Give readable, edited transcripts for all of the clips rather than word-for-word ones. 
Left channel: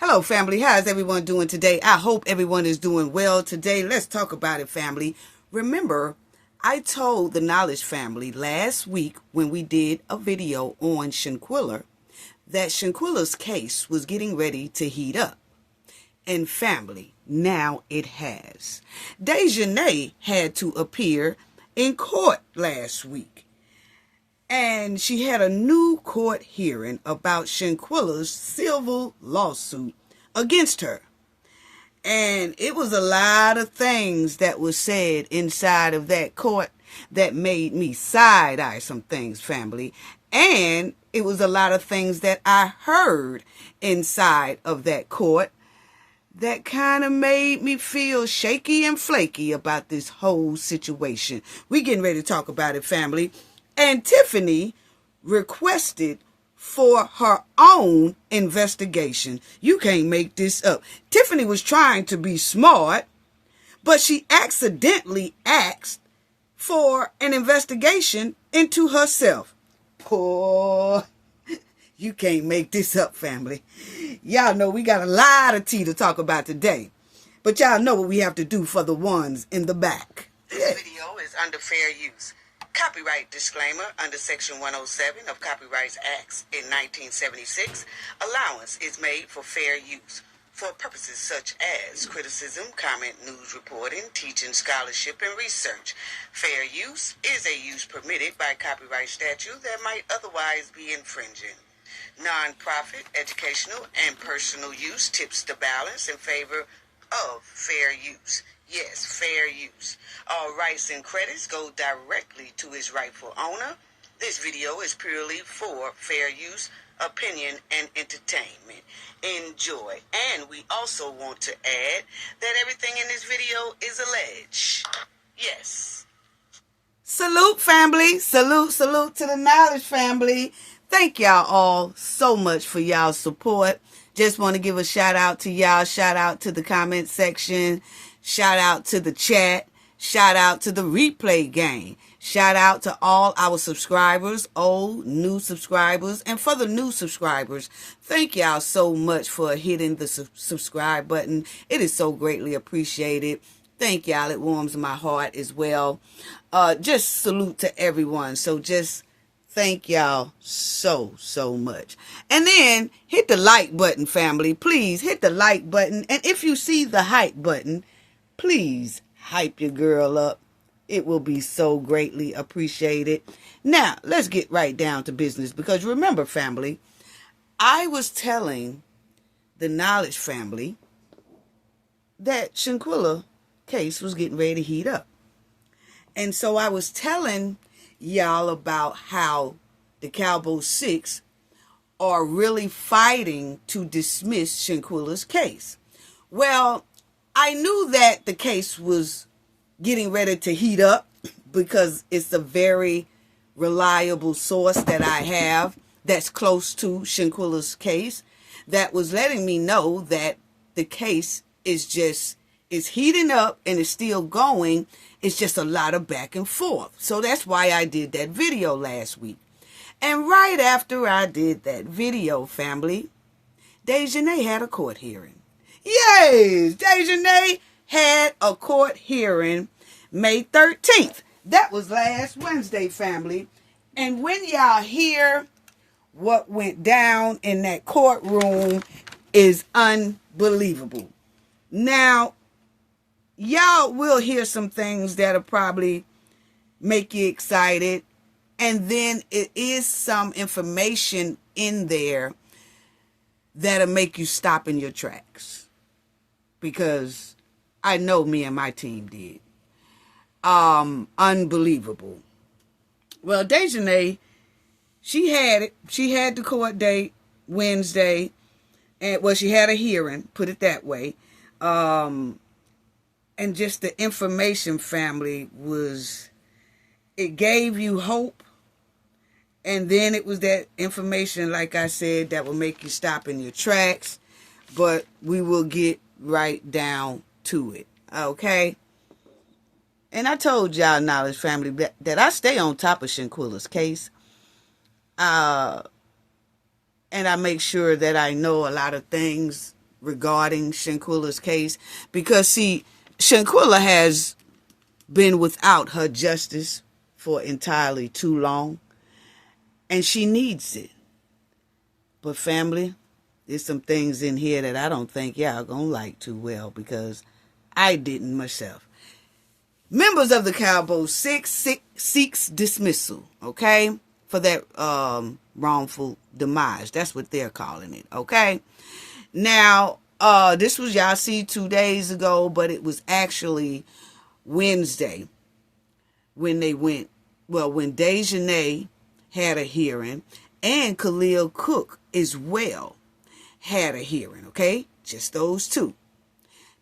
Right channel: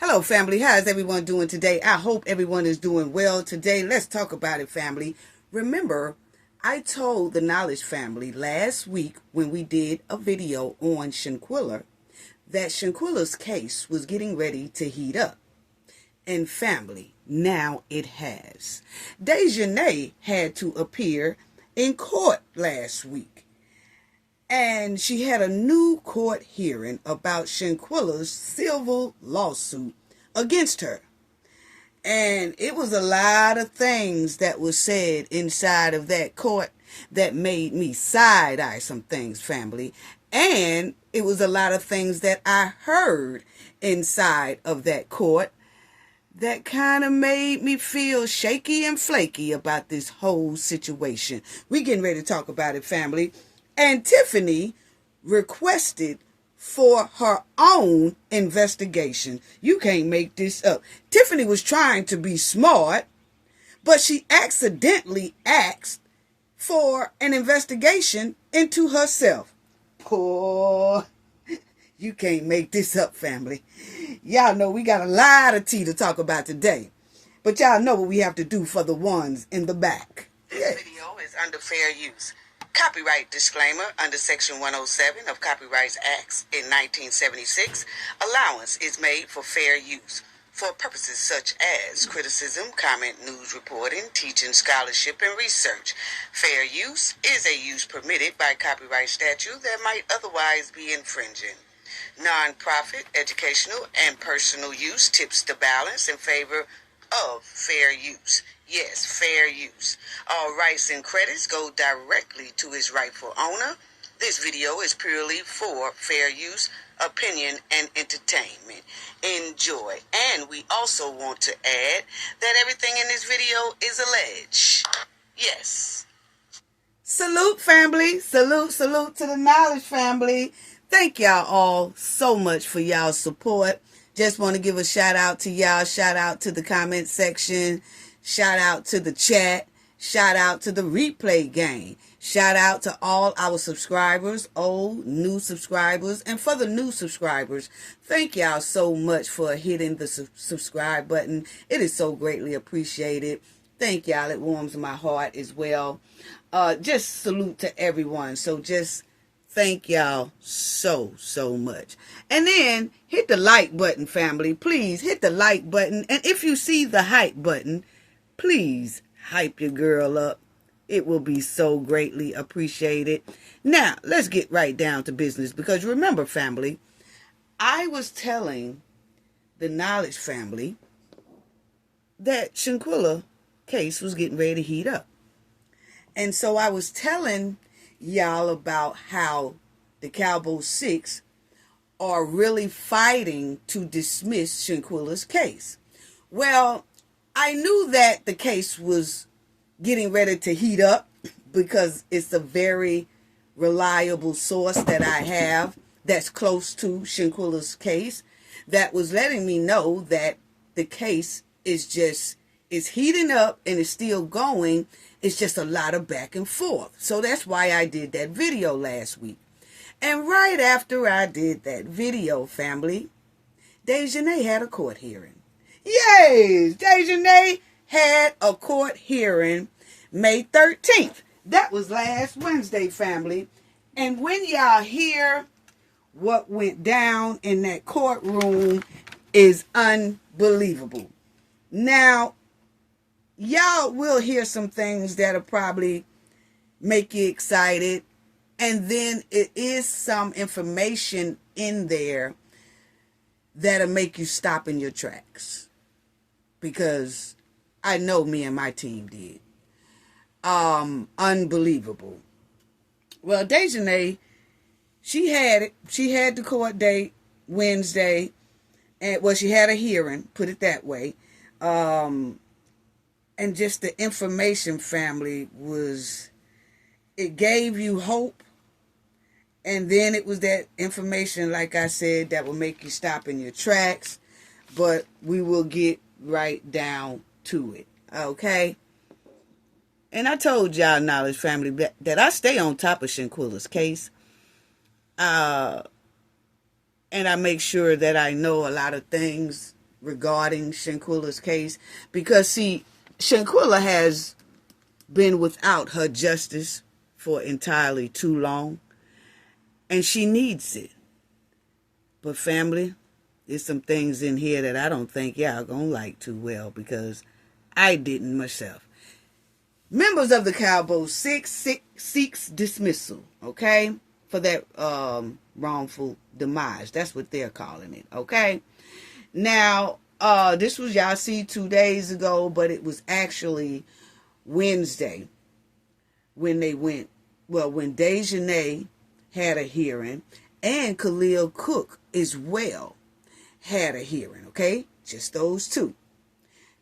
Hello, family. How is everyone doing today? I hope everyone is doing well today. Let's talk about it, family. Remember, I told the Knowledge family last week when we did a video on Shanquella that Shanquella's case was getting ready to heat up. And family, now it has. Dejanay had to appear in court last week. And she had a new court hearing about Shanquella's civil lawsuit against her. And it was a lot of things that was said inside of that court that made me side-eye some things, family. And it was a lot of things that I heard inside of that court that kind of made me feel shaky and flaky about this whole situation. We getting ready to talk about it, family. And Tiffany requested for her own investigation. You can't make this up. Tiffany was trying to be smart, but she accidentally asked for an investigation into herself. Poor. You can't make this up, family. Y'all know we got a lot of tea to talk about today. But y'all know what we have to do for the ones in the back. This video is under fair use. Copyright disclaimer under Section 107 of Copyright Acts in 1976. Allowance is made for fair use for purposes such as criticism, comment, news reporting, teaching, scholarship, and research. Fair use is a use permitted by copyright statute that might otherwise be infringing. Non-profit, educational, and personal use tips the balance in favor of fair use. Yes, fair use. All rights and credits go directly to its rightful owner. This video is purely for fair use, opinion, and entertainment. Enjoy. And we also want to add that everything in this video is alleged. Yes. Salute, family. Salute to the Knowledge family. Thank y'all all so much for y'all's support. Just want to give a shout out to y'all. Shout out to the comment section. Shout out to the chat. Shout out to the replay game. Shout out to all our subscribers, old, new subscribers. And for the new subscribers, thank y'all so much for hitting the subscribe button. It is so greatly appreciated. Thank y'all. It warms my heart as well. Just salute to everyone. So just thank y'all so much. And then hit the like button, family. Please hit the like button. And if you see the hype button, please hype your girl up. It will be so greatly appreciated. Now, let's get right down to business. Because remember, family, I was telling the Knowledge family that Shanquella case was getting ready to heat up. And so I was telling y'all about how the Cowboy Six are really fighting to dismiss Shanquella's case. Well, I knew that the case was getting ready to heat up because it's a very reliable source that I have that's close to Shanquella's case that was letting me know that the case is heating up and it's still going. It's just a lot of back and forth. So that's why I did that video last week. And right after I did that video, family, Dejanay had a court hearing. Yes, Dejanay had a court hearing May 13th. That was last Wednesday, family. And when y'all hear what went down in that courtroom is unbelievable. Now, y'all will hear some things that'll probably make you excited. And then it is some information in there that'll make you stop in your tracks. Because I know me and my team did. Unbelievable. Well, Dejanay, she had the court date Wednesday. And she had a hearing, put it that way. And just the information, family, it gave you hope. And then it was that information, like I said, that will make you stop in your tracks. But we will get right down to it. Okay? And I told y'all, Knowledge family, that I stay on top of Shanquella's case. And I make sure that I know a lot of things regarding Shanquella's case, because see, Shanquella has been without her justice for entirely too long, and she needs it. But family, there's some things in here that I don't think y'all gonna like too well, because I didn't myself. Members of the Cowboy seeks dismissal, okay, for that wrongful demise. That's what they're calling it, okay? Now, this was, y'all see, 2 days ago, but it was actually Wednesday when they went, when Dejanay had a hearing, and Khalil Cook as well had a hearing, okay? Just those two.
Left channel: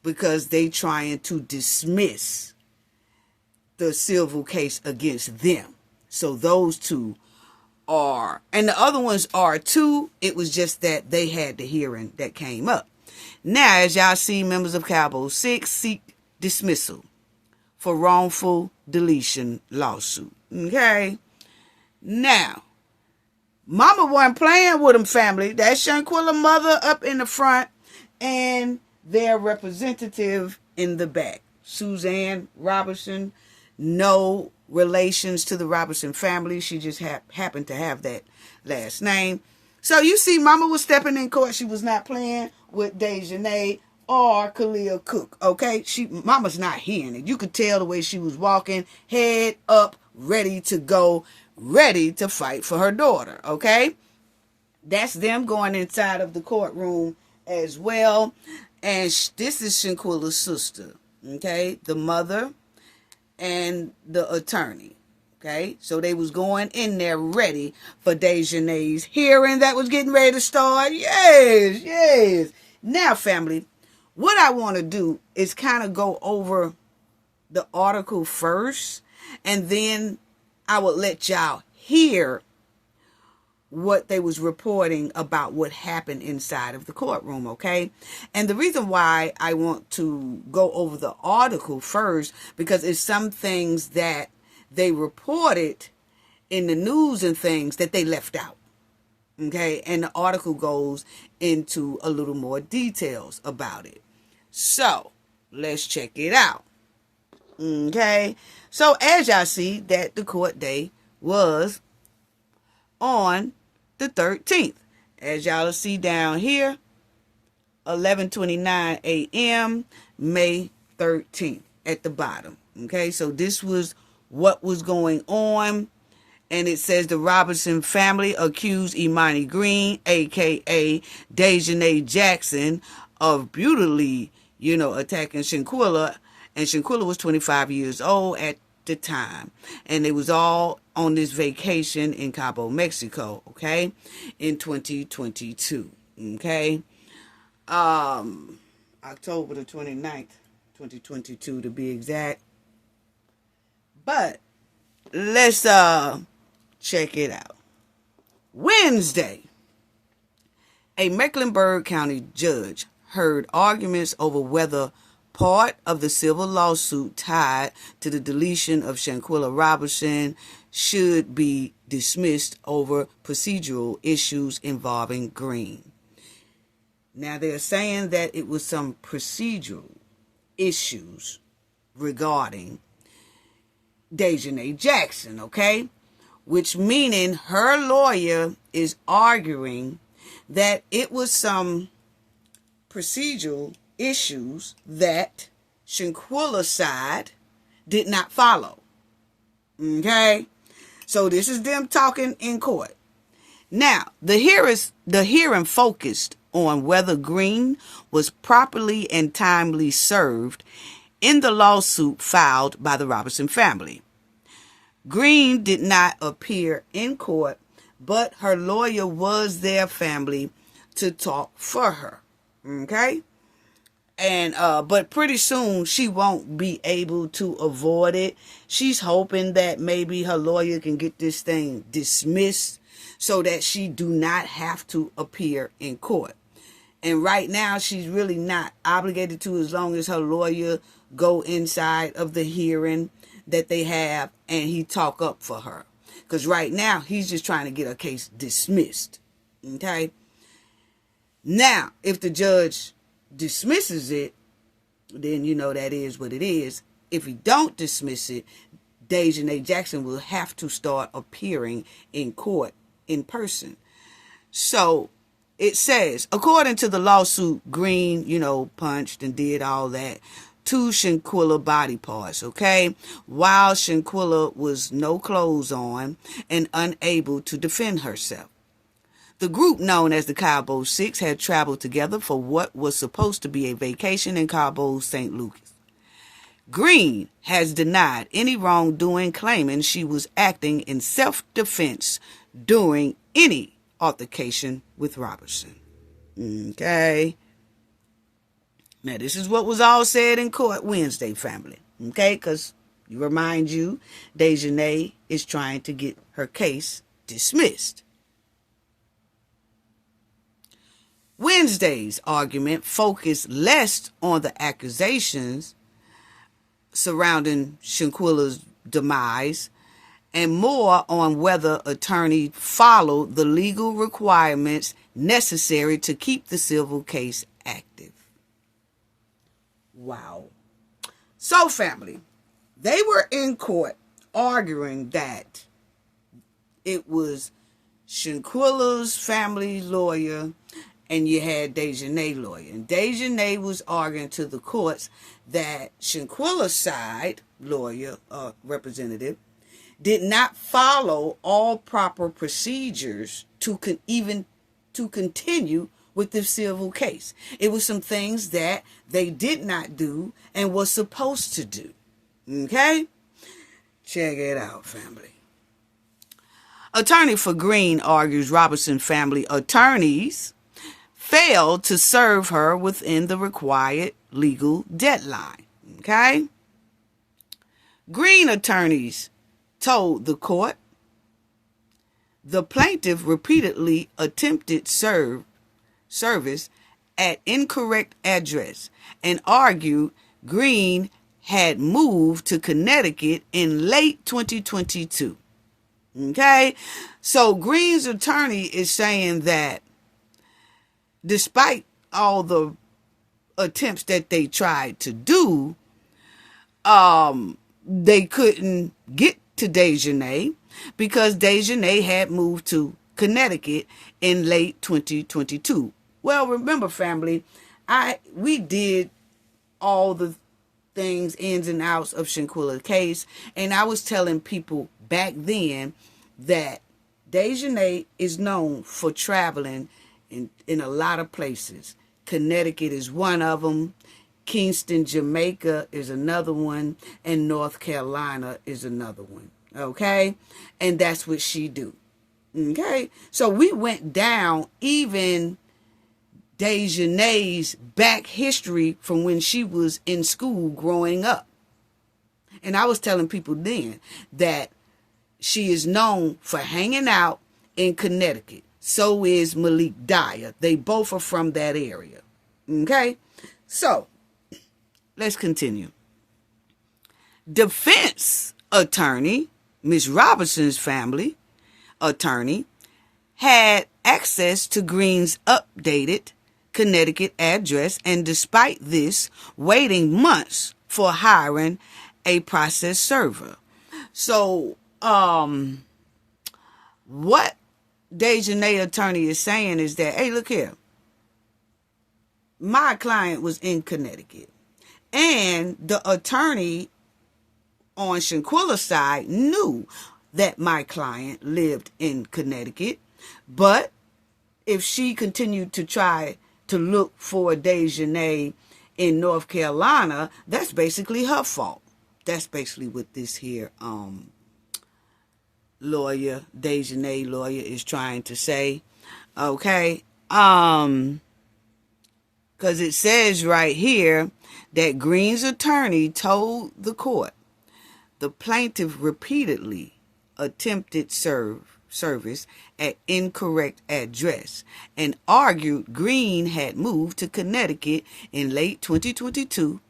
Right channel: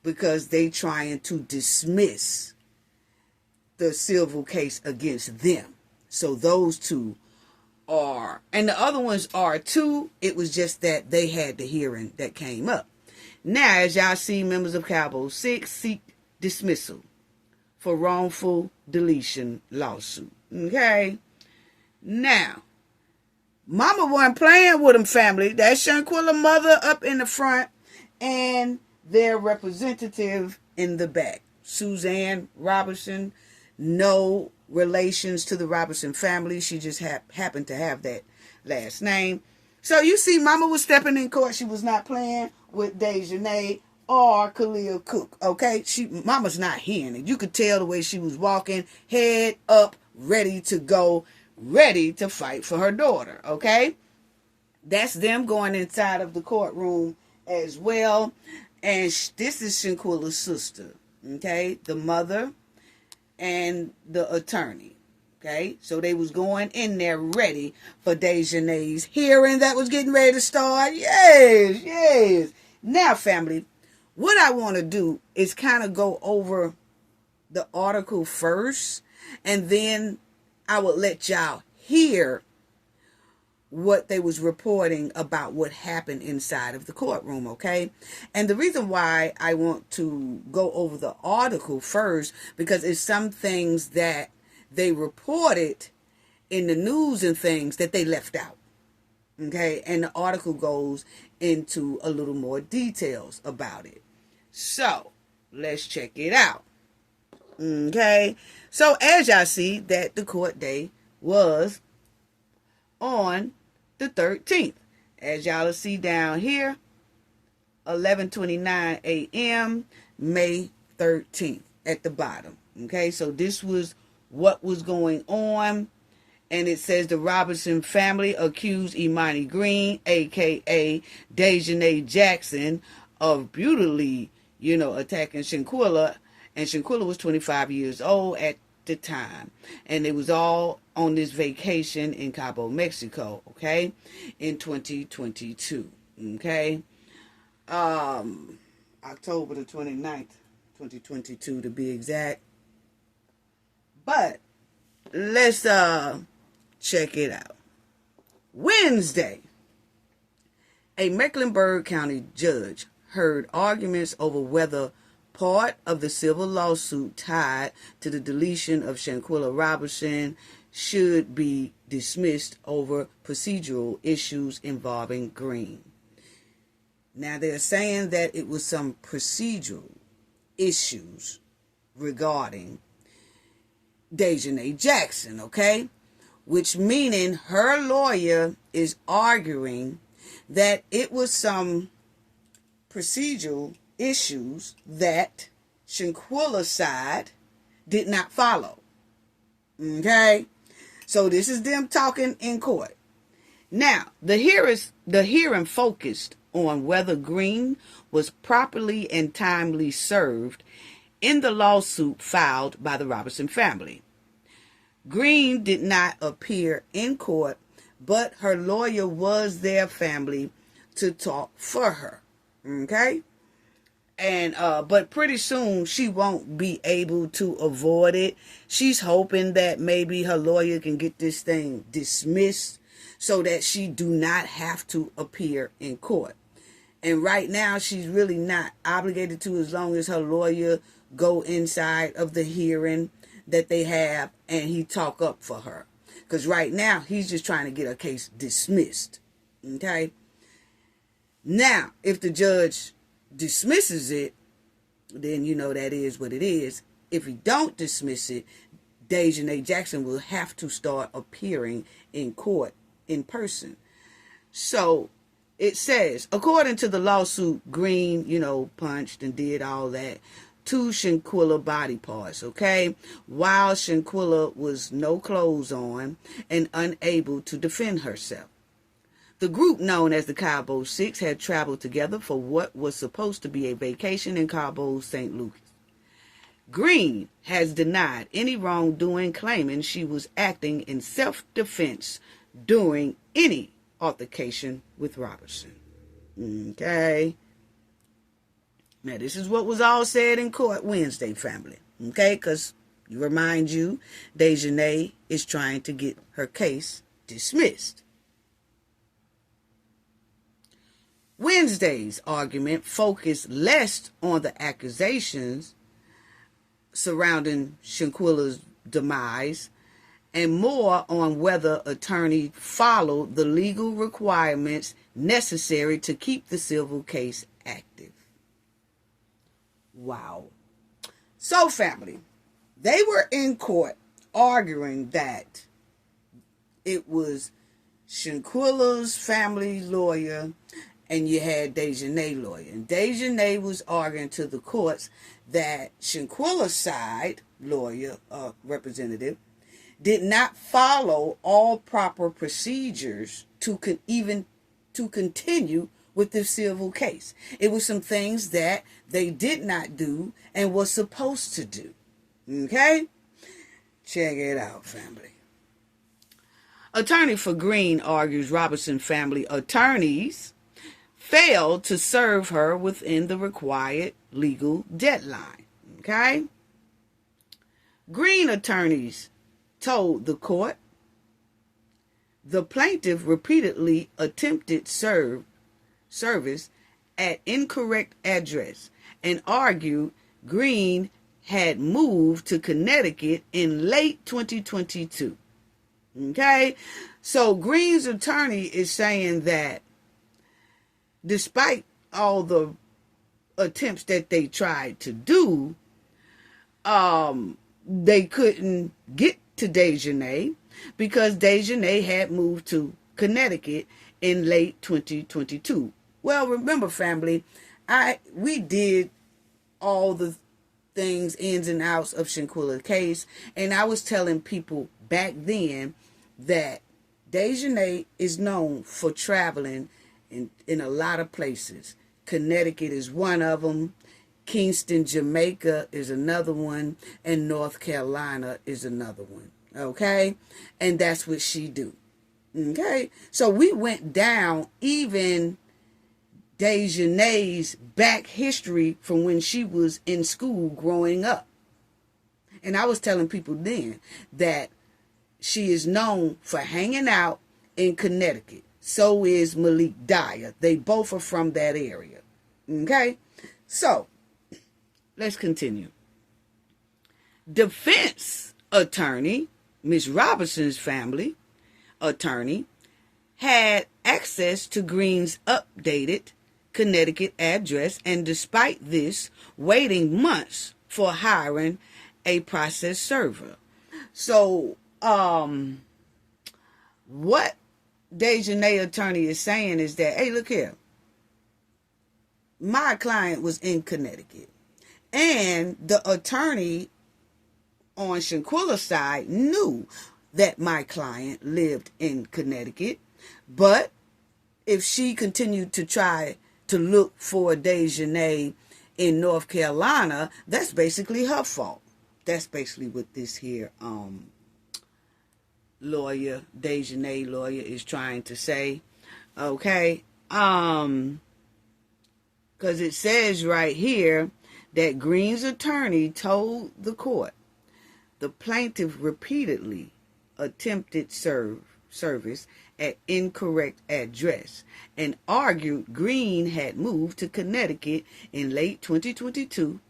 Because they trying to dismiss the civil case against them. So those two are, and the other ones are too. It was just that they had the hearing that came up. Now, as y'all see, members of Cowboy 6 seek dismissal for wrongful deletion lawsuit. Okay? Now, Mama wasn't playing with them, family. That's Shanquella mother up in the front and their representative in the back. Suzanne Robinson. No relations to the Robinson family. She just happened to have that last name. So you see, Mama was stepping in court. She was not playing with Dejanay or Khalil Cook. Okay? Mama's not hearing it. You could tell the way she was walking, head up, ready to go, ready to fight for her daughter. Okay? That's them going inside of the courtroom as well. And this is Shanquella's sister. Okay? The mother and the attorney. Okay, so they was going in there ready for Dejanay's hearing that was getting ready to start. Yes. Now, family, what I want to do is kind of go over the article first, and then I will let y'all hear what they was reporting about what happened inside of the courtroom, okay? And the reason why I want to go over the article first, because it's some things that they reported in the news and things that they left out, okay? And the article goes into a little more details about it. So, let's check it out, okay? So, as y'all see, that the court day was on the 13th. As y'all see down here, 11:29 a.m., May 13th at the bottom. Okay, so this was what was going on. And it says the Robinson family accused Imani Green, a.k.a. Dejanay Jackson, of brutally, attacking Shanquella. And Shanquella was 25 years old at the time, and it was all on this vacation in Cabo, Mexico, okay, in 2022, okay, October the 29th, 2022 to be exact. But let's check it out. Wednesday, a Mecklenburg County judge heard arguments over whether part of the civil lawsuit tied to the deletion of Shanquella Robinson should be dismissed over procedural issues involving Green. Now, they're saying that it was some procedural issues regarding Dejanay Jackson, okay? Which meaning her lawyer is arguing that it was some procedural issues that Shanquella's side did not follow. Okay? So this is them talking in court. Now, the hearing focused on whether Green was properly and timely served in the lawsuit filed by the Robinson family. Green did not appear in court, but her lawyer was there, family, to talk for her. Okay? And but pretty soon she won't be able to avoid it. She's hoping that maybe her lawyer can get this thing dismissed so that she do not have to appear in court. And right now she's really not obligated to, as long as her lawyer go inside of the hearing that they have and he talk up for her. Because right now he's just trying to get her case dismissed. Okay? Now, if the judge dismisses it, then you know that is what it is. If he don't dismiss it, Dejanay Jackson will have to start appearing in court in person. So it says, according to the lawsuit, Green, punched and did all that to Shanquella body parts, okay? While Shanquella was no clothes on and unable to defend herself. The group, known as the Cabo Six, had traveled together for what was supposed to be a vacation in Cabo St. Lucas. Green has denied any wrongdoing, claiming she was acting in self-defense during any altercation with Robinson. Okay. Now, this is what was all said in court Wednesday, family. Okay, because remind you, Dejanay is trying to get her case dismissed. Wednesday's argument focused less on the accusations surrounding Shanquella's demise and more on whether attorney followed the legal requirements necessary to keep the civil case active. Wow. So, family, they were in court arguing that it was Shanquella's family lawyer and you had Dejanay lawyer. And Dejanay was arguing to the courts that Shanquella's side lawyer, representative, did not follow all proper procedures to continue with the civil case. It was some things that they did not do and was supposed to do. Okay? Check it out, family. Attorney for Green argues Robinson family attorneys failed to serve her within the required legal deadline. Okay? Green attorneys told the court the plaintiff repeatedly attempted service at incorrect address and argued Green had moved to Connecticut in late 2022. Okay? So Green's attorney is saying that despite all the attempts that they tried to do, they couldn't get to Dejanay because Dejanay had moved to Connecticut in late 2022. Well, remember, family, we did all the things, ins and outs of Shanquella's case, and I was telling people back then that Dejanay is known for traveling in a lot of places. Connecticut is one of them. Kingston, Jamaica is another one. And North Carolina is another one. Okay? And that's what she do. Okay? So we went down even Dejanay's back history from when she was in school growing up. And I was telling people then that she is known for hanging out in Connecticut. So is Malik Dyer. They both are from that area. Okay? So, let's continue. Defense attorney, Miss Robinson's family attorney, had access to Green's updated Connecticut address, and despite this, waiting months for hiring a process server. So, what Dejanay attorney is saying is that, hey, look here. My client was in Connecticut. And the attorney on Shanquella's side knew that my client lived in Connecticut. But if she continued to try to look for Dejanay in North Carolina, that's basically her fault. That's basically what this here lawyer, Dejanay lawyer, is trying to say. Okay? Because it says right here that Green's attorney told the court the plaintiff repeatedly attempted service at incorrect address and argued Green had moved to Connecticut in late 2022.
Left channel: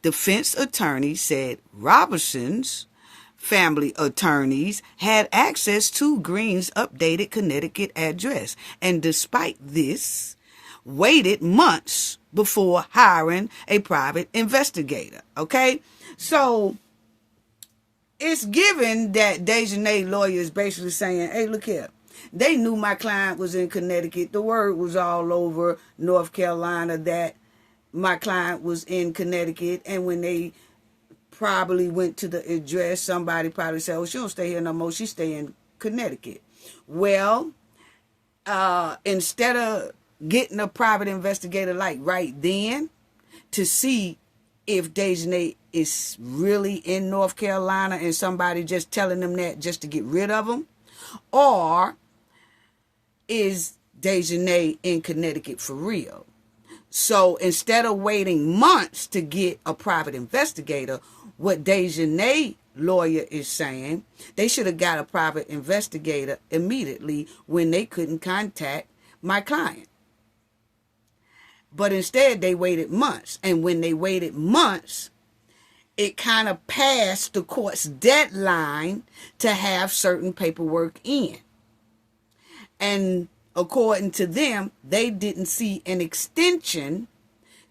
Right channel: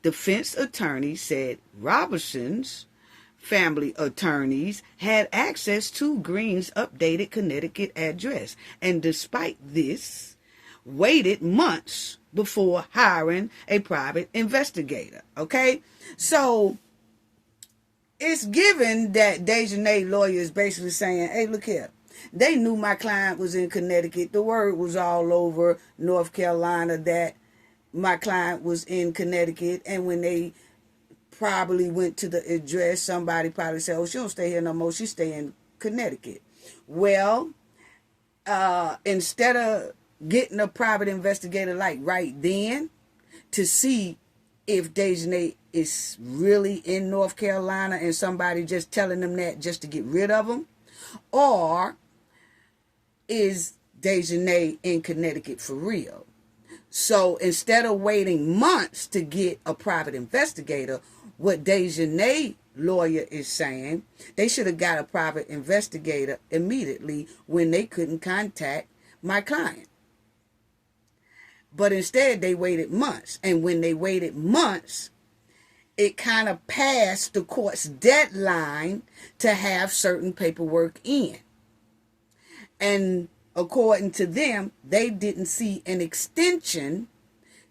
Defense attorney said Robinson's family attorneys had access to Green's updated Connecticut address, and despite this, waited months before hiring a private investigator. Okay, so it's given that Dejanay's lawyer is basically saying, hey, look here. They knew my client was in Connecticut. The word was all over North Carolina that my client was in Connecticut. And when they probably went to the address, somebody probably said, oh, she don't stay here no more. She stay in Connecticut. Well, instead of getting a private investigator like right then to see if Dejanay is really in North Carolina and somebody just telling them that just to get rid of them, or is Dejanay in Connecticut for real? So instead of waiting months to get a private investigator, what Dejanay's lawyer is saying, they should have got a private investigator immediately when they couldn't contact my client. But instead, they waited months. And when they waited months, it kind of passed the court's deadline to have certain paperwork in. And according to them, they didn't see an extension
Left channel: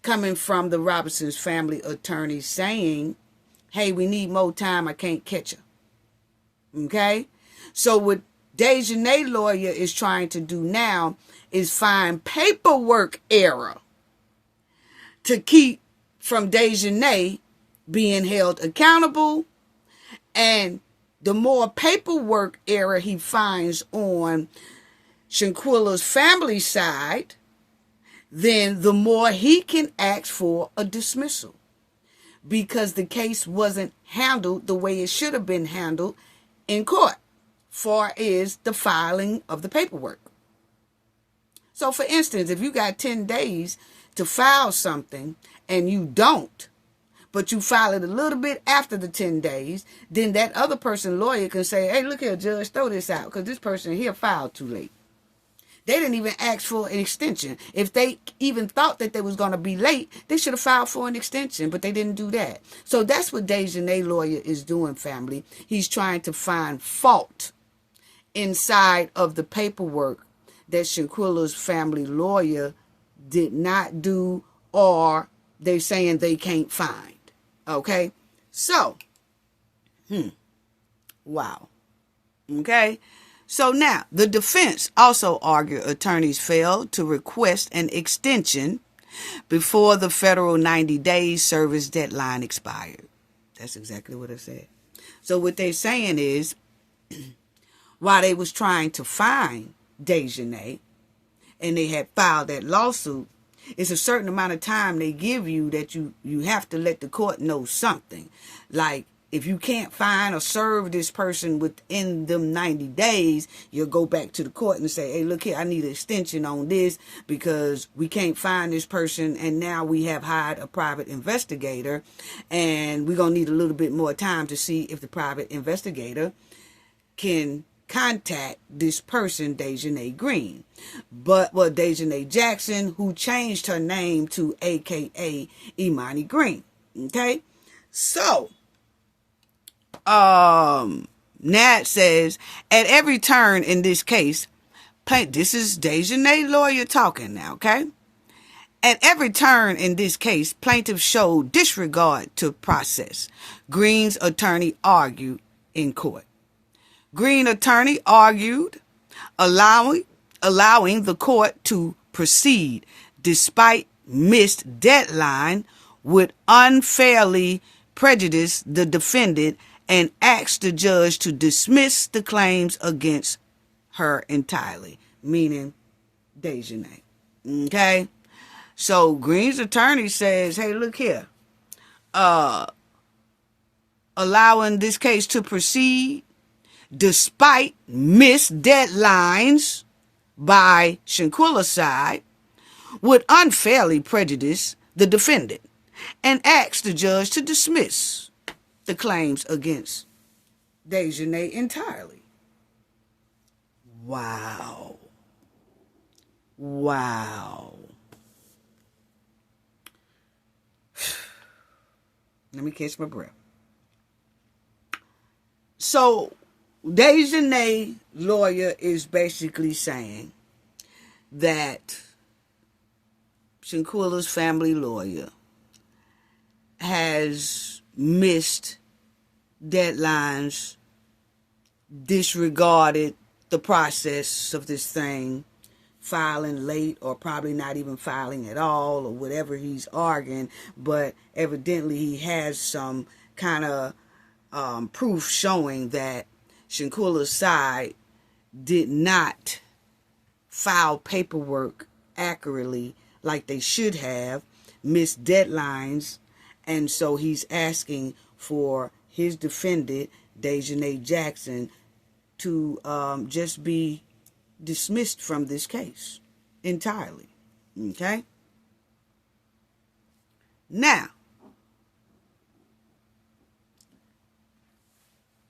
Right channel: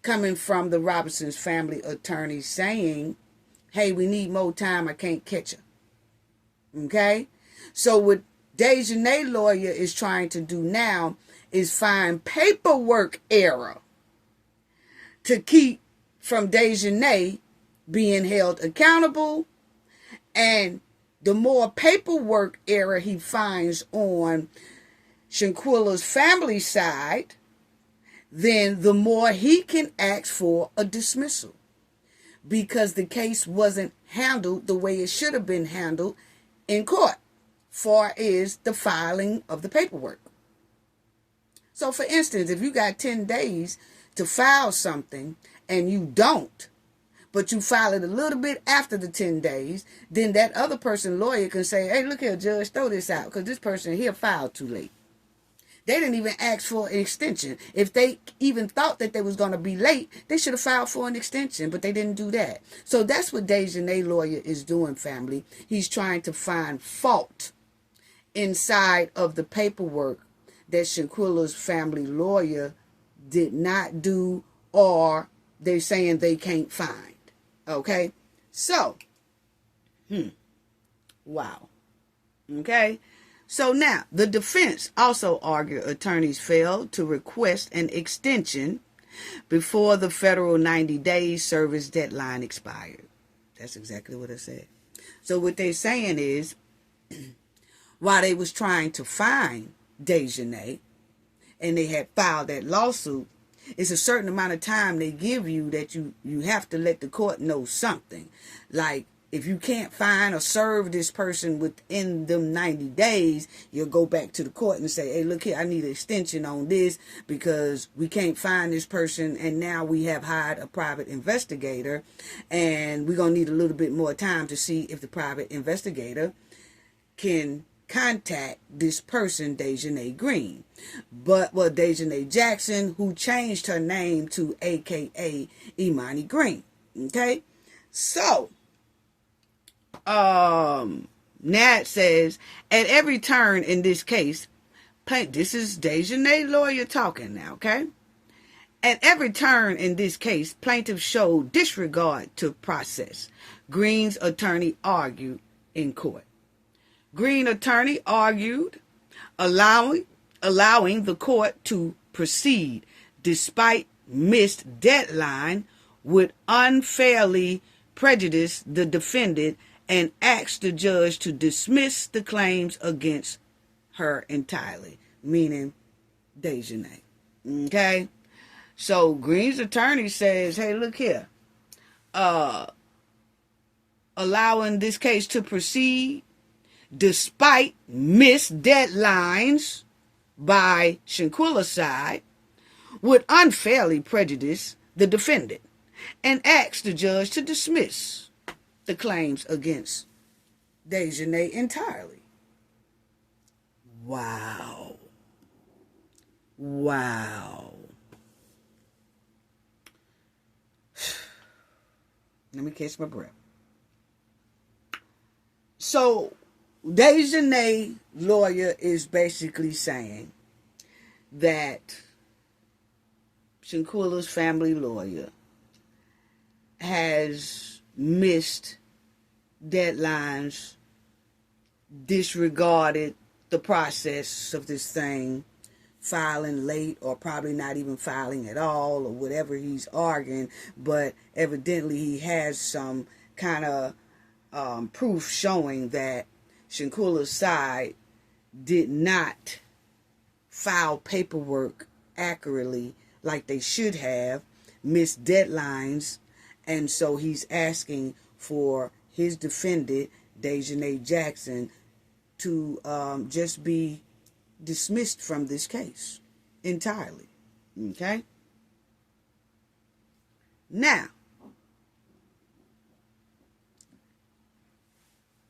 coming from the Robinson's family attorney saying, hey, we need more time. I can't catch her. Okay? So what Dejanay's lawyer is trying to do now is find paperwork error to keep from Dejanay being held accountable. And the more paperwork error he finds on Shanquella's family side, then the more he can ask for a dismissal, because the case wasn't handled the way it should have been handled in court, far as the filing of the paperwork. So for instance, if you got 10 days to file something and you don't, but you file it a little bit after the 10 days, then that other person's lawyer can say, hey, look here, judge, throw this out because this person here filed too late. They didn't even ask for an extension. If they even thought that they was going to be late, they should have filed for an extension, but they didn't do that. So that's what Dejanay's lawyer is doing, family. He's trying to find fault inside of the paperwork that Shanquella's family lawyer did not do, or they're saying they can't find. Okay? So, wow. Okay? So now, the defense also argued attorneys failed to request an extension before the federal 90-day service deadline expired. That's exactly what I said. So what they're saying is, while they was trying to find Dejanay, and they had filed that lawsuit, it's a certain amount of time they give you that you have to let the court know something. Like, if you can't find or serve this person within them 90 days, you'll go back to the court and say, hey, look here, I need an extension on this because we can't find this person, and now we have hired a private investigator, and we're going to need a little bit more time to see if the private investigator can contact this person, Dejanay Green. But, well, Dejanay Jackson, who changed her name to AKA Imani Green. Okay? So, Nat says, at every turn in this case, this is Dejanay's lawyer talking now, okay? At every turn in this case, plaintiff showed disregard to process, Green's attorney argued in court. Green attorney argued allowing the court to proceed despite missed deadline would unfairly prejudice the defendant and asked the judge to dismiss the claims against her entirely, meaning Dejanay. Okay? So Green's attorney says, hey, look here. Allowing this case to proceed despite missed deadlines by Shanquella's side would unfairly prejudice the defendant and asked the judge to dismiss the claims against Dejanay entirely. Wow. Wow. Let me catch my breath. So, Dejanay's lawyer is basically saying that Shanquella's family lawyer has missed deadlines, disregarded the process of this thing, filing late or probably not even filing at all or whatever he's arguing, but evidently he has some kind of proof showing that Shanquella's side did not file paperwork accurately like they should have, missed deadlines, and so he's asking for his defendant, Dejanay Jackson, to just be dismissed from this case entirely. Okay? Now,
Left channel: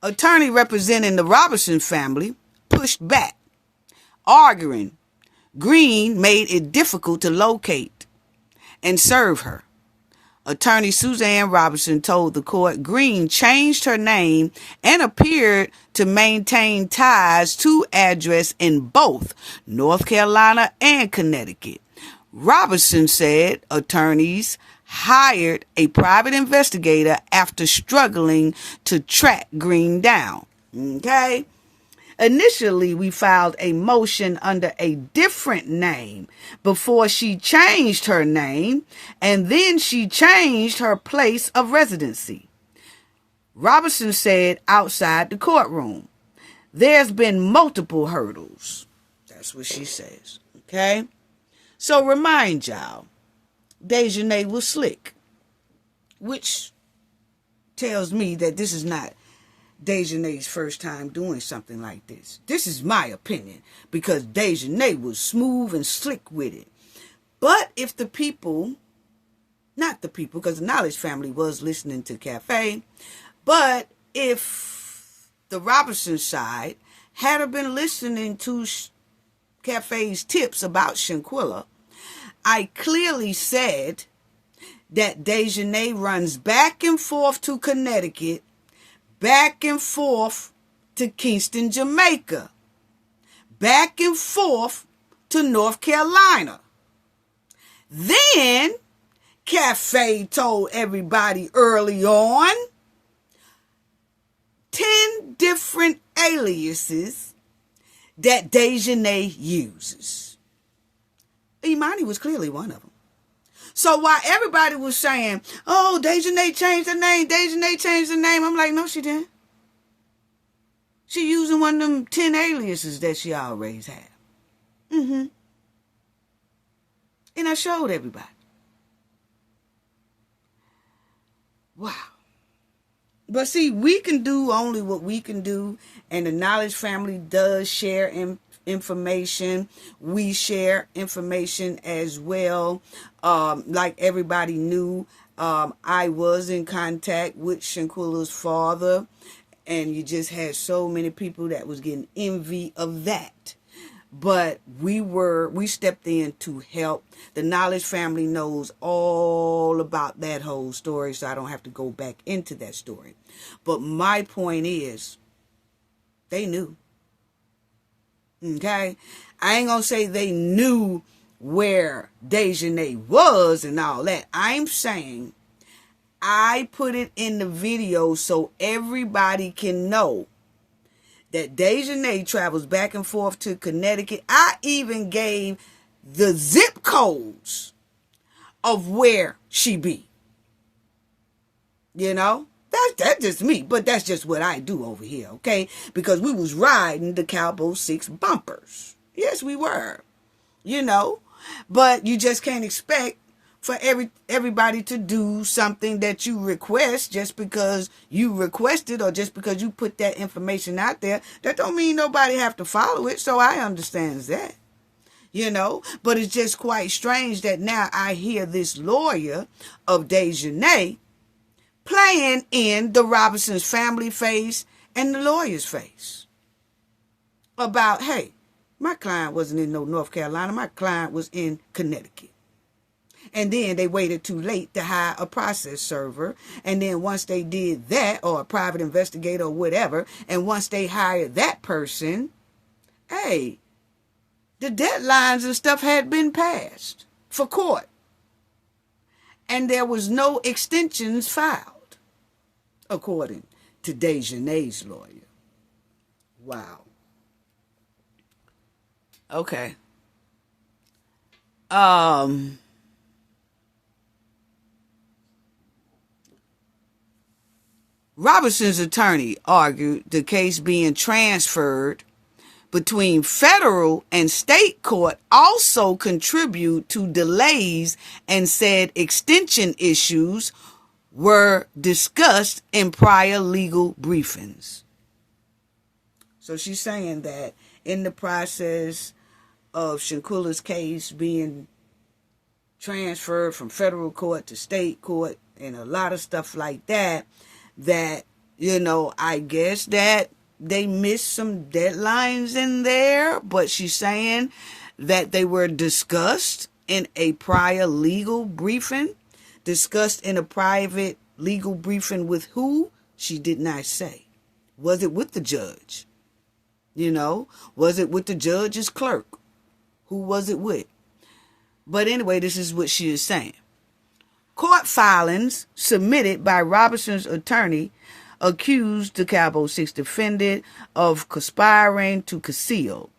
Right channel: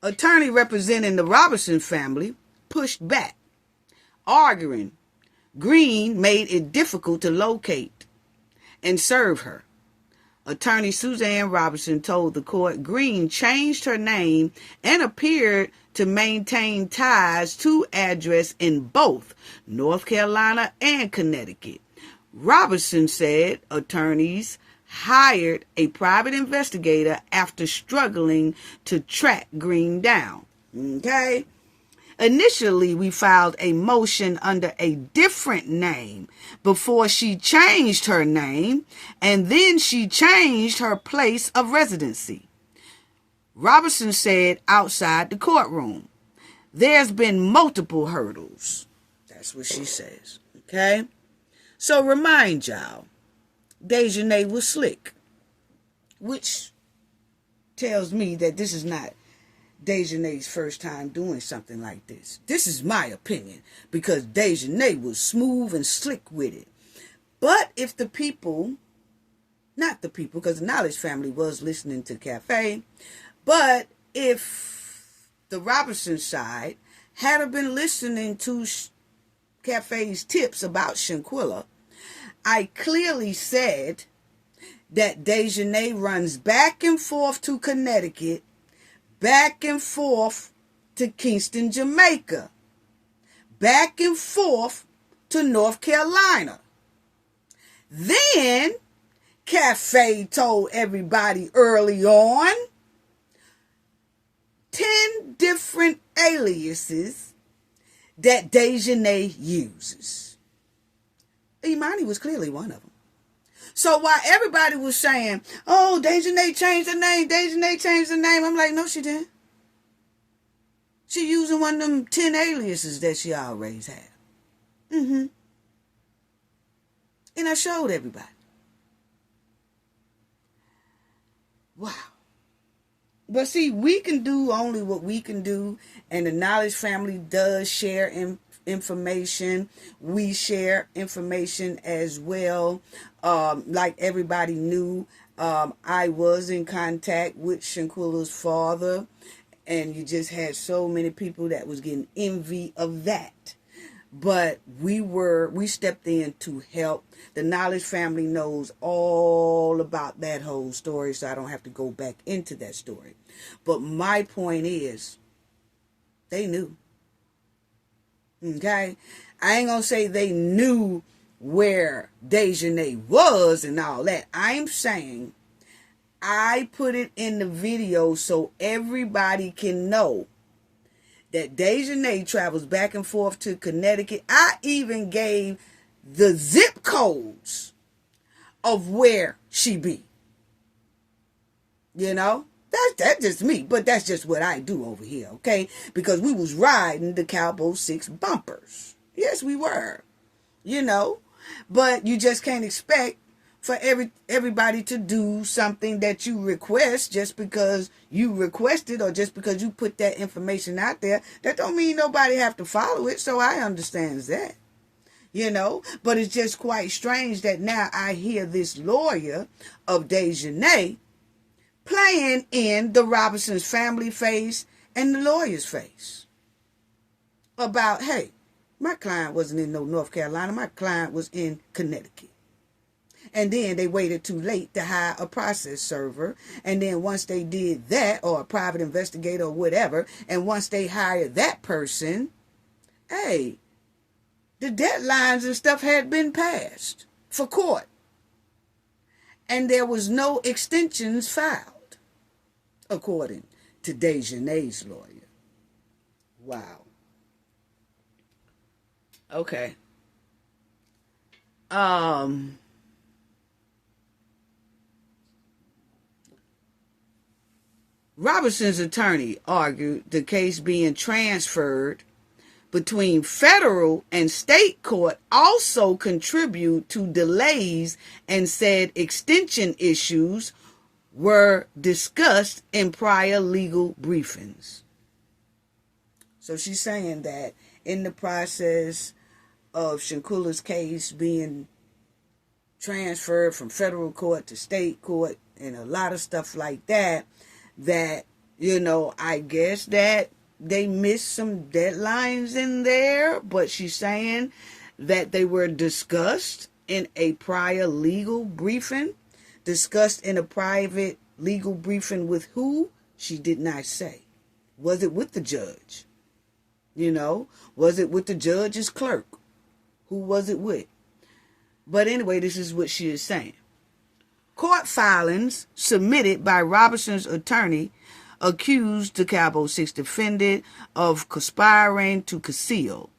attorney representing the Robinson family pushed back, arguing Green made it difficult to locate and serve her. Attorney Suzanne Robinson told the court Green changed her name and appeared to maintain ties to address in both North Carolina and Connecticut. Robinson said attorneys hired a private investigator after struggling to track Green down. Okay? Initially, we filed a motion under a different name before she changed her name, and then she changed her place of residency. Robinson said outside the courtroom, there's been multiple hurdles. That's what she says. Okay? So remind y'all, Dejanay was slick, which tells me that this is not Dejanay's first time doing something like this. This is my opinion, because Dejanay was smooth and slick with it. But if the people, not the people, because the Knowledge family was listening to Cafe, but if the Robinson side had been listening to Cafe's tips about Shanquella, I clearly said that Dejanay runs back and forth to Connecticut, back and forth to Kingston, Jamaica, back and forth to North Carolina. Then, Cafe told everybody early on 10 different aliases that Dejanay uses. Imani was clearly one of them. So while everybody was saying, oh, Dejanay changed her name, Dejanay changed her name, I'm like, no, she didn't. She using one of them 10 aliases that she always had. And I showed everybody. Wow. But see, we can do only what we can do, and the Knowledge family does share information. We share information as well. Like everybody knew, I was in contact with Shanquella's father, and you just had so many people that was getting envy of that. But we stepped in to help. The Knowledge family knows all about that whole story, so I don't have to go back into that story. But my point is, they knew. Okay? I ain't gonna say they knew where Dejanay was and all that. I'm saying I put it in the video so everybody can know that Dejanay travels back and forth to Connecticut. I even gave the zip codes of where she be. You know? That's just me, but that's just what I do over here, okay? Because we was riding the Cowboy 6 bumpers. Yes, we were. You know? But you just can't expect for everybody to do something that you request just because you requested or just because you put that information out there. That don't mean nobody have to follow it, so I understand that. You know? But it's just quite strange that now I hear this lawyer of Dejanay playing in the Robinson's family face and the lawyer's face about, hey, my client wasn't in no North Carolina. My client was in Connecticut. And then they waited too late to hire a process server. And then once they did that, or a private investigator or whatever, and once they hired that person, hey, the deadlines and stuff had been passed for court. and there was no extensions filed, according to Dejanay's lawyer. Wow. Okay. Robinson's attorney argued the case being transferred between federal and state court also contribute to delays, and said extension issues were discussed in prior legal briefings. So she's saying that in the process of Shanquella's case being transferred from federal court to state court and a lot of stuff like that, I guess that they missed some deadlines in there, but she's saying that they were discussed in a prior legal briefing. Discussed in a private legal briefing with who? She did not say. Was it with the judge? Was it with the judge's clerk? Who was it with? But anyway, this is what she is saying. Court filings submitted by Robinson's attorney accused the DeKalb 6 defendant of conspiring to conceal,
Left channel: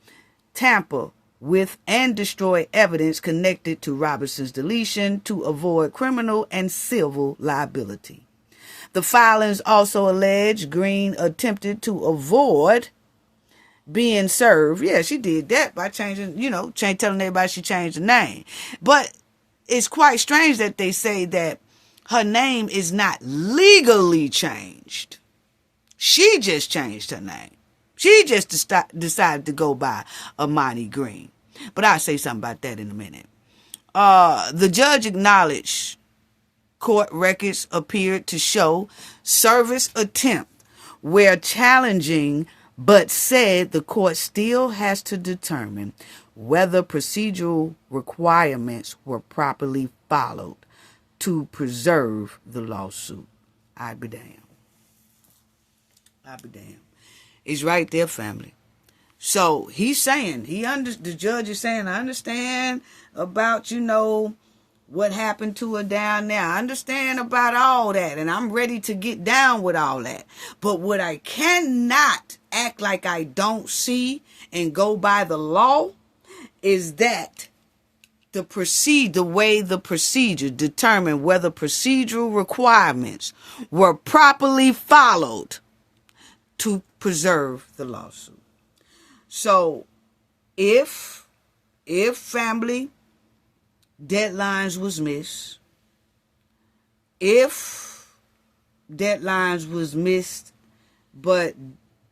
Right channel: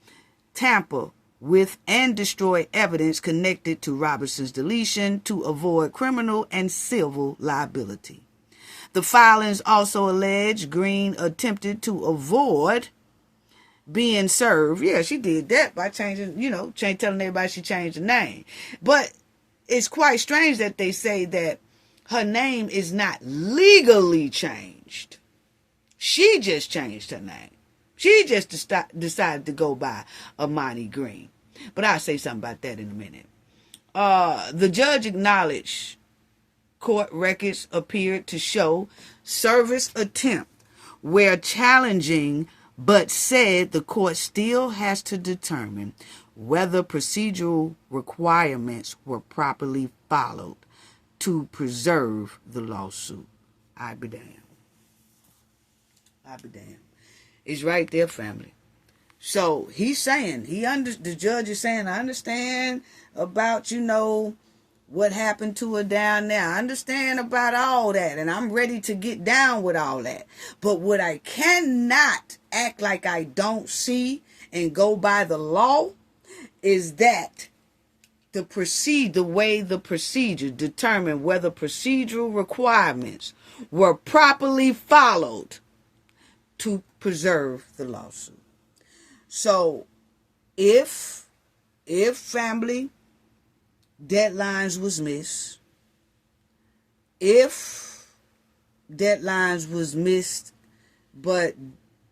tamper with, and destroy evidence connected to Robinson's deletion to avoid criminal and civil liability. The filings also allege Green attempted to avoid being served. Yeah, she did that by changing, telling everybody she changed the name. But it's quite strange that they say that her name is not legally changed. She just changed her name. She just decided to go by Amani Green. But I'll say something about that in a minute. The judge acknowledged court records appeared to show service attempt were challenging, but said the court still has to determine whether procedural requirements were properly followed to preserve the lawsuit. I be damned. It's right there, family. So he's saying, the judge is saying, I understand about, what happened to her down there. I understand about all that, and I'm ready to get down with all that. But what I cannot act like I don't see and go by the law is that the way the procedure determined whether procedural requirements were properly followed to preserve the lawsuit. So if family deadlines was missed, but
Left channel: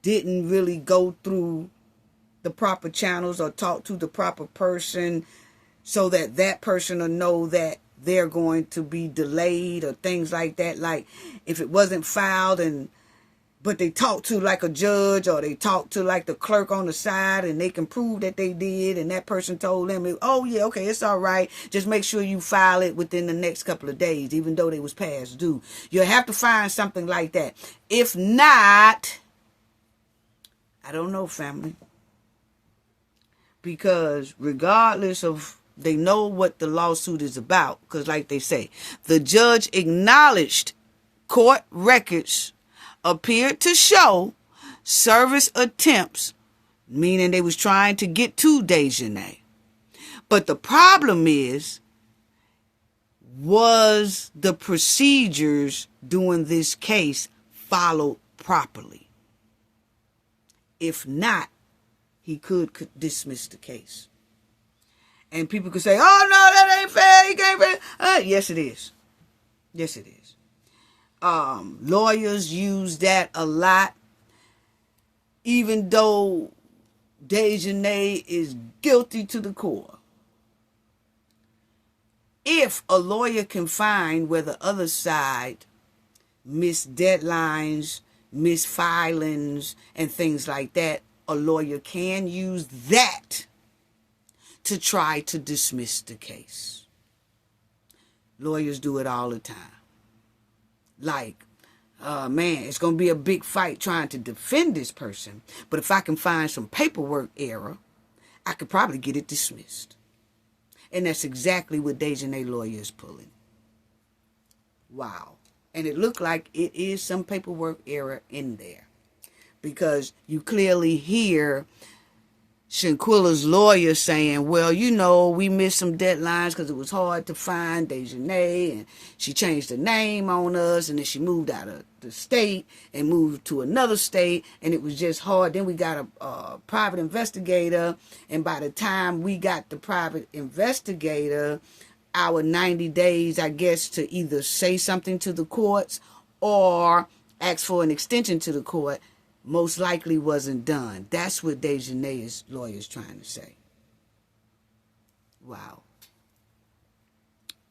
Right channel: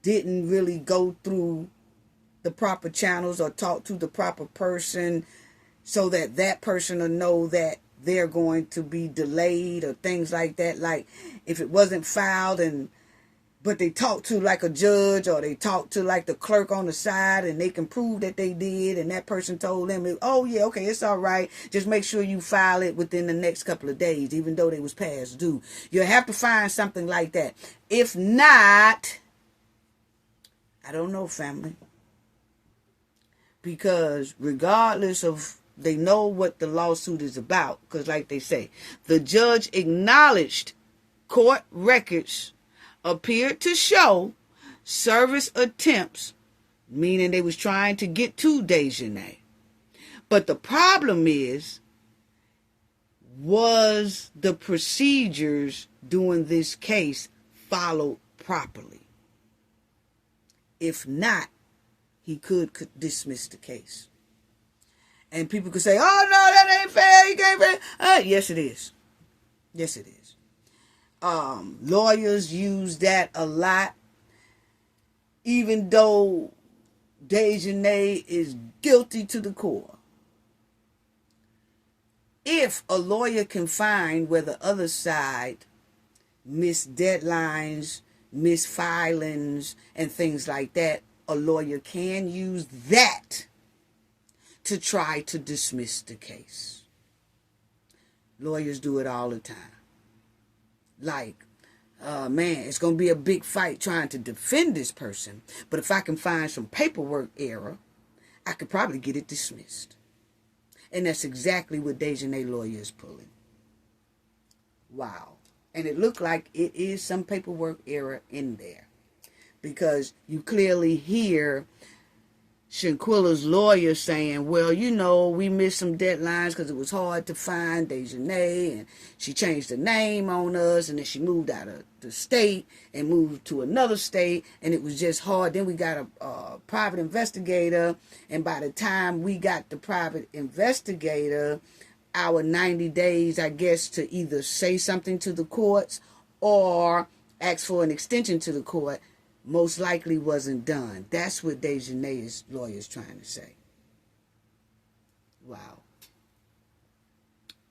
didn't really go through the proper channels or talk to the proper person so that person will know that they're going to be delayed or things like that. Like if it wasn't filed but they talk to like a judge or they talk to like the clerk on the side and they can prove that they did and that person told them, oh yeah, okay, it's all right. Just make sure you file it within the next couple of days, even though they was past due. You'll have to find something like that. If not, I don't know, family. Because regardless of, they know what the lawsuit is about. Because like they say, the judge acknowledged court records appeared to show service attempts, meaning they was trying to get to Dejanay. But the problem was the procedures during this case followed properly? If not, he could dismiss the case. And people could say, oh no, that ain't fair, he can't fair. Yes, it is. Yes, it is. Lawyers use that a lot, even though Dejanay is guilty to the core. If a lawyer can find where the other side missed deadlines, missed filings, and things like that, a lawyer can use that to try to dismiss the case. Lawyers do it all the time. Like, man, it's going to be a big fight trying to defend this person. But if I can find some paperwork error, I could probably get it dismissed. And that's exactly what Dejanay lawyer is pulling. Wow. And it looked like it is some paperwork error in there, because you clearly hear Shanquella's lawyer saying, well, you know, we missed some deadlines because it was hard to find Dejanay, and she changed her name on us, and then she moved out of the state and moved to another state, and it was just hard. Then we got a private investigator, and by the time we got the private investigator, our 90 days, I guess, to either say something to the courts or ask for an extension to the court, most likely wasn't done. That's what Dejanay's lawyer is trying to say. Wow.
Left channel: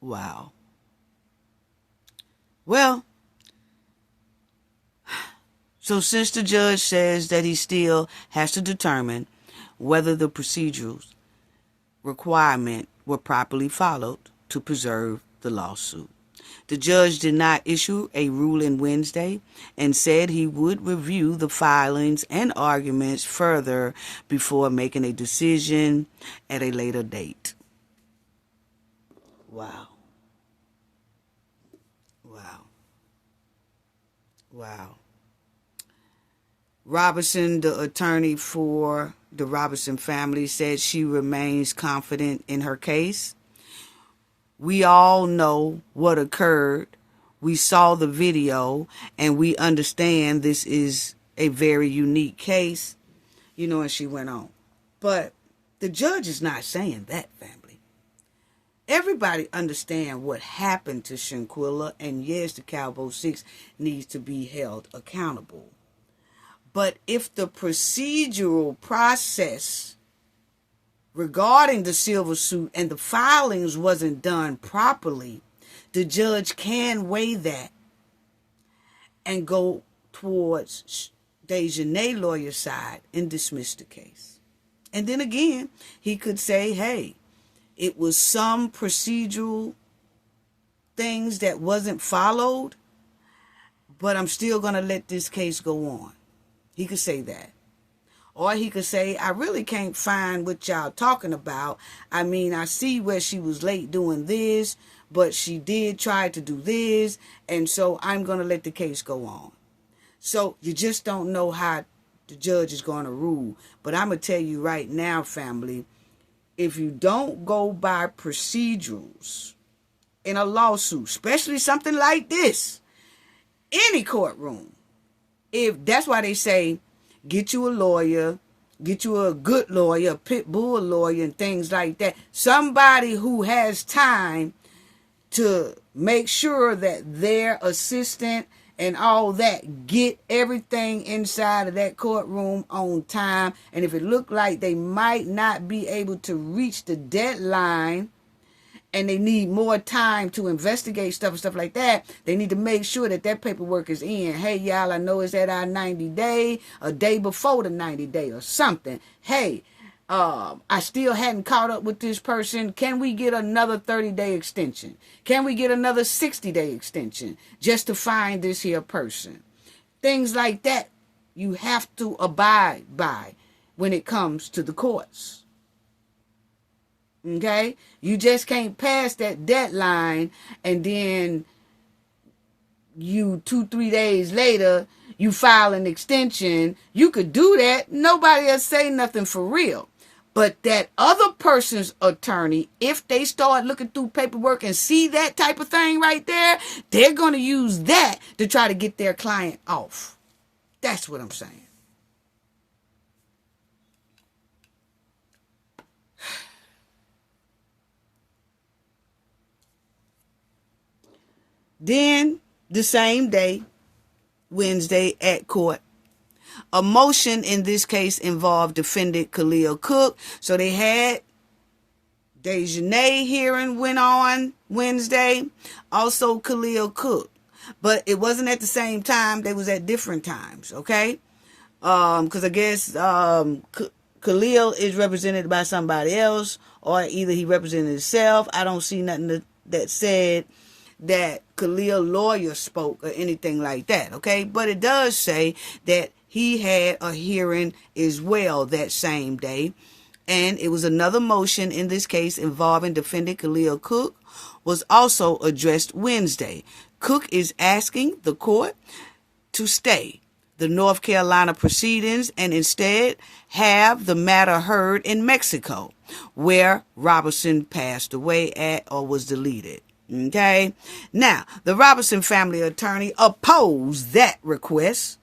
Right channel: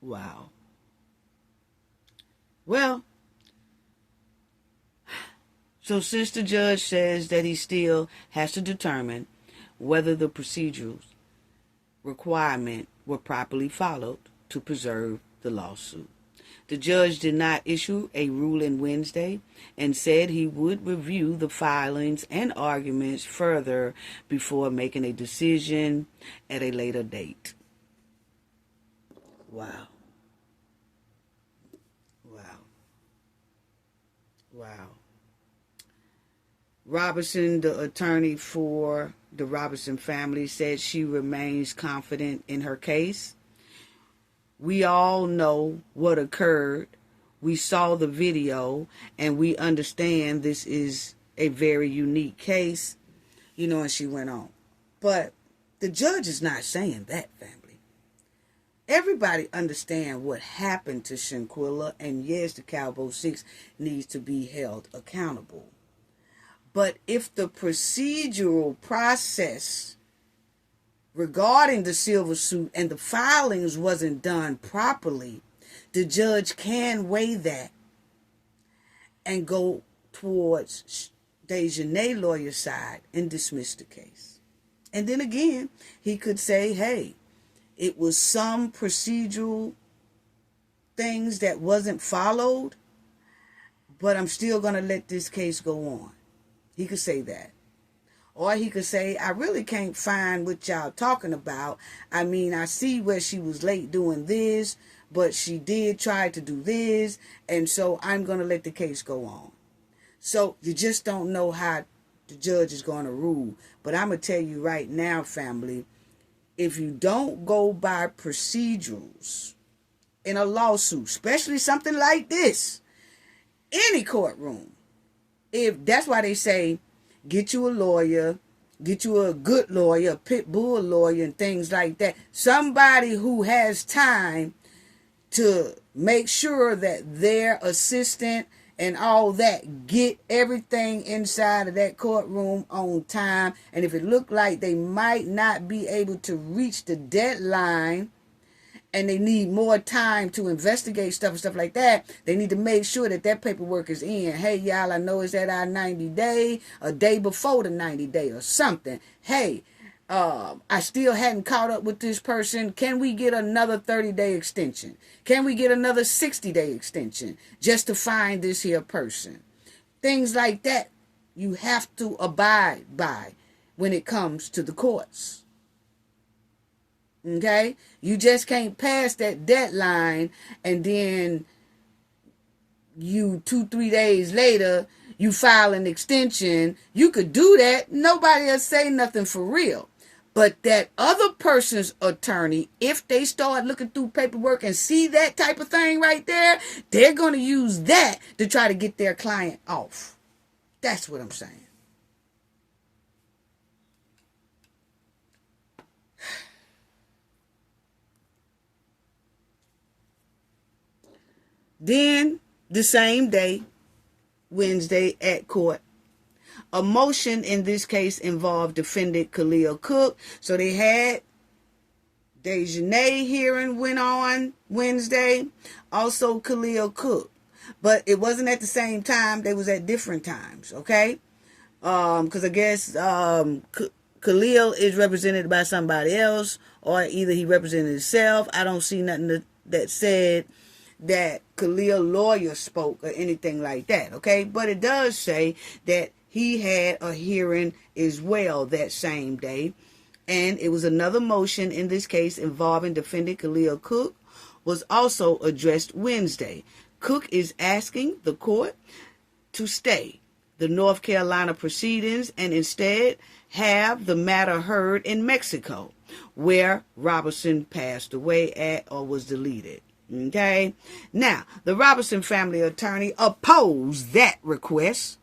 Wow. Well, so since the judge says that he still has to determine whether the procedural requirement were properly followed to preserve the lawsuit, the judge did not issue a ruling Wednesday and said he would review the filings and arguments further before making a decision at a later date. Wow. Wow. Wow. Robinson, the attorney for the Robinson family, said she remains confident in her case. We all know what occurred. We saw the video, and we understand this is a very unique case, and she went on. But the judge is not saying that, family. Everybody understand what happened to Shanquella, and yes, the Cowboy 6 needs to be held accountable. But if the procedural process regarding the civil suit and the filings wasn't done properly, the judge can weigh that and go towards Dejanay's lawyer's side and dismiss the case. And then again, he could say, hey, it was some procedural things that wasn't followed, but I'm still going to let this case go on. He could say that. Or he could say, I really can't find what y'all talking about. I mean, I see where she was late doing this, but she did try to do this, and so I'm going to let the case go on. So you just don't know how the judge is going to rule. But I'm going to tell you right now, family, if you don't go by procedurals in a lawsuit, especially something like this, any courtroom, if that's why they say, get you a lawyer, get you a good lawyer, a pit bull lawyer, and things like that. Somebody who has time to make sure that their assistant and all that get everything inside of that courtroom on time. And if it looked like they might not be able to reach the deadline, and they need more time to investigate stuff and stuff like that, they need to make sure that that paperwork is in. Hey, y'all, I know it's at our 90 day, a day before the 90 day or something. Hey, I still hadn't caught up with this person. Can we get another 30-day extension? Can we get another 60-day extension just to find this here person? Things like that you have to abide by when it comes to the courts. Okay? You just can't pass that deadline and then you 2-3 days later, you file an extension. You could do that. Nobody will say nothing for real. But that other person's attorney, if they start looking through paperwork and see that type of thing right there, they're going to use that to try to get their client off. That's what I'm saying. Then, the same day, Wednesday at court, a motion in this case involved defendant Khalil Cook. So they had Dejanay hearing went on Wednesday, also Khalil Cook. But it wasn't at the same time. They was at different times, okay? Because I guess Khalil is represented by somebody else, or either he represented himself. I don't see nothing that said that Khalil's lawyer spoke or anything like that, okay? But it does say that he had a hearing as well that same day. And it was another motion in this case involving defendant Khalil Cook was also addressed Wednesday. Cook is asking the court to stay the North Carolina proceedings and instead have the matter heard in Mexico, where Robinson passed away at or was deleted. Okay? Now, the Robinson family attorney opposed that request,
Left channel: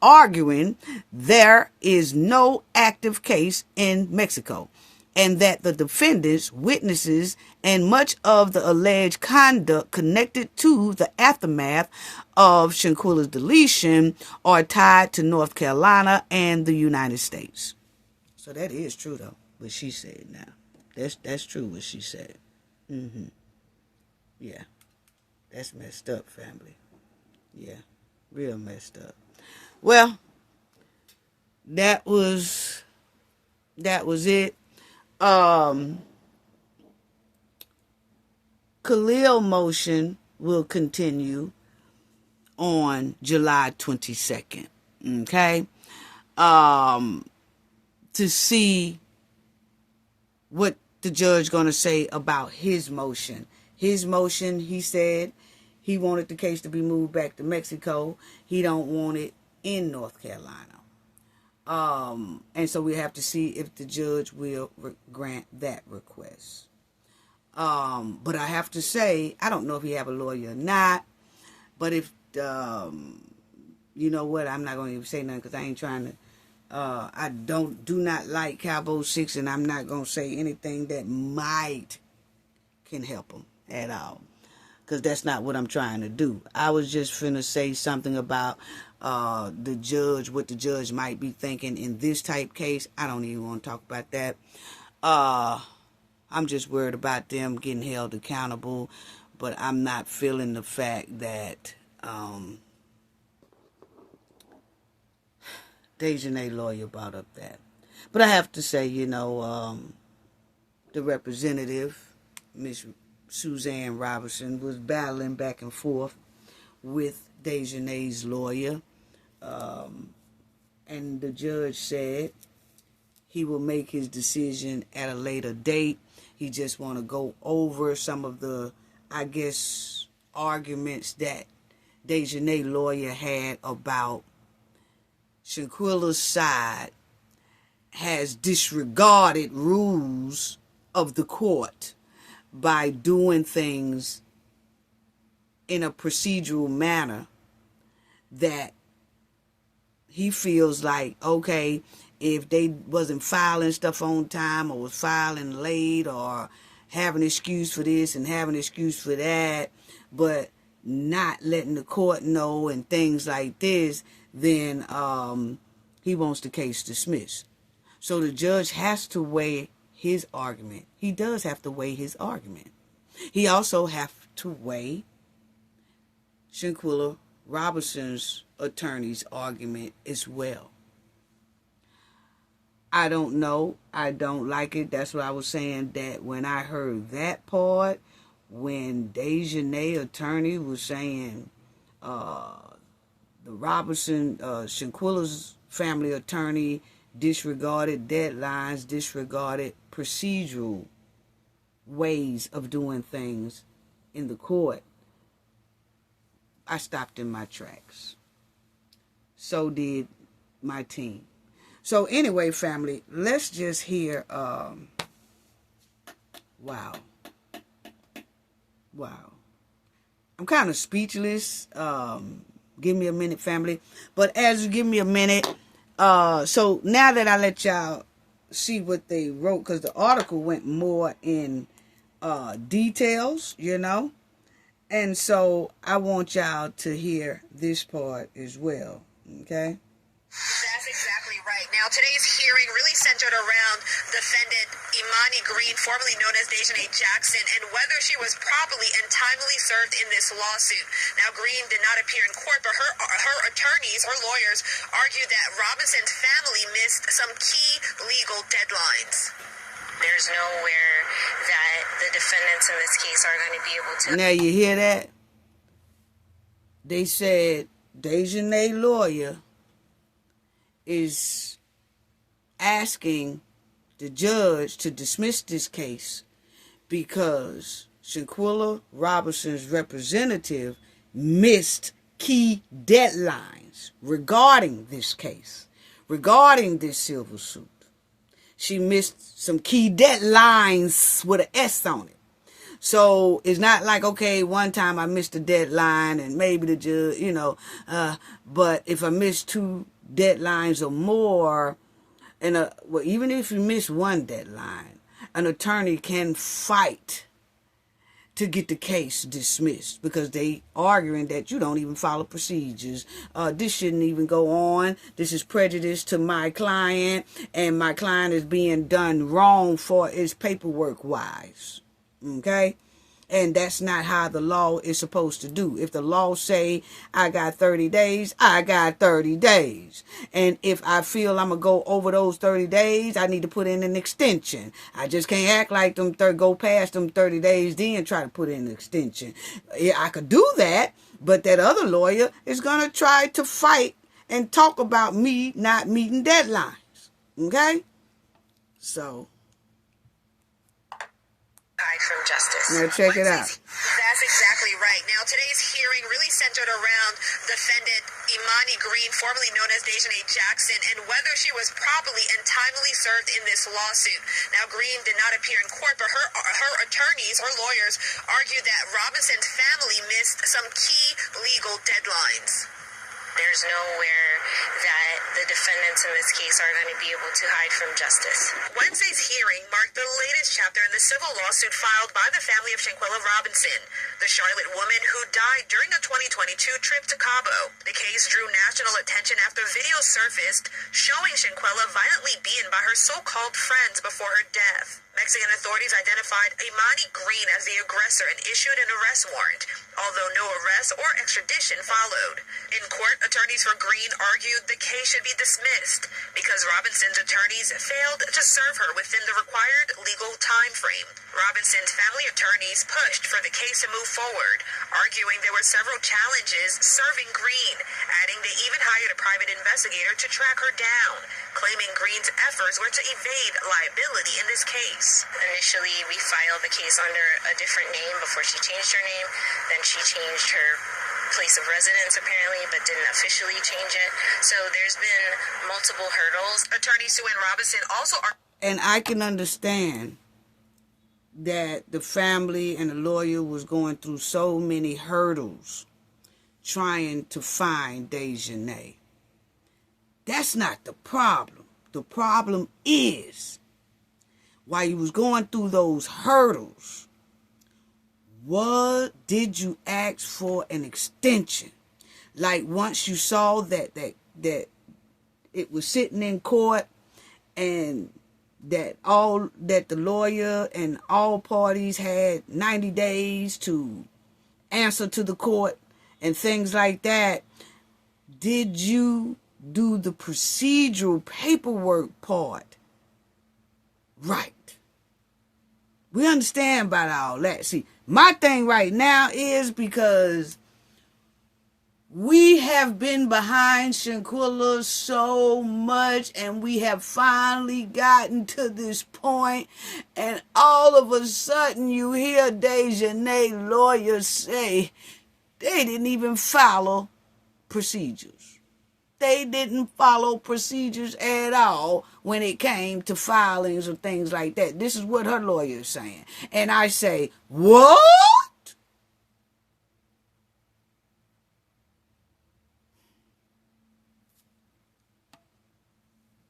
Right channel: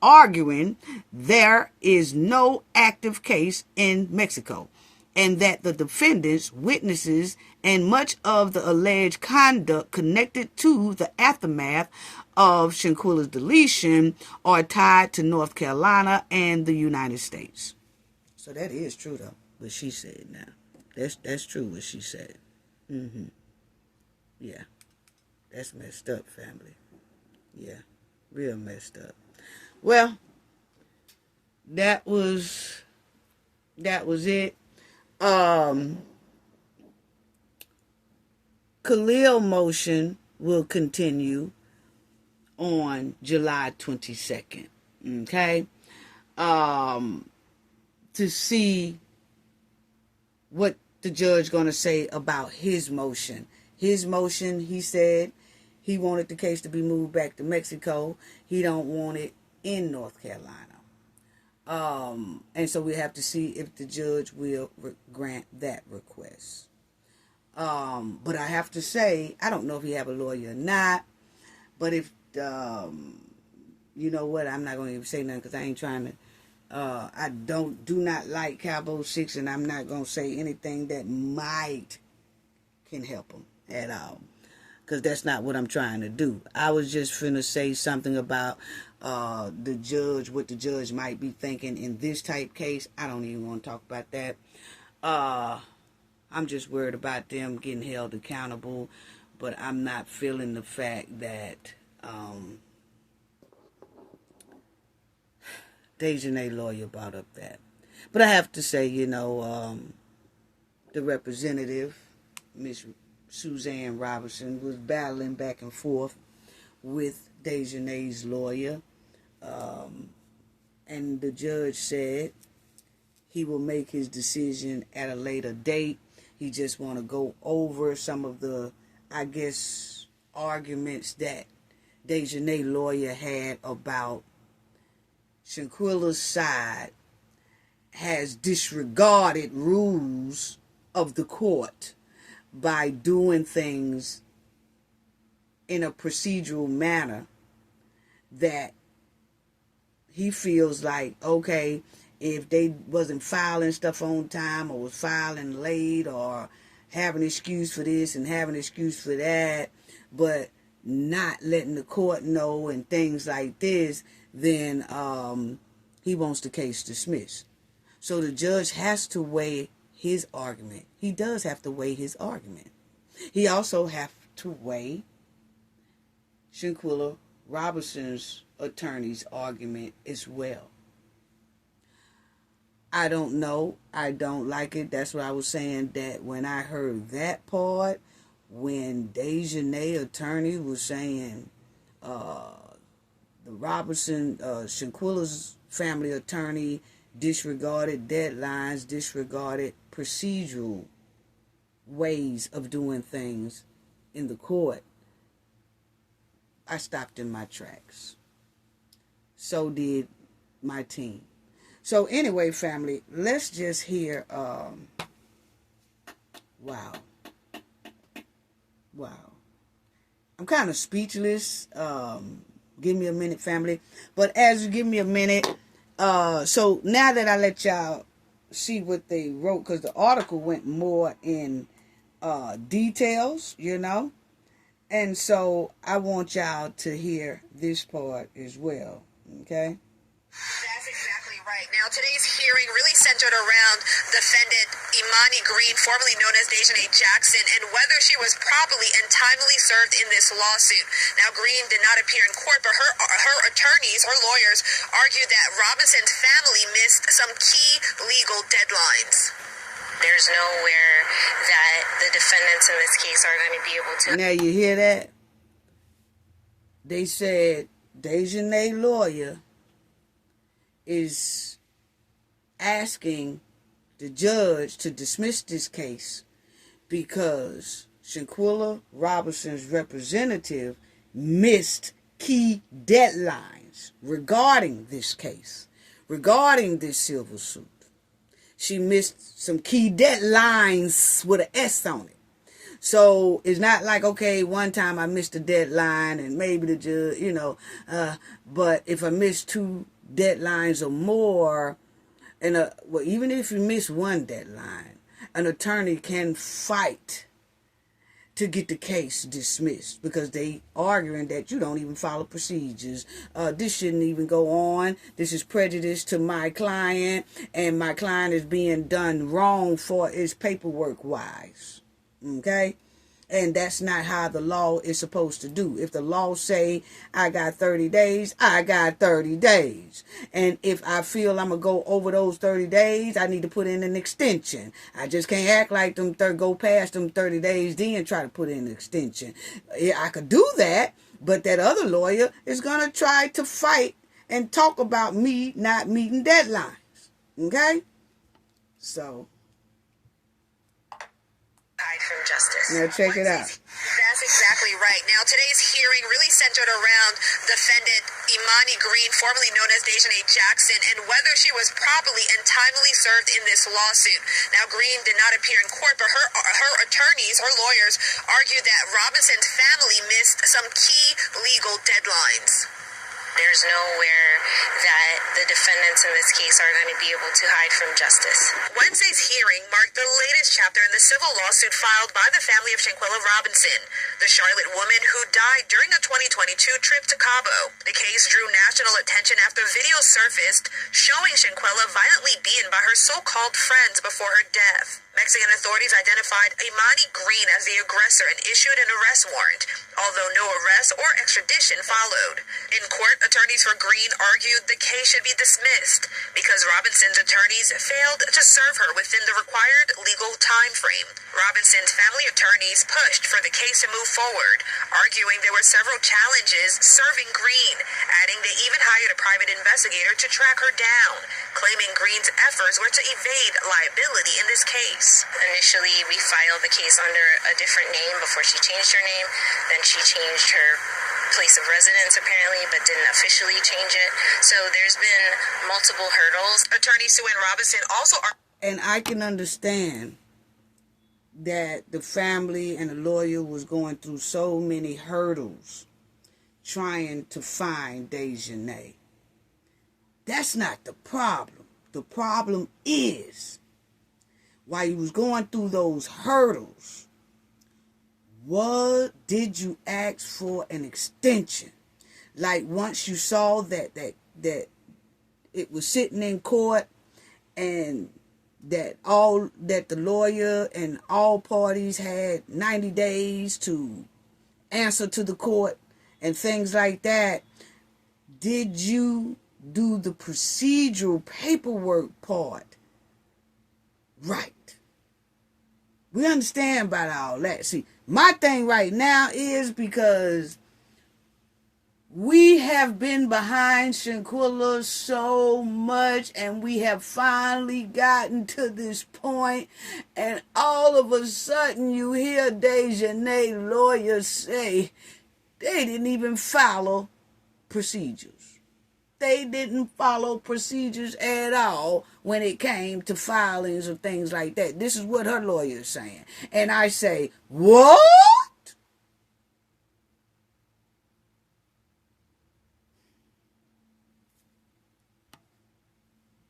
arguing there is no active case in Mexico and that the defendants, witnesses, and much of the alleged conduct connected to the aftermath of Shanquella's deletion are tied to North Carolina and the United States. So that is true, though, what she said now. That's true what she said. Yeah. That's messed up, family. Yeah. Real messed up. Well, that was it. Khalil motion will continue on July 22nd. Okay? To see what the judge going to say about his motion. His motion, he said he wanted the case to be moved back to Mexico. He don't want it in North Carolina. And so we have to see if the judge will grant that request. But I have to say, I don't know if he have a lawyer or not, but if, you know what, I'm not going to even say nothing because I ain't trying to, I do not like Cowboy 6, and I'm not going to say anything that might can help him at all, because that's not what I'm trying to do. I was just finna say something about the judge, what the judge might be thinking in this type case. I don't even want to talk about that. I'm just worried about them getting held accountable, but I'm not feeling the fact that Dejanay lawyer brought up that. But I have to say, you know, the representative, Miss Suzanne Robinson, was battling back and forth with Dejanay's lawyer. And the judge said he will make his decision at a later date. He just want to go over some of the, I guess, arguments that Dejanay lawyer had about Shanquella's side has disregarded rules of the court by doing things in a procedural manner that he feels like, okay, if they wasn't filing stuff on time or was filing late or having an excuse for this and having an excuse for that, but not letting the court know and things like this, then he wants the case dismissed. So the judge has to weigh his argument. He does have to weigh his argument. He also has to weigh Shanquella Robinson's attorney's argument as well. I don't know. I don't like it. That's what I was saying, that when I heard that part, when Dejanay attorney was saying the Robinson, Shanquella's family attorney disregarded deadlines, disregarded procedural ways of doing things in the court, I stopped in my tracks. So did my team. So anyway, family, let's just hear, wow. I'm kind of speechless. Give me a minute, family. But as you give me a minute, so now that I let y'all see what they wrote, because the article went more in details, you know. And so I want y'all to hear this part as well, okay? That's exactly right. Now, today's hearing really centered around defendant Imani Green, formerly known as Dejanay Jackson, and whether she was properly and timely served in this lawsuit. Now, Green did not appear in court, but her attorneys, her lawyers, argued that Robinson's family missed some key legal deadlines. There's nowhere that the defendants in this case are going to be able to... Now, you hear that? They said Dejanay lawyer is asking the judge to dismiss this case because Shanquella Robinson's representative missed key deadlines regarding this case, regarding this civil suit. She missed some key deadlines with an S on it. So it's not like, okay, one time I missed a deadline and maybe the judge, but if I miss 2 deadlines or more, even if you miss one deadline, an attorney can fight to get the case dismissed because they arguing that you don't even follow procedures. This shouldn't even go on. This is prejudice to my client, and my client is being done wrong for its paperwork wise. Okay? And that's not how the law is supposed to do. If the law say I got 30 days, I got 30 days. And if I feel I'm going to go over those 30 days, I need to put in an extension. I just can't act like go past them 30 days, then try to put in an extension. Yeah, I could do that, but that other lawyer is going to try to fight and talk about me not meeting deadlines. Okay? So from justice. Now check it out. That's exactly right. Now, today's hearing really centered around defendant Imani Green, formerly known as Dejanay Jackson, and whether she was properly and timely served in this lawsuit. Now, Green did not appear in court, but her attorneys, her lawyers, argued that Robinson's family missed some key legal deadlines. There's nowhere that the defendants in this case are going to be able to hide from justice. Wednesday's hearing marked the latest chapter in the civil lawsuit filed by the family of Shanquella Robinson, the Charlotte woman who died during a 2022 trip to Cabo. The case drew national attention after video surfaced showing Shanquella violently beaten by her so-called friends before her death. Mexican authorities identified Imani Green as the aggressor and issued an arrest warrant, although no arrest or extradition followed. In court, attorneys for Green argued the case should be dismissed because Robinson's attorneys failed to serve her within the required legal time frame. Robinson's family attorneys pushed for the case to move forward, arguing there were several challenges serving Green, adding they even hired a private investigator to track her down, claiming Green's efforts were to evade liability in this case. Initially, we filed the case under a different name before she changed her name. Then she changed her place of residence, apparently, but didn't officially change it. So there's been multiple hurdles. Attorney Sue Ann Robinson also... And I can understand that the family and the lawyer was going through so many hurdles trying to find Dejanay. That's not the problem. The problem is, while you was going through those hurdles, what did you ask for an extension? Like once you saw that it was sitting in court and that the lawyer and all parties had 90 days to answer to the court and things like that, did you do the procedural paperwork part right? We understand about all that. See, my thing right now is because we have been behind Shanquella so much and we have finally gotten to this point, and all of a sudden you hear Dejanay lawyers say they didn't even follow procedures. They didn't follow procedures at all when it came to filings or things like that. This is what her lawyer is saying. And I say, what?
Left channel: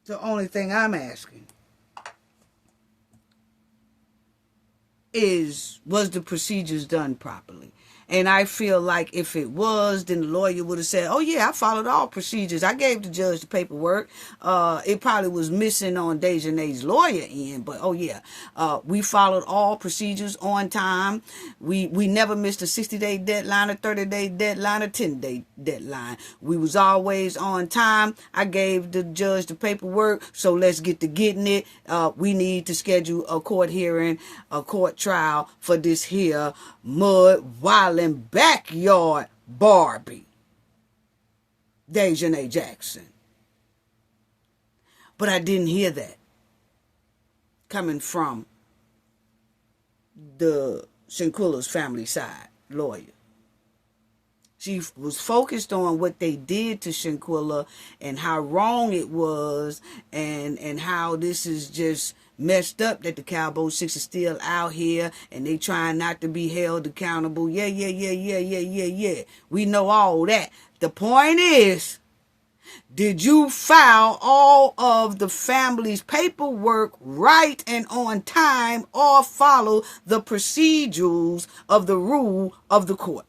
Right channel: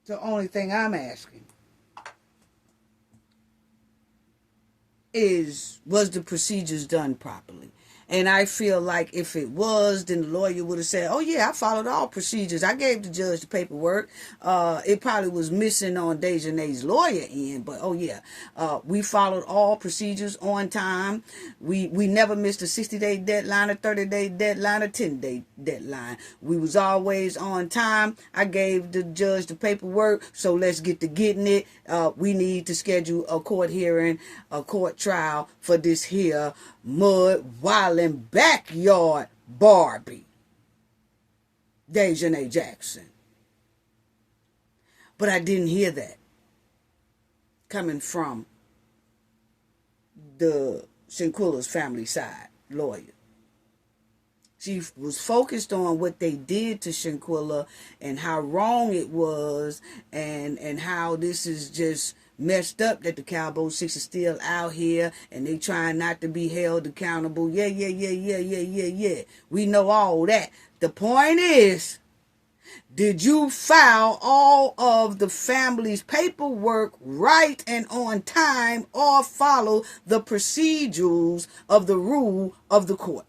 The only thing I'm asking is, was the procedures done properly? And I feel like if it was, then the lawyer would have said, oh, yeah, I followed all procedures. I gave the judge the paperwork. It probably was missing on Dejanay's lawyer end. But, oh, yeah, we followed all procedures on time. We never missed a 60-day deadline, a 30-day deadline, a 10-day deadline. We was always on time. I gave the judge the paperwork, so let's get to getting it. We need to schedule a court hearing, a court trial for this here mud wildin' backyard Barbie, Dejanay Jackson. But I didn't hear that coming from the Shanquella's family side lawyer. She was focused on what they did to Shanquella and how wrong it was, and how this is just messed up that the Cowboy Six is still out here and they trying not to be held accountable. Yeah. We know all that. The point is, did you file all of the family's paperwork right and on time, or follow the procedures of the rule of the court?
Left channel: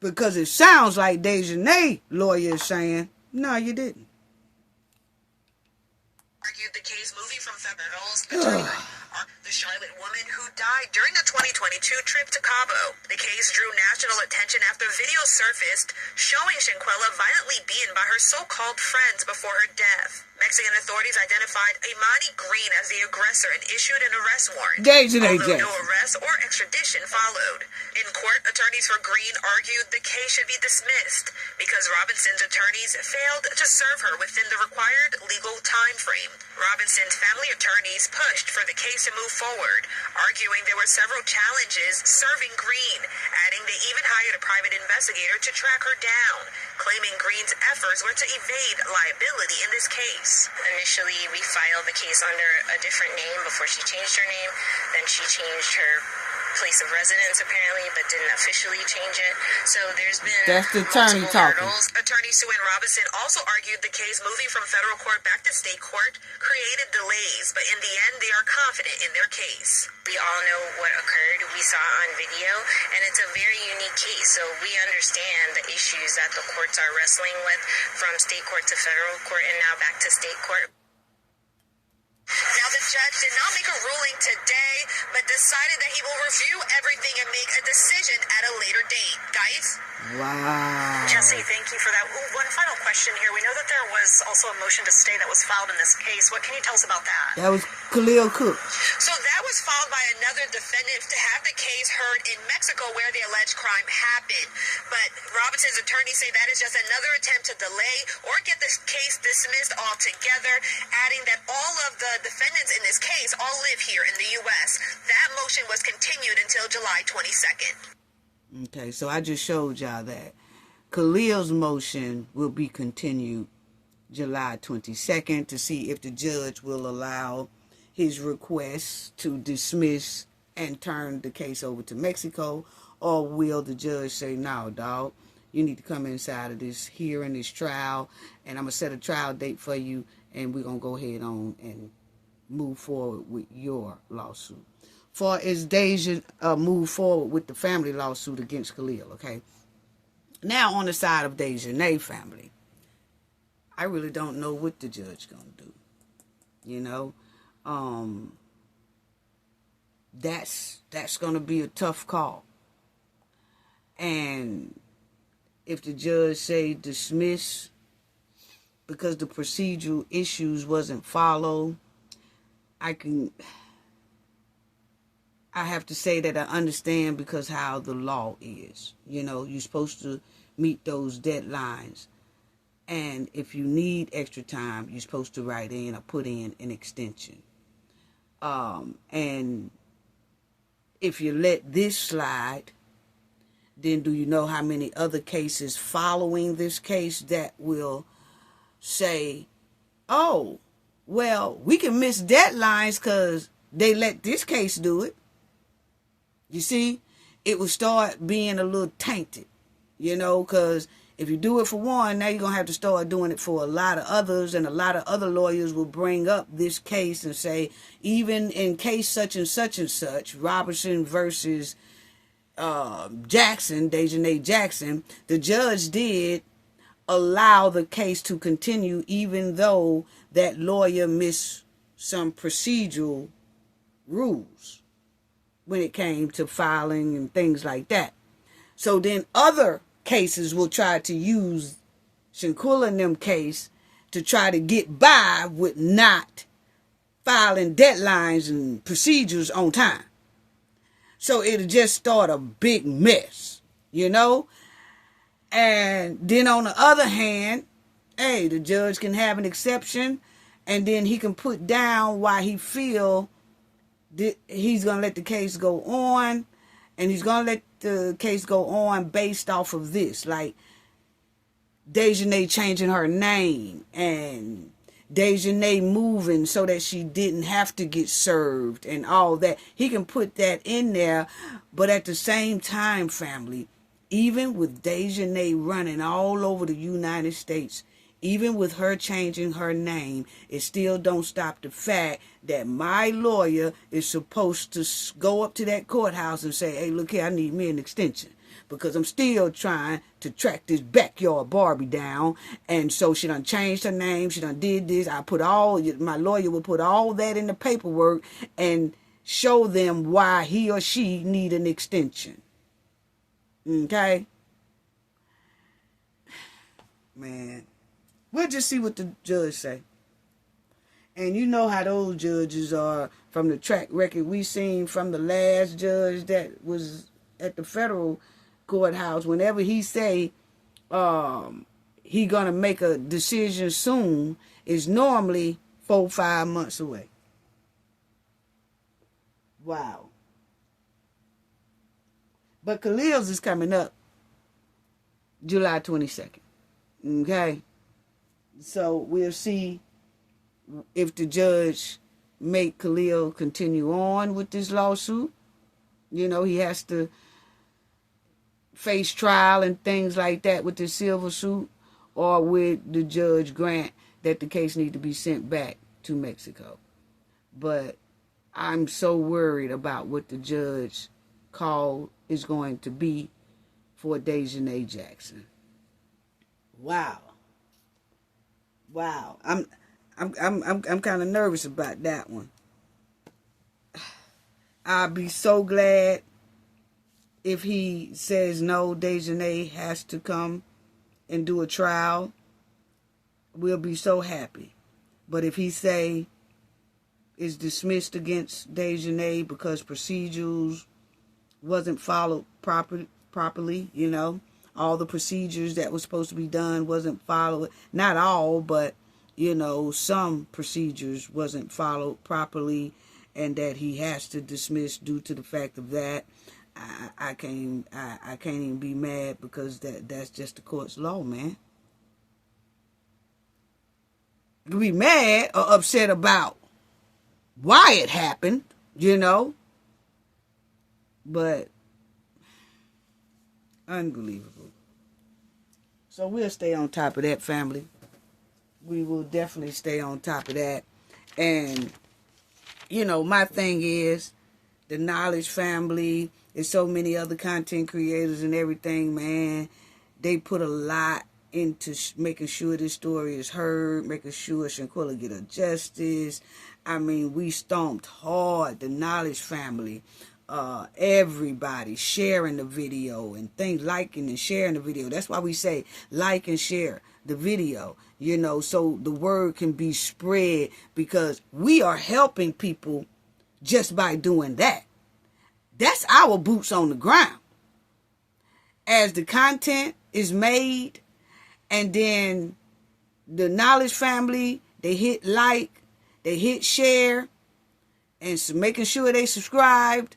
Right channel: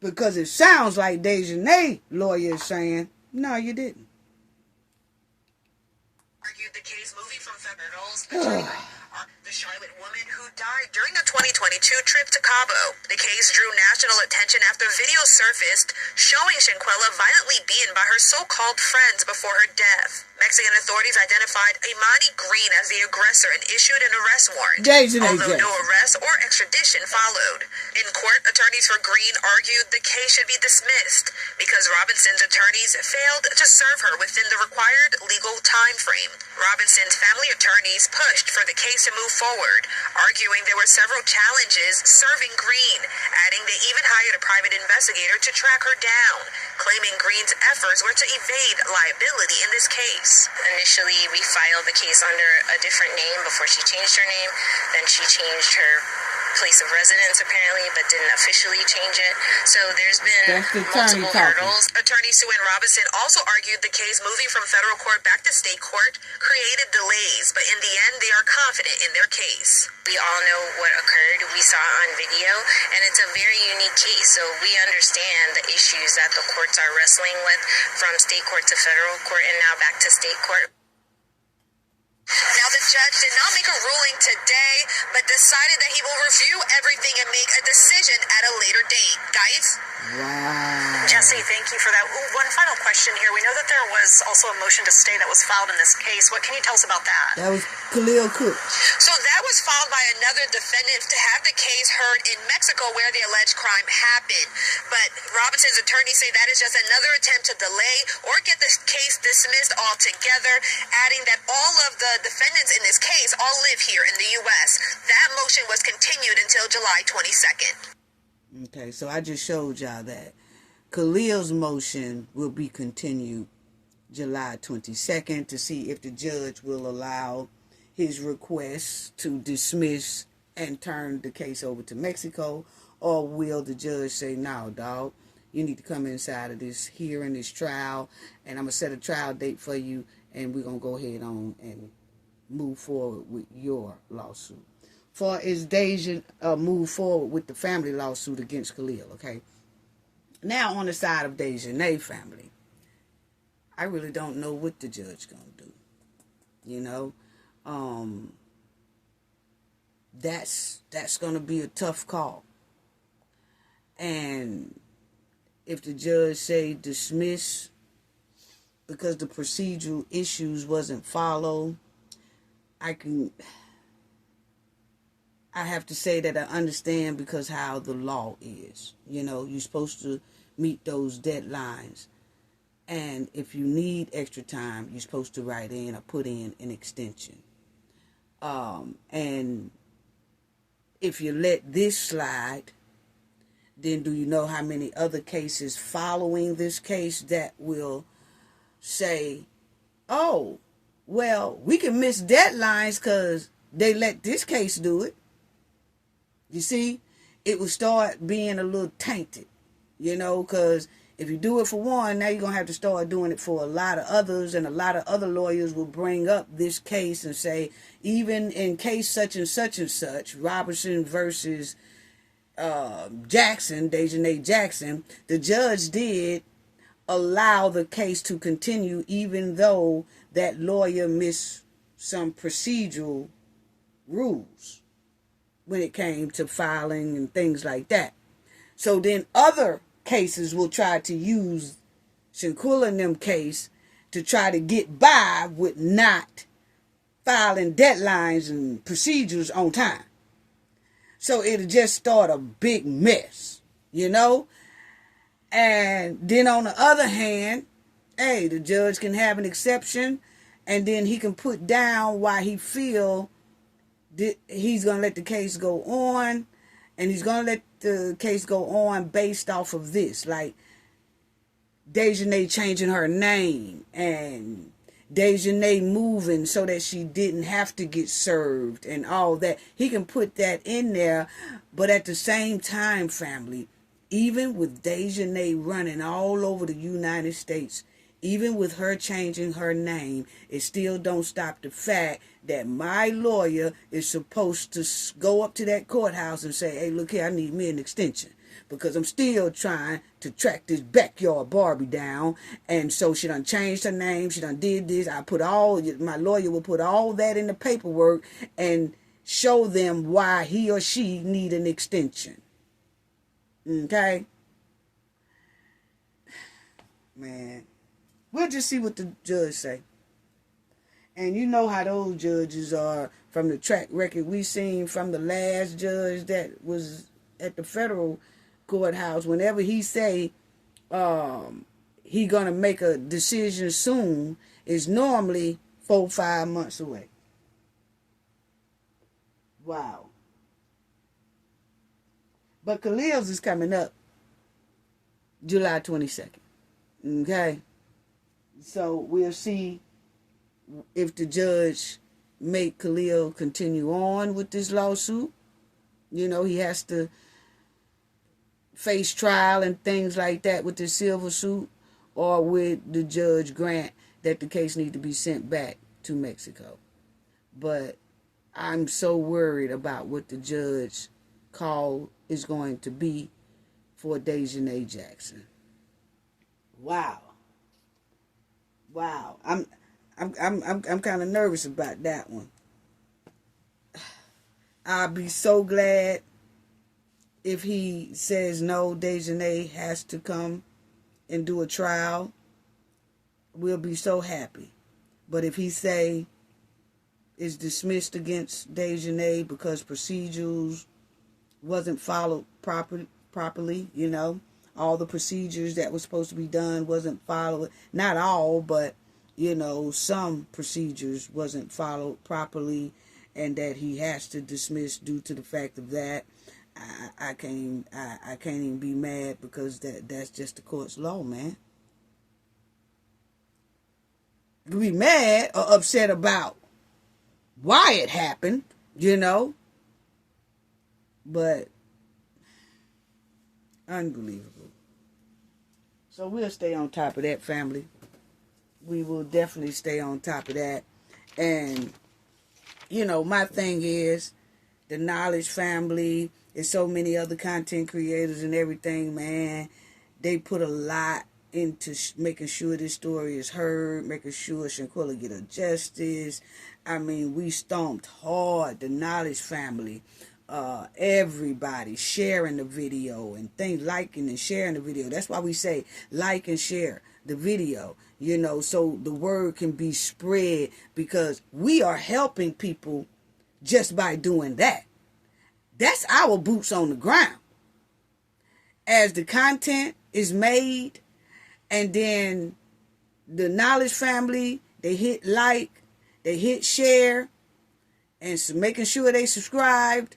Because it sounds like Dejanay lawyer is saying, no, you didn't. Argued the case moving from federal. The Charlotte woman who died during a 2022 trip to Cabo. The case drew national attention after video surfaced showing Shanquella violently beaten by her so-called friends before her death. Mexican authorities identified Imani Green as the aggressor and issued an arrest warrant, although no arrest or extradition followed. In court, attorneys for Green argued the case should be dismissed because Robinson's attorneys failed to serve her within the required legal time frame. Robinson's family attorneys pushed for the case to move forward, arguing there were several challenges serving Green, adding they even hired a private investigator to track her down, claiming Green's efforts were to evade liability in this case. Initially, we filed the case under a different name before she changed her name. Then she changed her place of residence, apparently, but didn't officially change it. So there's been multiple hurdles. Attorney Sue Ann Robinson also argued the case moving from federal court back to state court created delays, but in the end, they are confident in their case. We all know what occurred. We saw it on video, and it's a very unique case. So we understand the issues that the courts are wrestling with from state court to federal court and now back to state court. Now, the judge did not make a ruling today, but decided that he will review everything and make a decision at a later date. Guys? Wow. Jesse, thank you for that. Ooh, one final question here. We know that there was also a motion to stay that was filed in this case. What can you tell us about that? That was Khalil Cook. So that was filed by another defendant to have the case heard in Mexico where the alleged crime happened. But Robinson's attorneys say that is just another attempt to delay or get this case dismissed altogether, adding that all of the defendants in this case all live here in the U.S. That motion was continued until July 22nd. Okay, so I just showed y'all that. Khalil's motion will be continued July 22nd to see if the judge will allow his request to dismiss and turn the case over to Mexico, or will the judge say, no, dog, you need to come inside of this hearing, this trial, and I'm going to set a trial date for you, and we're going to go ahead on and move forward with your lawsuit. For as Deja move forward with the family lawsuit against Khalil, okay? Now on the side of Dejanay family, I really don't know what the judge gonna do. You know, that's gonna be a tough call. And if the judge say dismiss because the procedural issues wasn't followed, I have to say that I understand because how the law is. You know, you're supposed to meet those deadlines. And if you need extra time, you're supposed to write in or put in an extension. And if you let this slide, then do you know how many other cases following this case that will say, oh, well, we can miss deadlines because they let this case do it. You see, it will start being a little tainted, you know, because if you do it for one, now you're going to have to start doing it for a lot of others, and a lot of other lawyers will bring up this case and say, even in case such and such, Robertson versus Jackson, Dejanay Jackson, the judge did allow the case to continue even though that lawyer missed some procedural rules when it came to filing and things like that. So then other cases will try to use Shanquella and them case to try to get by with not filing deadlines and procedures on time. So it'll just start a big mess, you know? And then on the other hand, hey, the judge can have an exception, and then he can put down why he feel he's going to let the case go on, And he's going to let the case go on based off of this. Like, Dejanay changing her name and Dejanay moving so that she didn't have to get served and all that. He can put that in there. But at the same time, family, even with Dejanay running all over the United States, even with her changing her name, it still don't stop the fact that my lawyer is supposed to go up to that courthouse and say, hey, look here, I need me an extension. Because I'm still trying to track this backyard Barbie down. And so she done changed her name. She done did this. My lawyer will put all that in the paperwork and show them why he or she need an extension. Okay? Man. We'll just see what the judge say. And you know how those judges are from the track record we seen from the last judge that was at the federal courthouse. Whenever he say he gonna make a decision soon, is normally 4-5 months away. Wow. But Khalil's is coming up July 22nd. Okay? So we'll see if the judge make Khalil continue on with this lawsuit. You know, he has to face trial and things like that with the silver suit, or would the judge grant that the case need to be sent back to Mexico. But I'm so worried about what the judge call is going to be for Dejanay Jackson. Wow. I'm kind of nervous about that one. I'll be so glad if he says no, Dejanay has to come and do a trial. We'll be so happy. But if he say it's dismissed against Dejanay because procedures wasn't followed properly, you know, all the procedures that was supposed to be done wasn't followed. Not all, but, you know, some procedures wasn't followed properly, and that he has to dismiss due to the fact of that. I can't even be mad, because that's just the court's law, man. You can be mad or upset about why it happened, you know, but unbelievable. So we'll stay on top of that, family. We will definitely stay on top of that. And, you know, my thing is the Knowledge family. There's so many other content creators and everything, man. They put a lot into making sure this story is heard, making sure Shanquella get her justice. I mean, we stomped hard, the Knowledge family. Everybody sharing the video and things, liking and sharing the video. That's why we say like and share the video, you know, so the word can be spread, because we are helping people just by doing that. That's our boots on the ground. As the content is made, and then the Knowledge family, they hit like, they hit share, and so making sure they subscribed,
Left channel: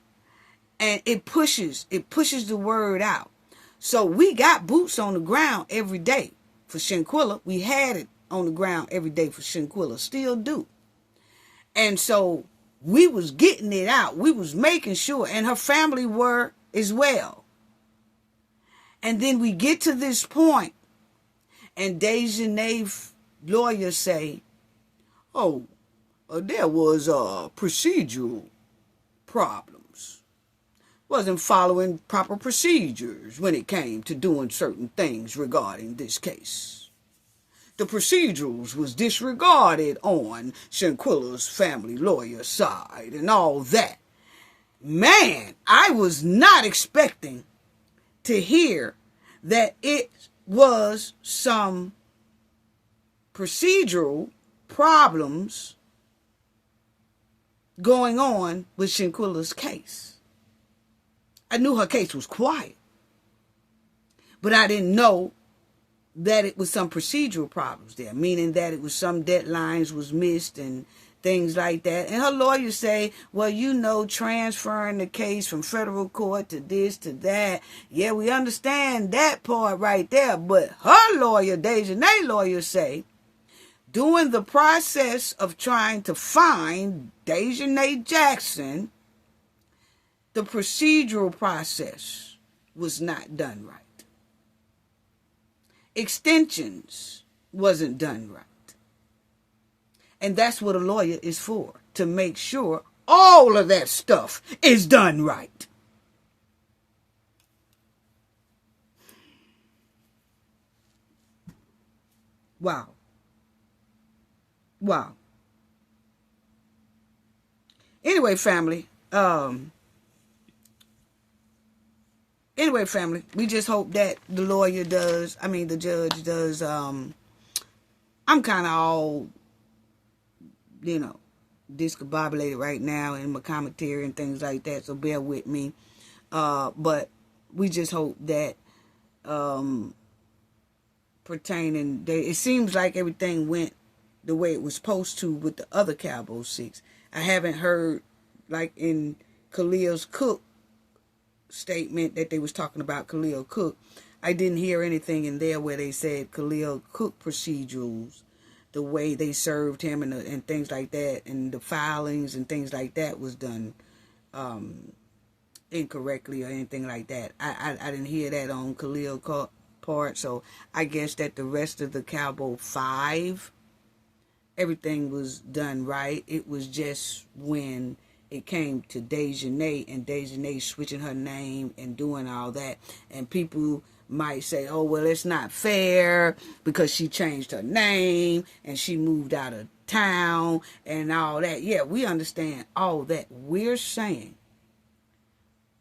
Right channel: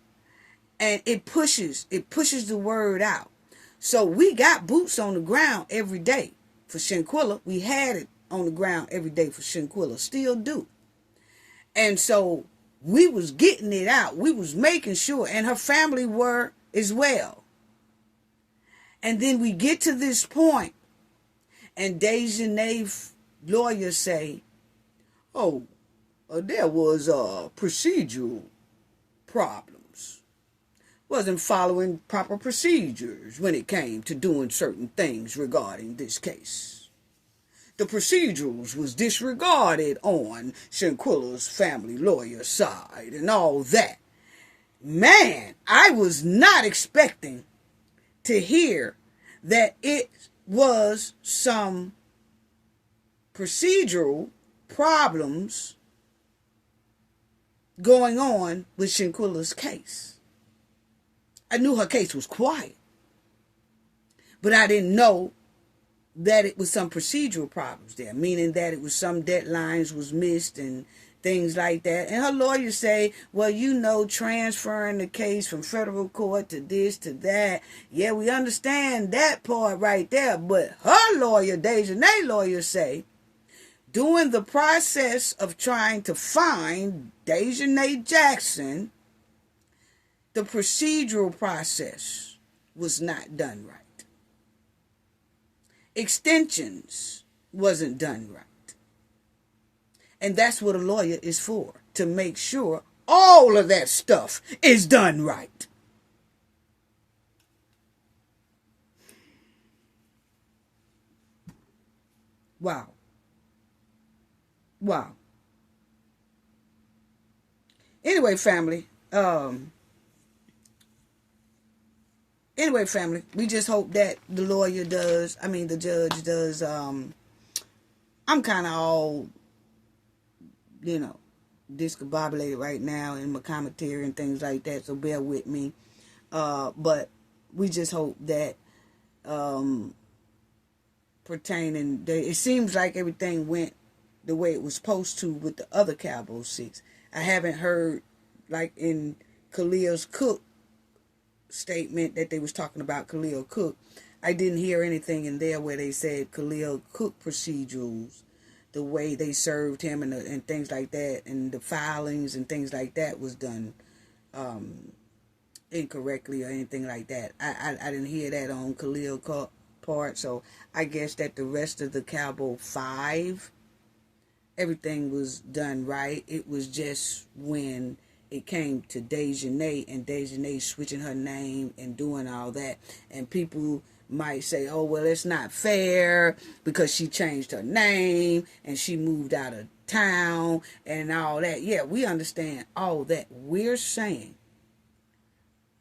and it pushes the word out. So we got boots on the ground every day for Shanquella. We had it on the ground every day for Shanquella, still do. And so we was getting it out. We was making sure, and her family were as well. And then we get to this point, and Dejanay's lawyers say, oh, there was procedural problems. Wasn't following proper procedures when it came to doing certain things regarding this case. The procedurals was disregarded on Shanquella's family lawyer's side and all that. Man, I was not expecting to hear that it was some procedural problems going on with Shanquella's case. I knew her case was quiet, but I didn't know that it was some procedural problems there, meaning that it was some deadlines was missed and things like that. And her lawyers say, well, you know, transferring the case from federal court to this to that. Yeah, we understand that part right there. But her lawyer, Dejanay lawyer, say, during the process of trying to find Dejanay Jackson, the procedural process was not done right. Extensions wasn't done right. And that's what a lawyer is for, to make sure all of that stuff is done right. Wow. Wow. Anyway, family, we just hope that the judge does, I'm kind of all, discombobulated right now in my commentary and things like that, so bear with me. But we just hope that, it seems like everything went the way it was supposed to with the other Cabo 6. I haven't heard, like in Khalil's Cook statement that they was talking about Khalil Cook. I didn't hear anything in there where they said Khalil Cook procedures, the way they served him and things like that, and the filings and things like that was done incorrectly or anything like that. I didn't hear that on Khalil part, so I guess that the rest of the Cabo 5, everything was done right. It was just when it came to Dejanay and Dejanay switching her name and doing all that, and people might say, oh, well, it's not fair because she changed her name and she moved out of town and all that. Yeah, we understand all that. We're saying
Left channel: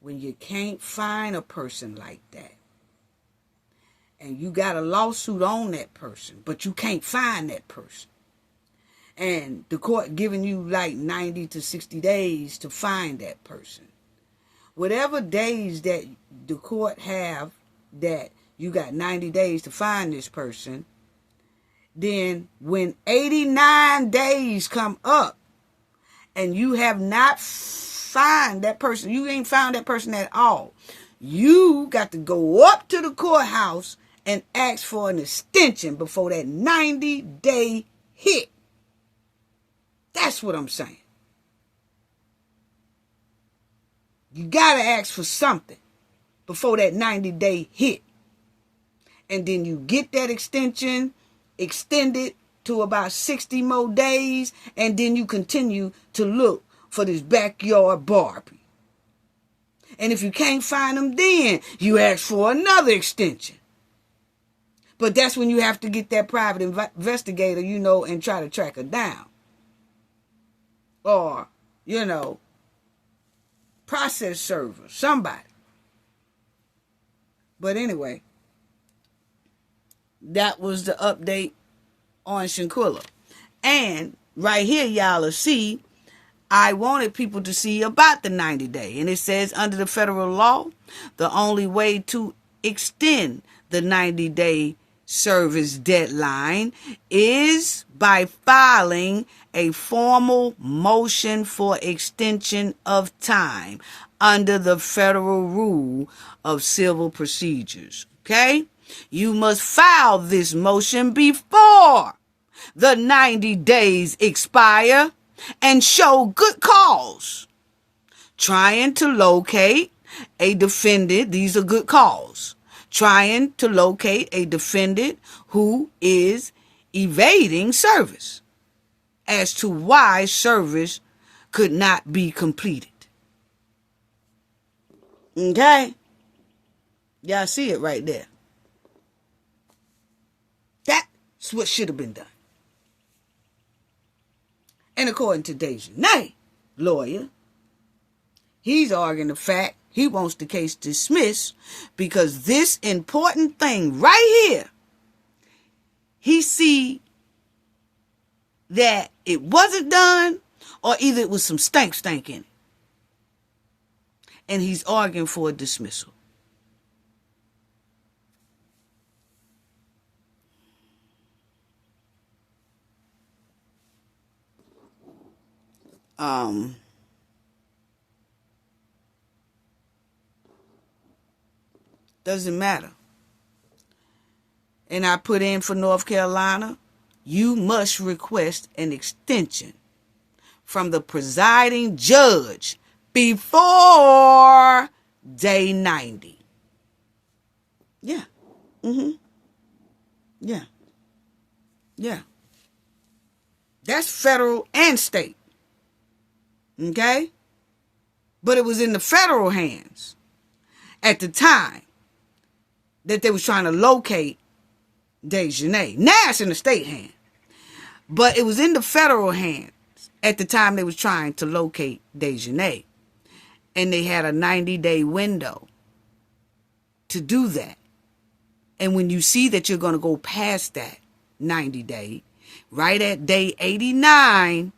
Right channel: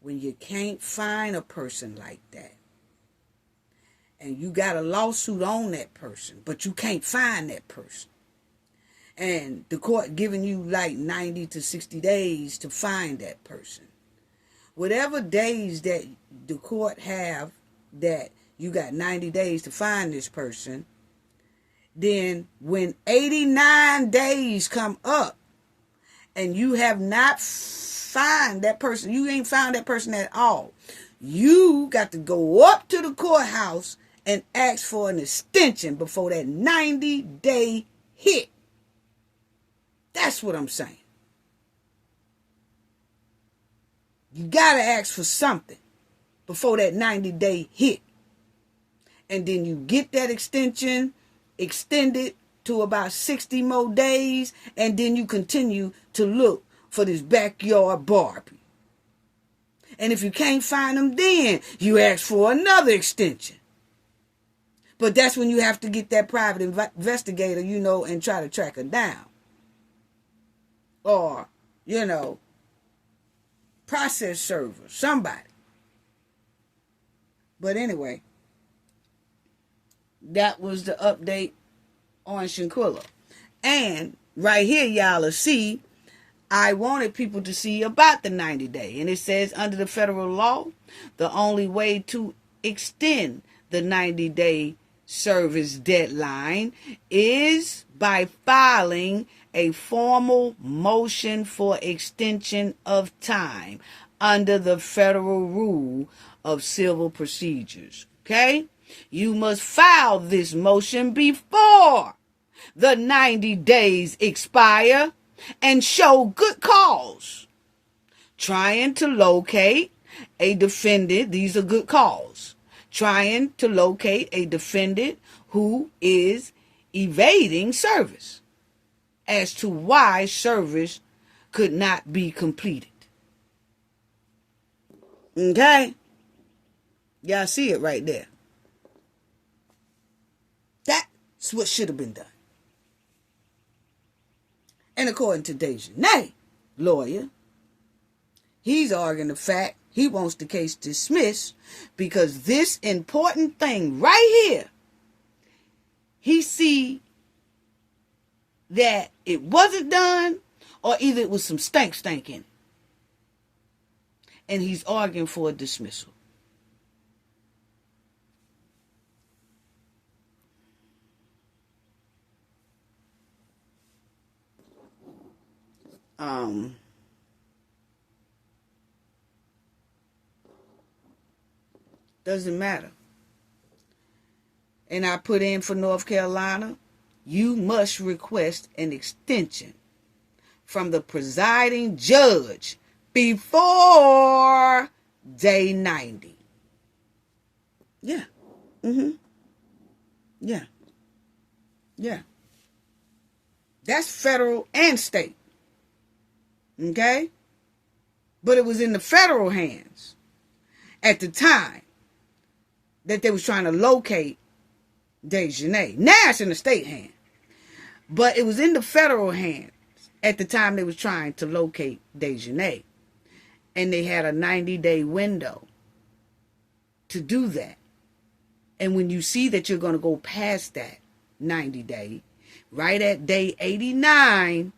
when you can't find a person like that and you got a lawsuit on that person, but you can't find that person, and the court giving you like 90 to 60 days to find that person, whatever days that the court have that you got 90 days to find this person, then when 89 days come up and you have not found that person, you ain't found that person at all, you got to go up to the courthouse and ask for an extension before that 90-day hit. That's what I'm saying. You got to ask for something before that 90-day hit. And then you get that extension extended to about 60 more days, and then you continue to look for this backyard Barbie. And if you can't find them, then you ask for another extension. But that's when you have to get that private investigator, and try to track her down. Or, process server, somebody. But anyway, that was the update on Shanquella. And right here, y'all will see, I wanted people to see about the 90-day. And it says, under the federal law, the only way to extend the 90-day service deadline is by filing a formal motion for extension of time under the federal rule of civil procedures. Okay? You must file this motion before the 90 days expire and show good cause. Trying to locate a defendant, these are good cause. Trying to locate a defendant who is evading service as to why service could not be completed. Okay? Y'all see it right there. That's what should have been done. And according to Dejanay, lawyer, he's arguing the fact he wants the case dismissed because this important thing right here, he see that it wasn't done, or either it was some stank in it. And he's arguing for a dismissal. Doesn't matter. And I put in for North Carolina, you must request an extension from the presiding judge before day 90. Yeah. Yeah. Yeah. That's federal and state. Okay? But it was in the federal hands at the time that they was trying to locate Dejanay. Now it's in the state hand. But it was in the federal hands at the time they was trying to locate Dejanay. And they had a 90-day window to do that. And when you see that you're going to go past that 90-day, right at day 89,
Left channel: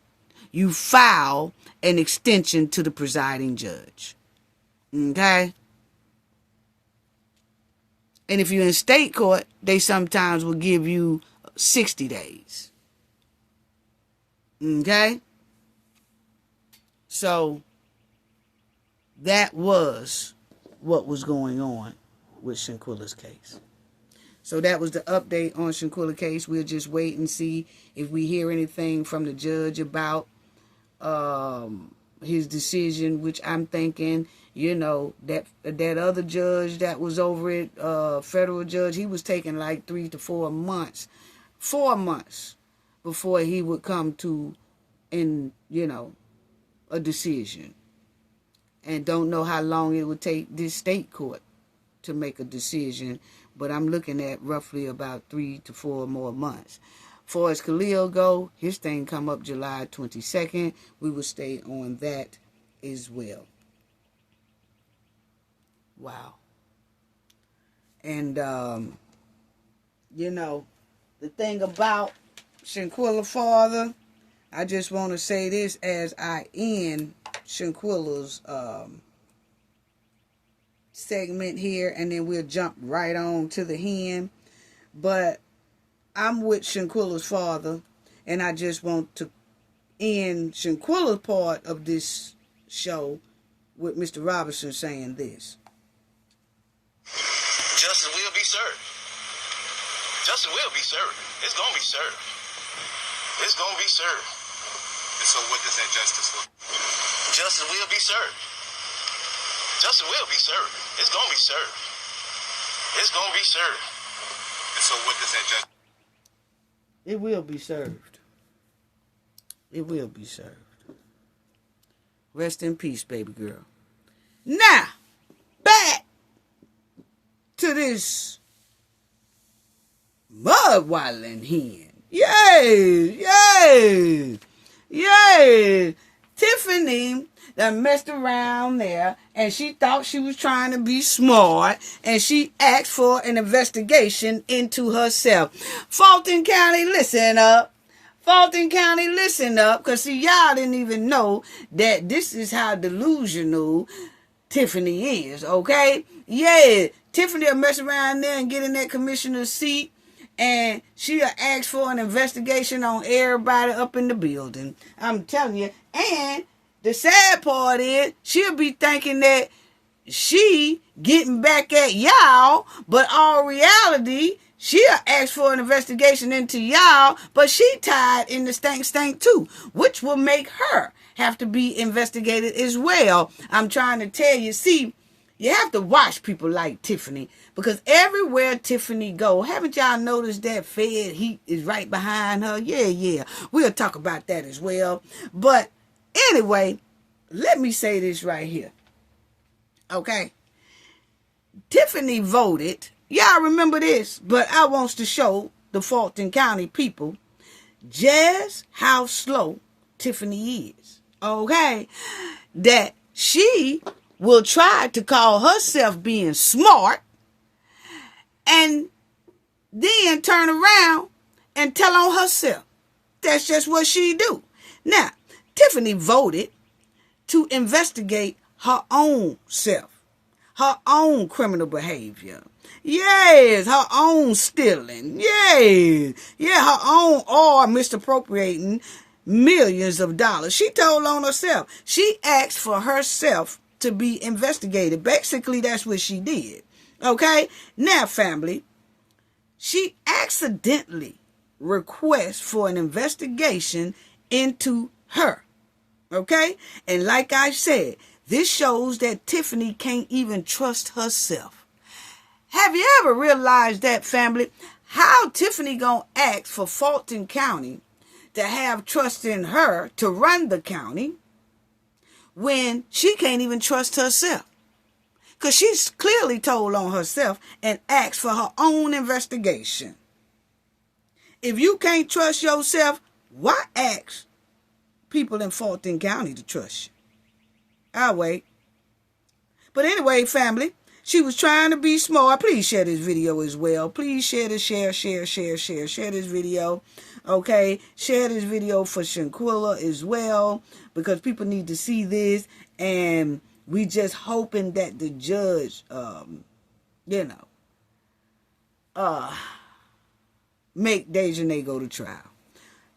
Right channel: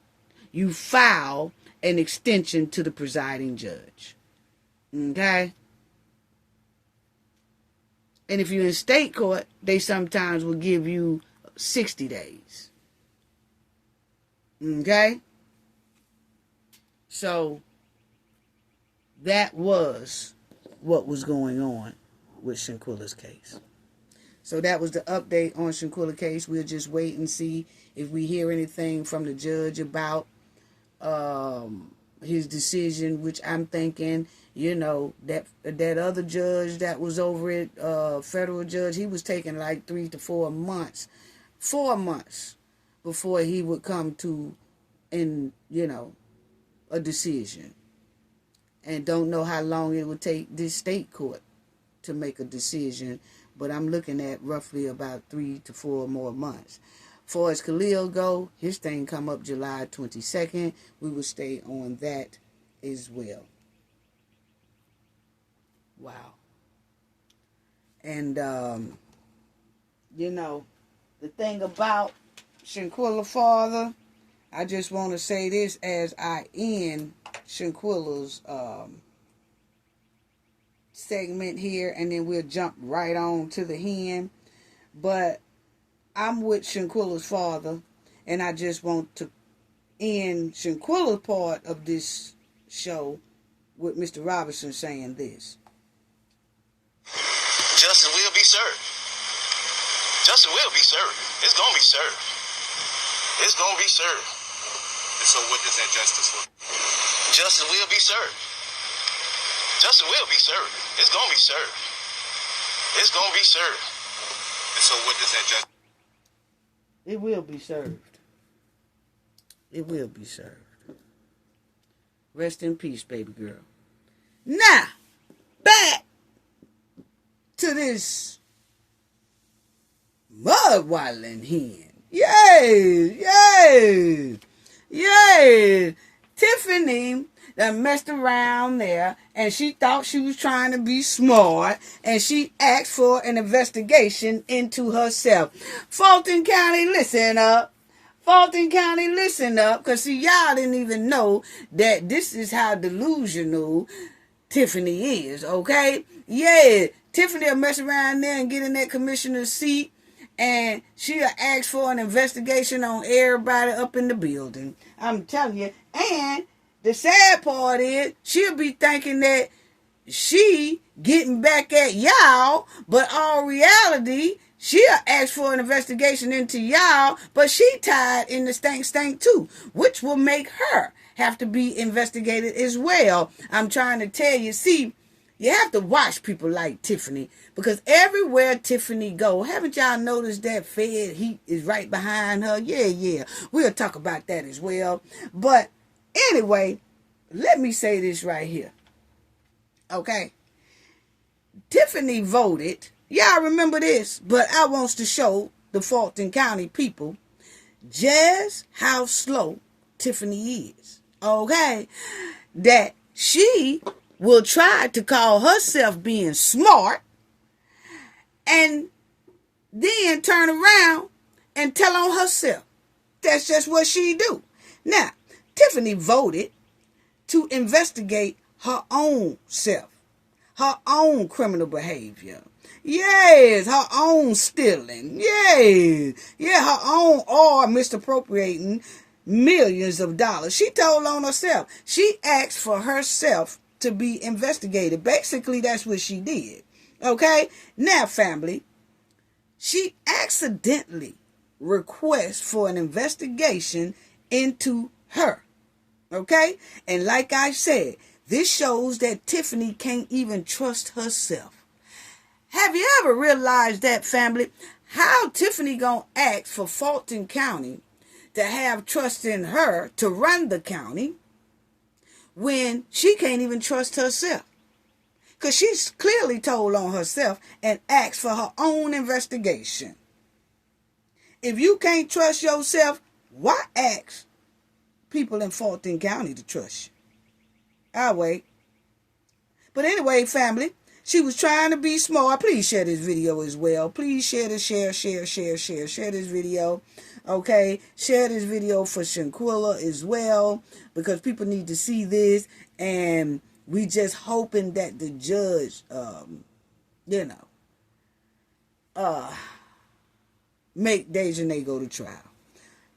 you file an extension to the presiding judge. Okay? And if you're in state court, they sometimes will give you 60 days. Okay? So, that was what was going on with Shanquella's case. So that was the update on Shanquella's case. We'll just wait and see if we hear anything from the judge about his decision, which I'm thinking, that other judge that was over it, federal judge, he was taking like 3 to 4 months. 4 months before he would come to, a decision. And don't know how long it would take this state court to make a decision. But I'm looking at roughly about 3 to 4 more months. Far as Khalil go, his thing come up July 22nd. We will stay on that as well. Wow. And, the thing about Shanquella father, I just want to say this as I end Shanquella's segment here, and then we'll jump right on to the hen. But I'm with Shanquella's father, and I just want to end Shanquella's part of this show with Mr. Robinson saying this. Justice will be served. Justice will be served. It's going to be served. It's going to be served. And so what does that justice look like? Justice will be served. Justice will be served. It's going to be served. It's going to be served. And so what does that justice? It will be served. It will be served. Rest in peace, baby girl. Now, back to this mud-waddling hen. Yay! Yay! Yay! Tiffany that messed around there, and she thought she was trying to be smart, and she asked for an investigation into herself. Fulton County, listen up. Fulton County, listen up, because see, y'all didn't even know that this is how delusional Tiffany is, okay? Yeah, Tiffany will mess around there and get in that commissioner's seat, and she'll ask for an investigation on everybody up in the building. I'm telling you. And the sad part is, she'll be thinking that she getting back at y'all, but all reality, she'll ask for an investigation into y'all, but she tied in the stank too, which will make her have to be investigated as well. I'm trying to tell you, see, you have to watch people like Tiffany, because everywhere Tiffany go, haven't y'all noticed that Fed heat is right behind her? Yeah. We'll talk about that as well. But anyway, let me say this right here. Okay? Tiffany voted. Y'all remember this, but I wants to show the Fulton County people just how slow Tiffany is. Okay? That she will try to call herself being smart and then turn around and tell on herself. That's just what she do. Now, Tiffany voted to investigate her own self, her own criminal behavior. Yes, her own stealing. Yes, her own or misappropriating millions of dollars. She told on herself. She asked for herself to be investigated. Basically, that's what she did. Okay? Now, family, she accidentally requests for an investigation into her. Okay? And like I said, this shows that Tiffany can't even trust herself. Have you ever realized that, family? How Tiffany gonna ask for Fulton County to have trust in her to run the county when she can't even trust herself? Because she's clearly told on herself and asked for her own investigation. If you can't trust yourself, why ask people in Fulton County to trust you? I'll wait. But anyway, family, she was trying to be smart. Please share this video as well. Please share this, share this video. Okay, share this video for Shanquella as well, because people need to see this, and we just hoping that the judge, make Dejanay go to trial.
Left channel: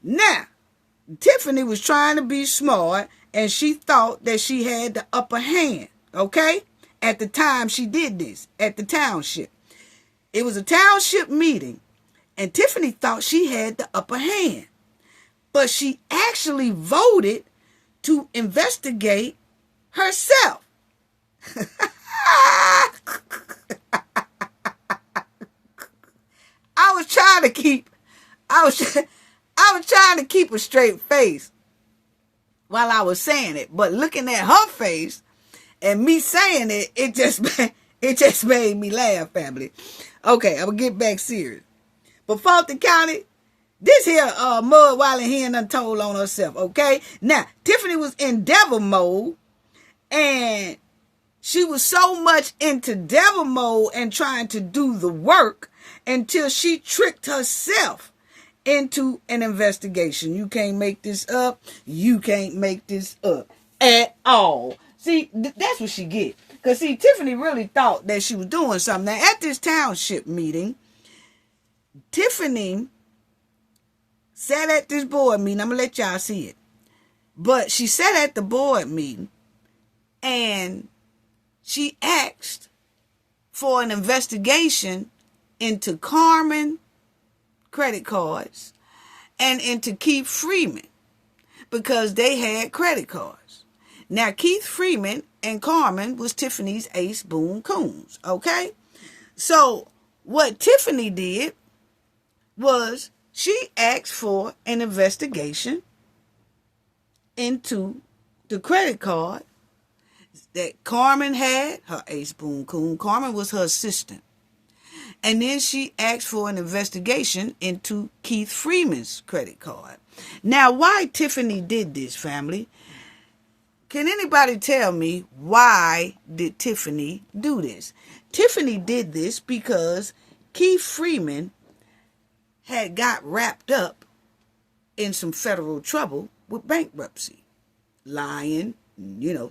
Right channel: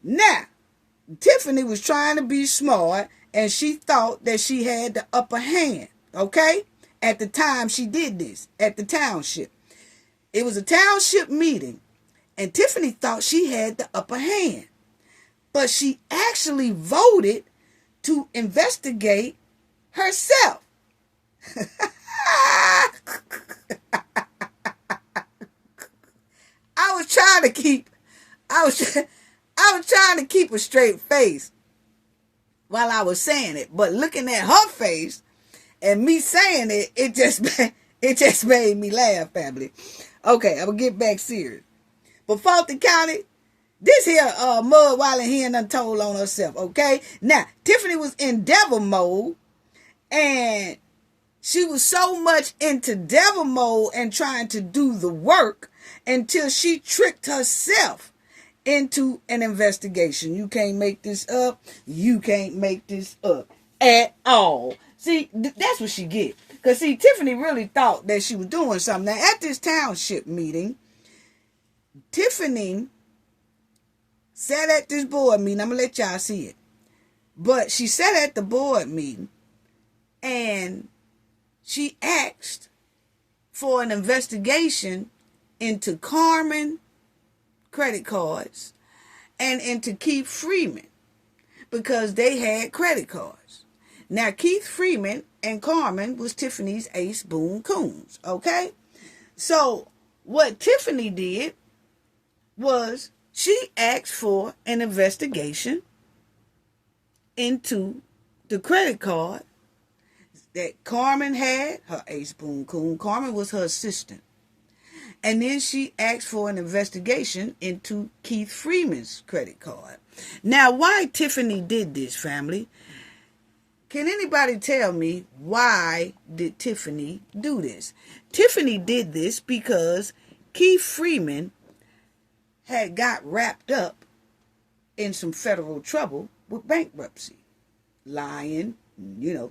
Now, Tiffany was trying to be smart, and she thought that she had the upper hand, okay? At the time she did this, at the township. It was a township meeting, and Tiffany thought she had the upper hand. But she actually voted to investigate herself. I was trying to keep a straight face while I was saying it, but looking at her face and me saying it, it just made me laugh, family. Okay, I'm gonna get back serious. But Fulton County, this here mud while he done told on herself, okay? Now, Tiffany was in devil mode, and she was so much into devil mode and trying to do the work until she tricked herself into an investigation. You can't make this up. You can't make this up at all. See, that's what she get. Because, see, Tiffany really thought that she was doing something. Now, at this township meeting, Tiffany sat at this board meeting. I'm going to let y'all see it. But she sat at the board meeting, and she asked for an investigation into Carmen credit cards and into Keith Freeman, because they had credit cards. Now, Keith Freeman and Carmen was Tiffany's ace boon coons, okay? So, what Tiffany did was she asked for an investigation into the credit card that Carmen had, her ace boon coon. Carmen was her assistant. And then she asked for an investigation into Keith Freeman's credit card. Now, why Tiffany did this, family? Can anybody tell me why did Tiffany do this? Tiffany did this because Keith Freeman had got wrapped up in some federal trouble with bankruptcy, lying,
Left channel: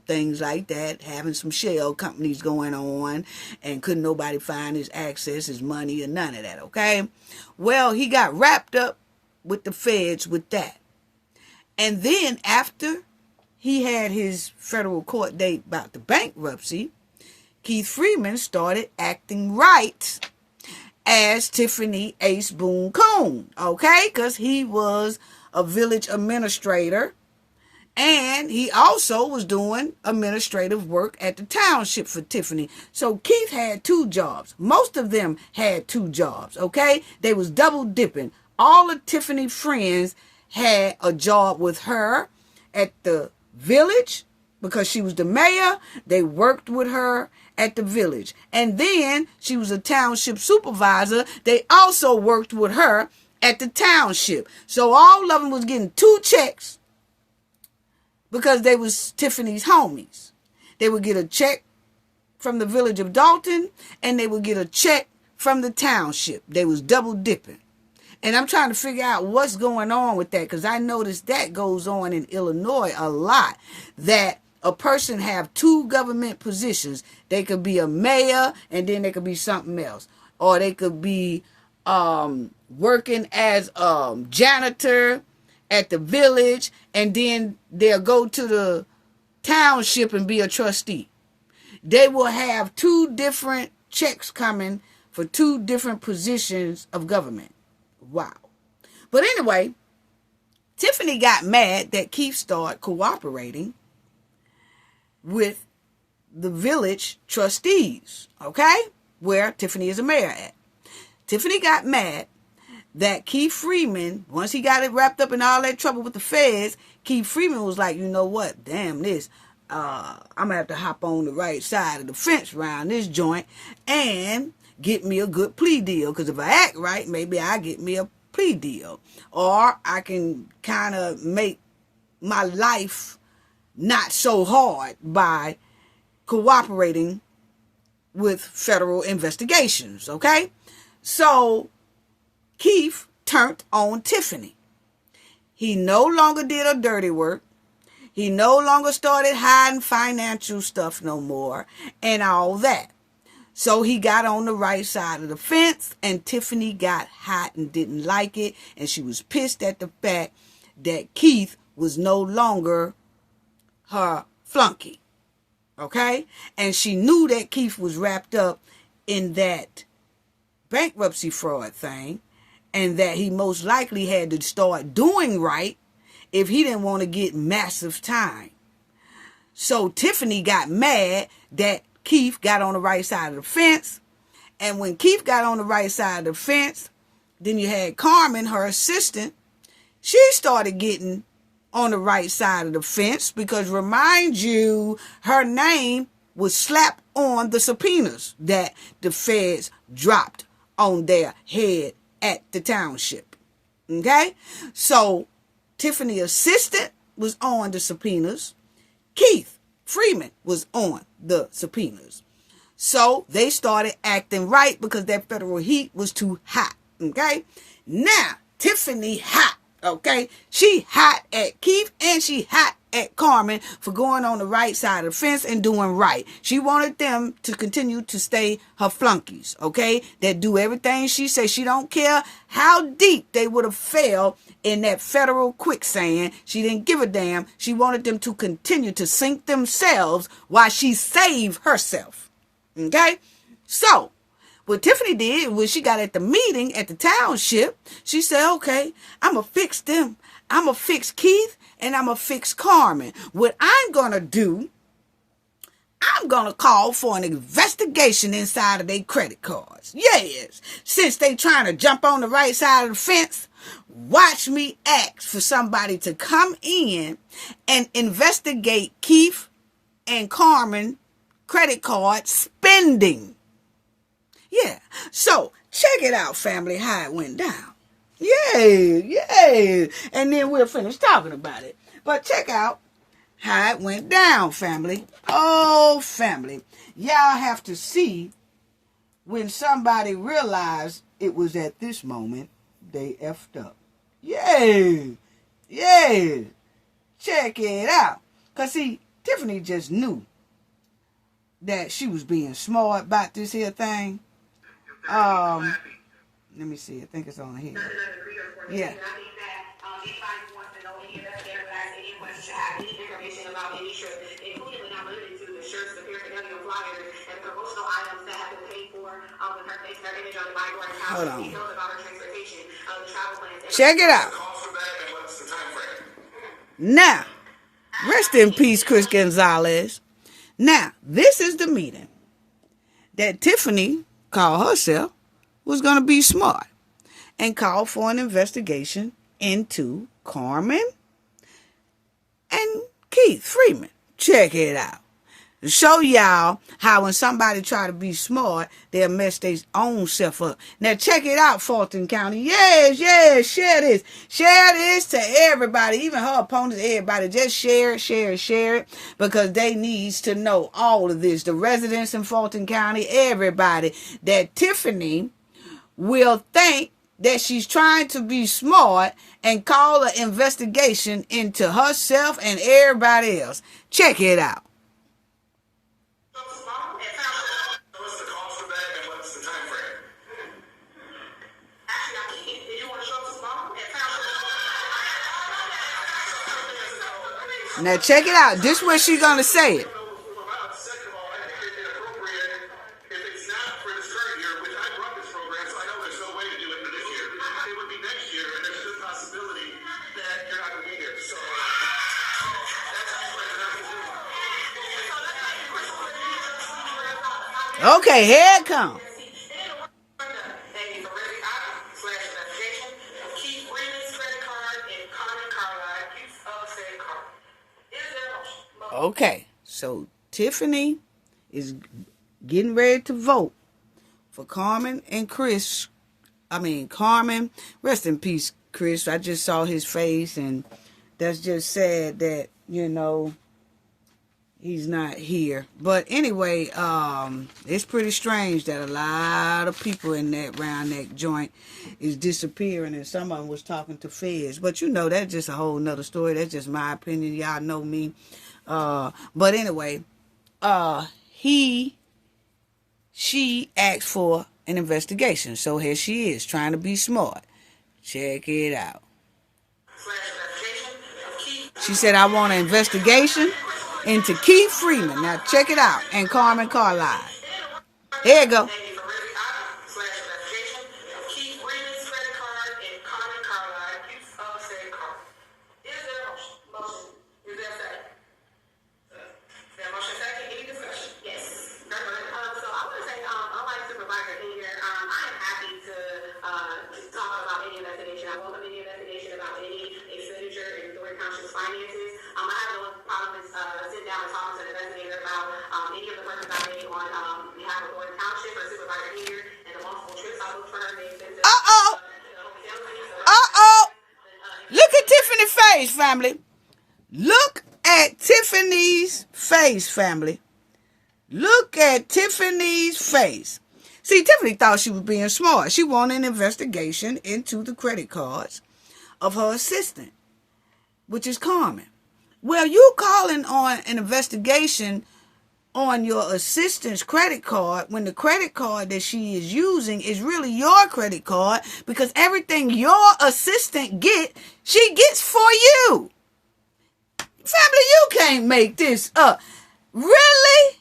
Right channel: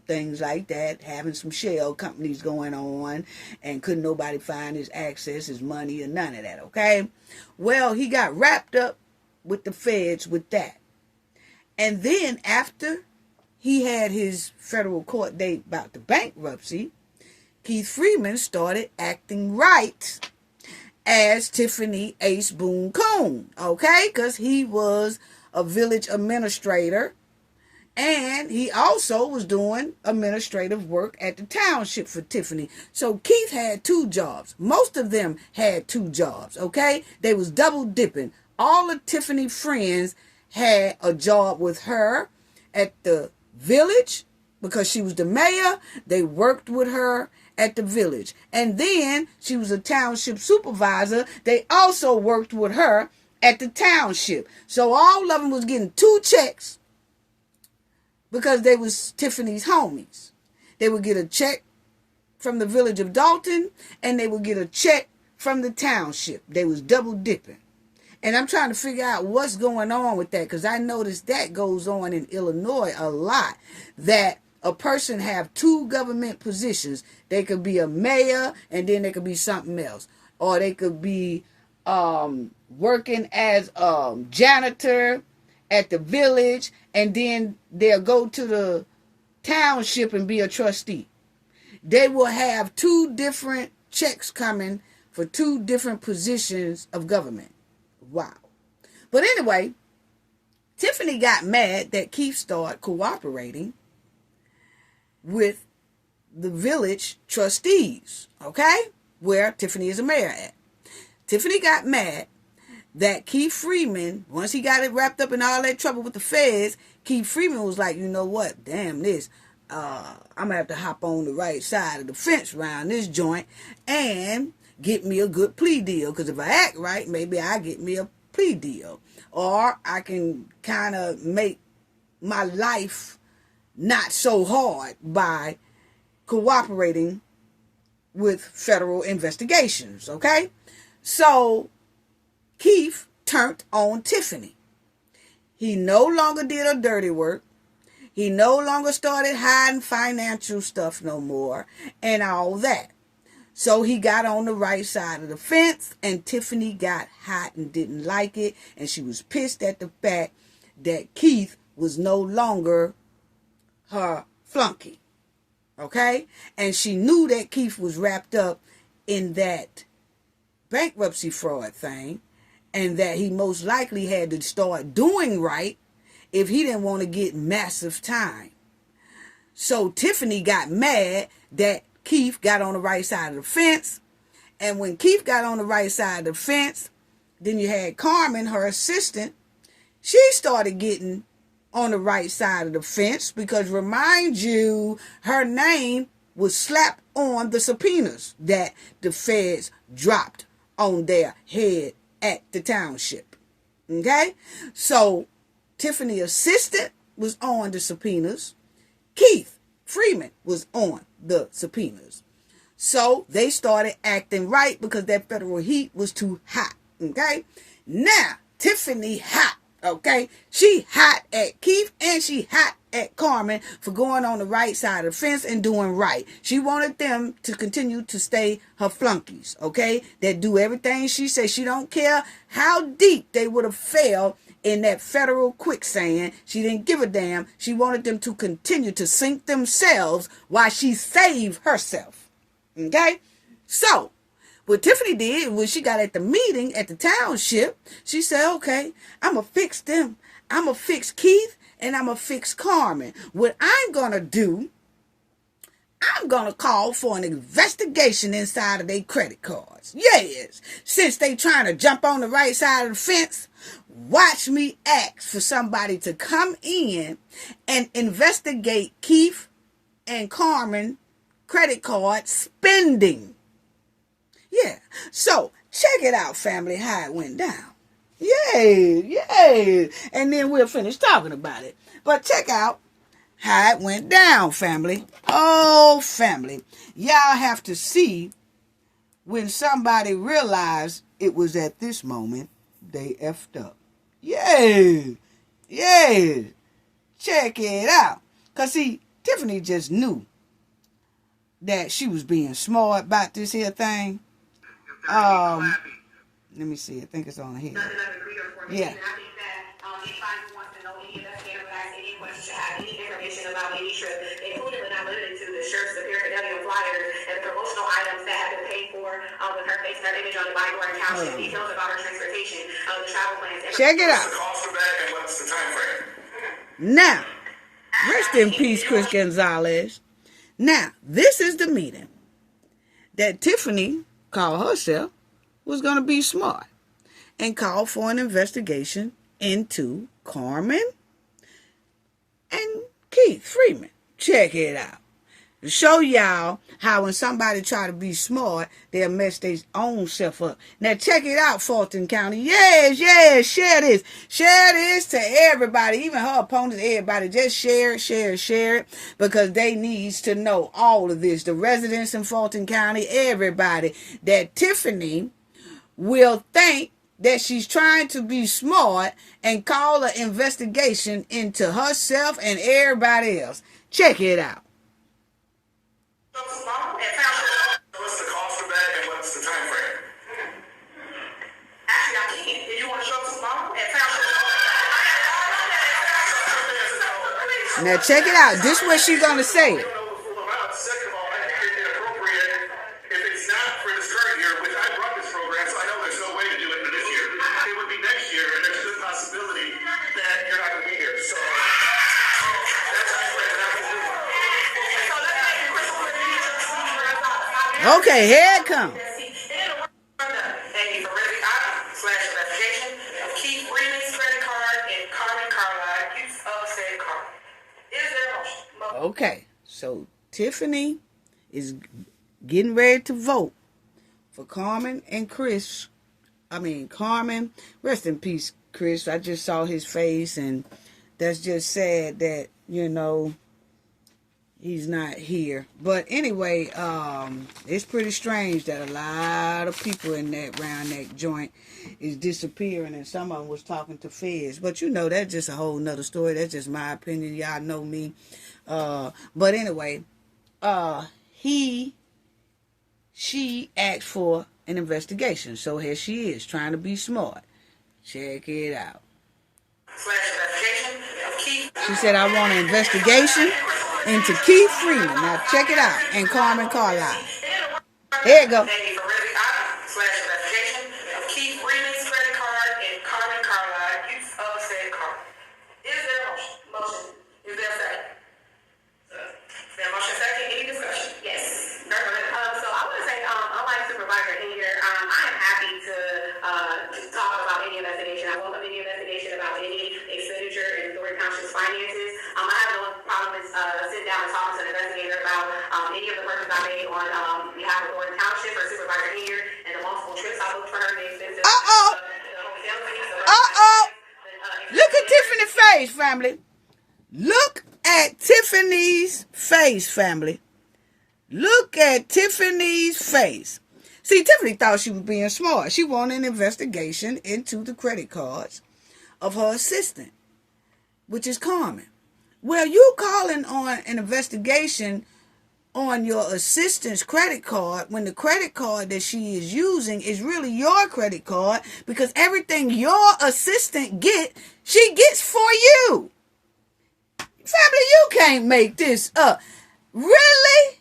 things like that, having some shell companies going on, and couldn't nobody find his access, his money, or none of that, okay? Well, he got wrapped up with the feds with that. And then after he had his federal court date about the bankruptcy, Keith Freeman started acting right as Tiffany Ace Boone Coon, okay? Because he was a village administrator, and he also was doing administrative work at the township for Tiffany. So Keith had two jobs. Most of them had two jobs, okay? They was double dipping. All of Tiffany's friends had a job with her at the village because she was the mayor. They worked with her at the village. And then she was a township supervisor. They also worked with her at the township. So all of them was getting two checks because they was Tiffany's homies. They would get a check from the village of Dalton, and they would get a check from the township. They was double dipping. And I'm trying to figure out what's going on with that, because I noticed that goes on in Illinois a lot, that a person have two government positions. They could be a mayor, and then they could be something else. Or they could be working as janitor at the village, and then they'll go to the township and be a trustee. They will have 2 different checks coming for 2 different positions of government. Wow. But anyway, Tiffany got mad that Keith started cooperating with the village trustees, okay, where Tiffany is a mayor at. Tiffany got mad that Keith Freeman, once he got it wrapped up in all that trouble with the feds, Keith Freeman was like, you know what, damn this, I'm going to have to hop on the right side of the fence around this joint and get me a good plea deal, because if I act right, maybe I get me a plea deal, or I can kind of make my life not so hard by cooperating with federal investigations, okay? So Keith turned on Tiffany. He no longer did her dirty work. He no longer started hiding financial stuff no more and all that. So he got on the right side of the fence, and Tiffany got hot and didn't like it, and she was pissed at the fact that Keith was no longer her flunky, okay? And she knew that Keith was wrapped up in that bankruptcy fraud thing, and that he most likely had to start doing right if he didn't want to get massive time. So Tiffany got mad that Keith got on the right side of the fence. And when Keith got on the right side of the fence, then you had Carmen, her assistant. She started getting on the right side of the fence because, remind you, her name was slapped on the subpoenas that the feds dropped on their head at the township. Okay? So Tiffany's assistant was on the subpoenas. Keith Freeman was on the subpoenas. So they started acting right because that federal heat was too hot. Okay? Now, Tiffany hot. Okay? She hot at Keith and she hot at Carmen for going on the right side of the fence and doing right. She wanted them to continue to stay her flunkies. Okay? That do everything she says. She don't care how deep they would have fell in that federal quicksand. She didn't give a damn. She wanted them to continue to sink themselves while she saved herself. Okay? So, what Tiffany did was she got at the meeting at the township. She said, okay, I'm going to fix them. I'm going to fix Keith and I'm going to fix Carmen. What I'm going to do, I'm going to call for an investigation inside of their credit cards. Yes. Since they trying to jump on the right side of the fence, watch me ask for somebody to come in and investigate Keith and Carmen credit card spending. Yeah. So check it out, family, how it went down. Yeah. And then we'll finish talking about it. But check out how it went down, family. Oh, family. Y'all have to see when somebody realized it was at this moment they effed up. Yeah. Check it out. Because, see, Tiffany just knew that she was being smart about this here thing. Let me see. I think it's on here. Yeah. Check it out. Now, rest in peace, Chris Gonzalez. Now, this is the meeting that Tiffany called herself was going to be smart and called for an investigation into Carmen and Keith Freeman. Check it out. To show y'all how when somebody try to be smart, they'll mess their own self up. Now check it out, Fulton County. Yes, share this. Share this to everybody, even her opponents, everybody. Just share it, because they needs to know all of this. The residents in Fulton County, everybody, that Tiffany will think that she's trying to be smart and call an investigation into herself and everybody else. Check it out. What's the cost of that and what's the time frame? Actually, I can't. If you want to show us tomorrow at Township. Now check it out. This is what she's gonna say it. Second of all, I think it's inappropriate if it's not for this current year, which I brought this program, so I know there's no way to do it for this year. It would be next year, and there's a good possibility that you're not going to be here. So that's how I spread it out. Okay, here it comes. Okay, so Tiffany is getting ready to vote for Carmen and Chris. Carmen, rest in peace, Chris. I just saw his face, and that's just sad that, he's not here. But anyway, it's pretty strange that a lot of people in that round neck joint is disappearing, and some of them was talking to feds. But that's just a whole nother story. That's just my opinion. Y'all know me. But anyway, she asked for an investigation. So here she is, trying to be smart. Check it out. She said, I want an investigation into Keith Freeman. Now check it out. And Carmen Carlisle. Here you go. Finances. I have no problem with sitting down and talking to an investigator about any of the purchases I made on behalf of Thornton Township or Supervisor Henyard and the multiple trips I booked for her. Look at Tiffany's face, family. Look at Tiffany's face, family. Look at Tiffany's face. See, Tiffany thought she was being smart. She wanted an investigation into the credit cards of her assistant, which is Carmen. Well, you calling on an investigation on your assistant's credit card when the credit card that she is using is really your credit card, because everything your assistant she gets for you. Family, you can't make this up. Really?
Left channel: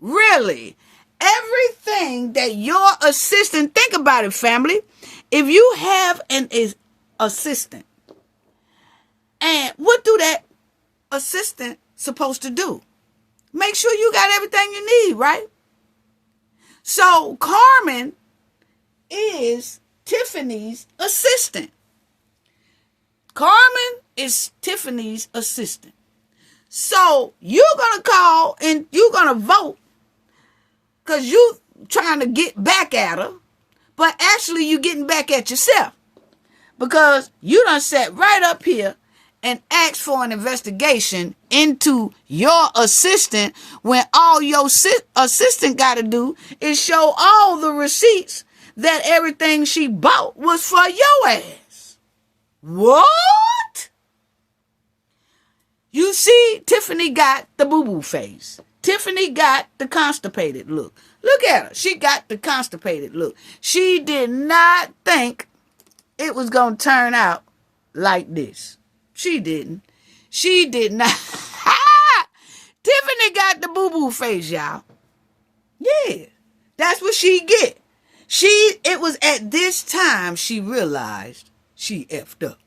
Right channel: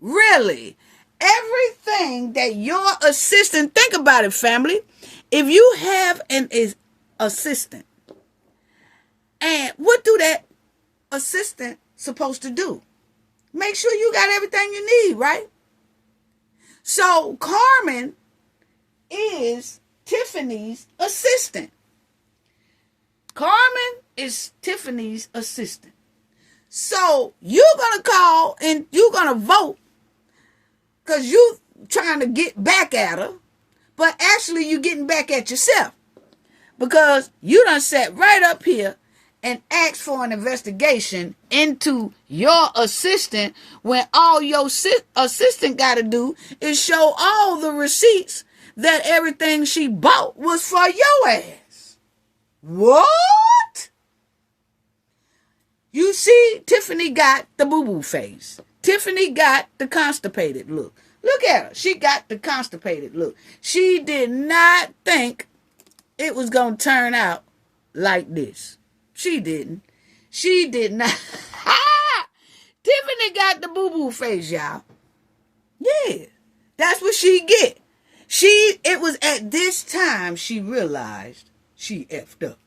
Really? Everything that your assistant, think about it, family. If you have an assistant, and what do that assistant supposed to do? Make sure you got everything you need, right? So Carmen is Tiffany's assistant. Carmen is Tiffany's assistant. So you're going to call and you're going to vote because you trying to get back at her, but actually you getting back at yourself because you done sat right up here and ask for an investigation into your assistant when all your assistant got to do is show all the receipts that everything she bought was for your ass. What? You see, Tiffany got the boo-boo face. Tiffany got the constipated look. Look at her. She got the constipated look. She did not think it was going to turn out like this. She didn't. She did not. Tiffany got the boo-boo face, y'all. Yeah. That's what she get. It was at this time she realized she effed up.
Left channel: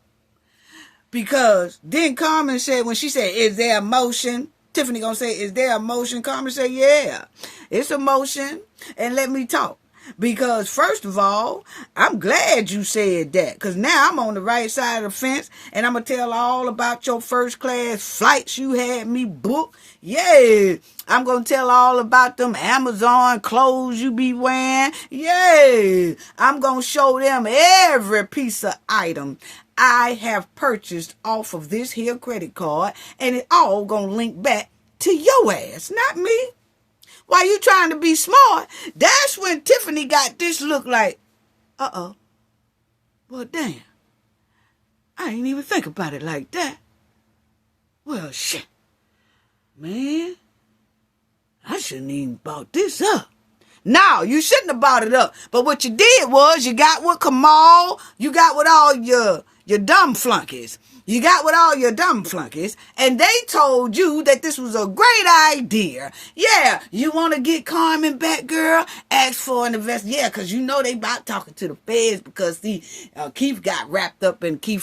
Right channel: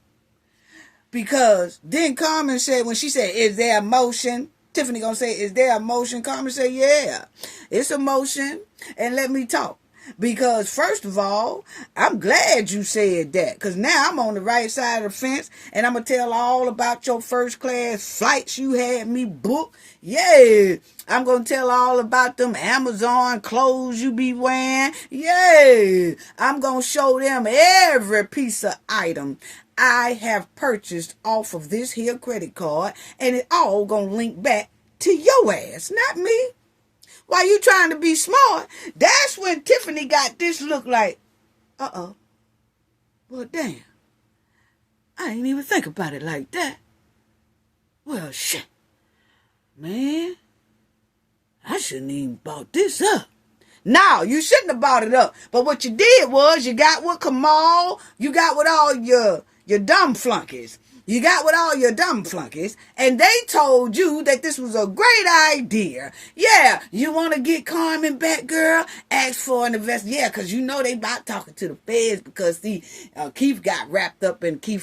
Because then Carmen said, when she said, is there a motion? Tiffany gonna say, is there a motion? Carmen said, yeah, it's a motion. And let me talk. Because first of all, I'm glad you said that. Because now I'm on the right side of the fence. And I'm going to tell all about your first class flights you had me book. Yeah. I'm going to tell all about them Amazon clothes you be wearing. Yeah. I'm going to show them every piece of item I have purchased off of this here credit card. And it all going to link back to your ass, not me. While you trying to be smart, that's when Tiffany got this look like, well, damn. I ain't even think about it like that. Well, shit. Man, I shouldn't even bought this up. No, you shouldn't have bought it up. But what you did was you got with Kamal, you got with all your dumb flunkies. You got with all your dumb flunkies, and they told you that this was a great idea. Yeah, you want to get Carmen back, girl? Ask for an investigation. Yeah, because you know they about talking to the feds because Keith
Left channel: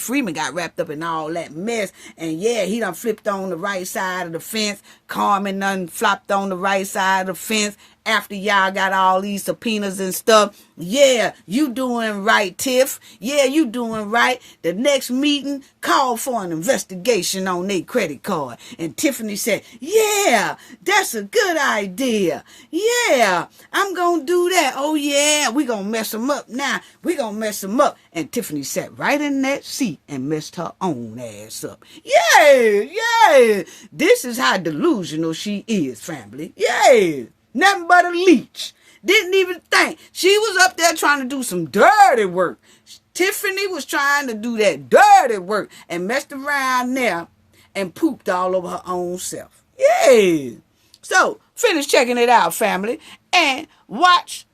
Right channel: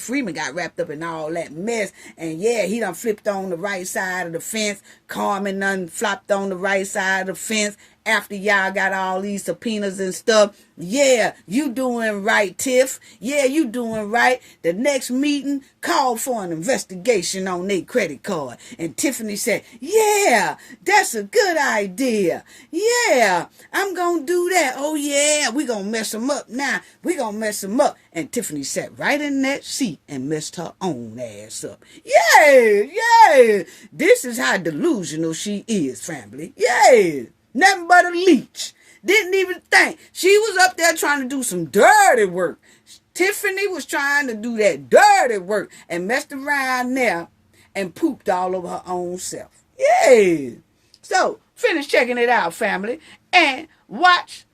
Freeman got wrapped up in all that mess. And yeah, he done flipped on the right side of the fence. Carmen done flopped on the right side of the fence. After y'all got all these subpoenas and stuff. Yeah, you doing right, Tiff. Yeah, you doing right. The next meeting called for an investigation on their credit card. And Tiffany said, yeah, that's a good idea. Yeah, I'm going to do that. Oh, yeah, we going to mess them up now. We going to mess them up. And Tiffany sat right in that seat and messed her own ass up. Yeah. This is how delusional she is, family. Yeah. Nothing but a leech. Didn't even think. She was up there trying to do some dirty work. Tiffany was trying to do that dirty work and messed around there and pooped all over her own self. Yeah. So, finish checking it out, family, and watch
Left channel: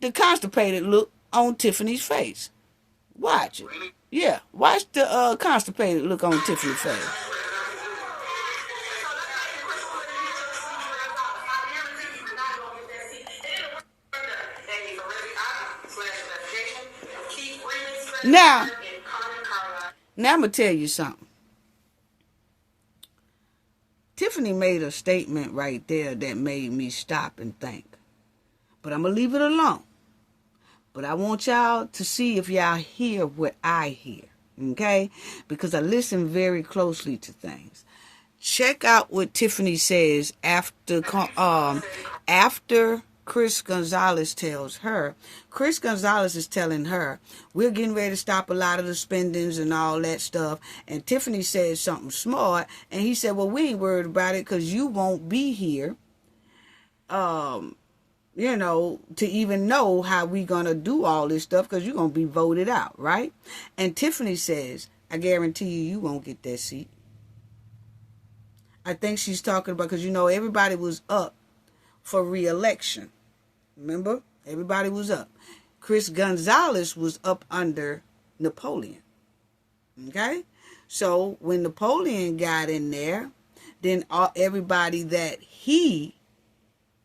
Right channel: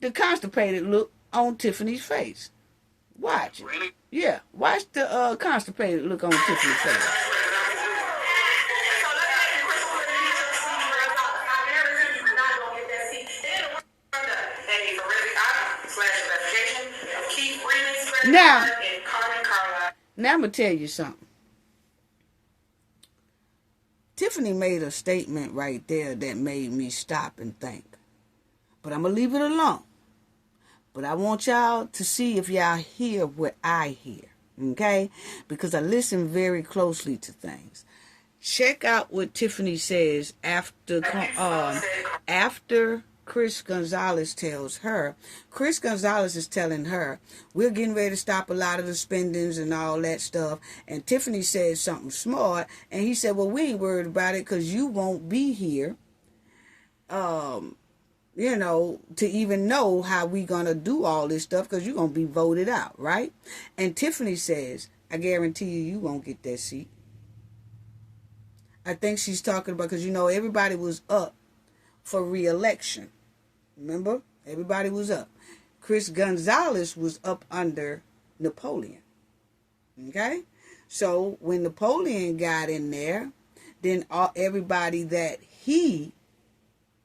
the constipated look on Tiffany's face. Watch it. Really? Yeah, watch the constipated look on Tiffany's face. Now I'm going to tell you something. Tiffany made a statement right there that made me stop and think. But I'm going to leave it alone. But I want y'all to see if y'all hear what I hear. Okay? Because I listen very closely to things. Check out what Tiffany says after Chris Gonzalez tells her. Chris Gonzalez is telling her, we're getting ready to stop a lot of the spendings and all that stuff. And Tiffany said something smart. And he said, well, we ain't worried about it because you won't be here, to even know how we going to do all this stuff because you're going to be voted out, right? And Tiffany says, I guarantee you won't get that seat. I think she's talking about, because, everybody was up for re-election. Remember? Everybody was up. Chris Gonzalez was up under Napoleon. Okay? So when Napoleon got in there, then everybody that he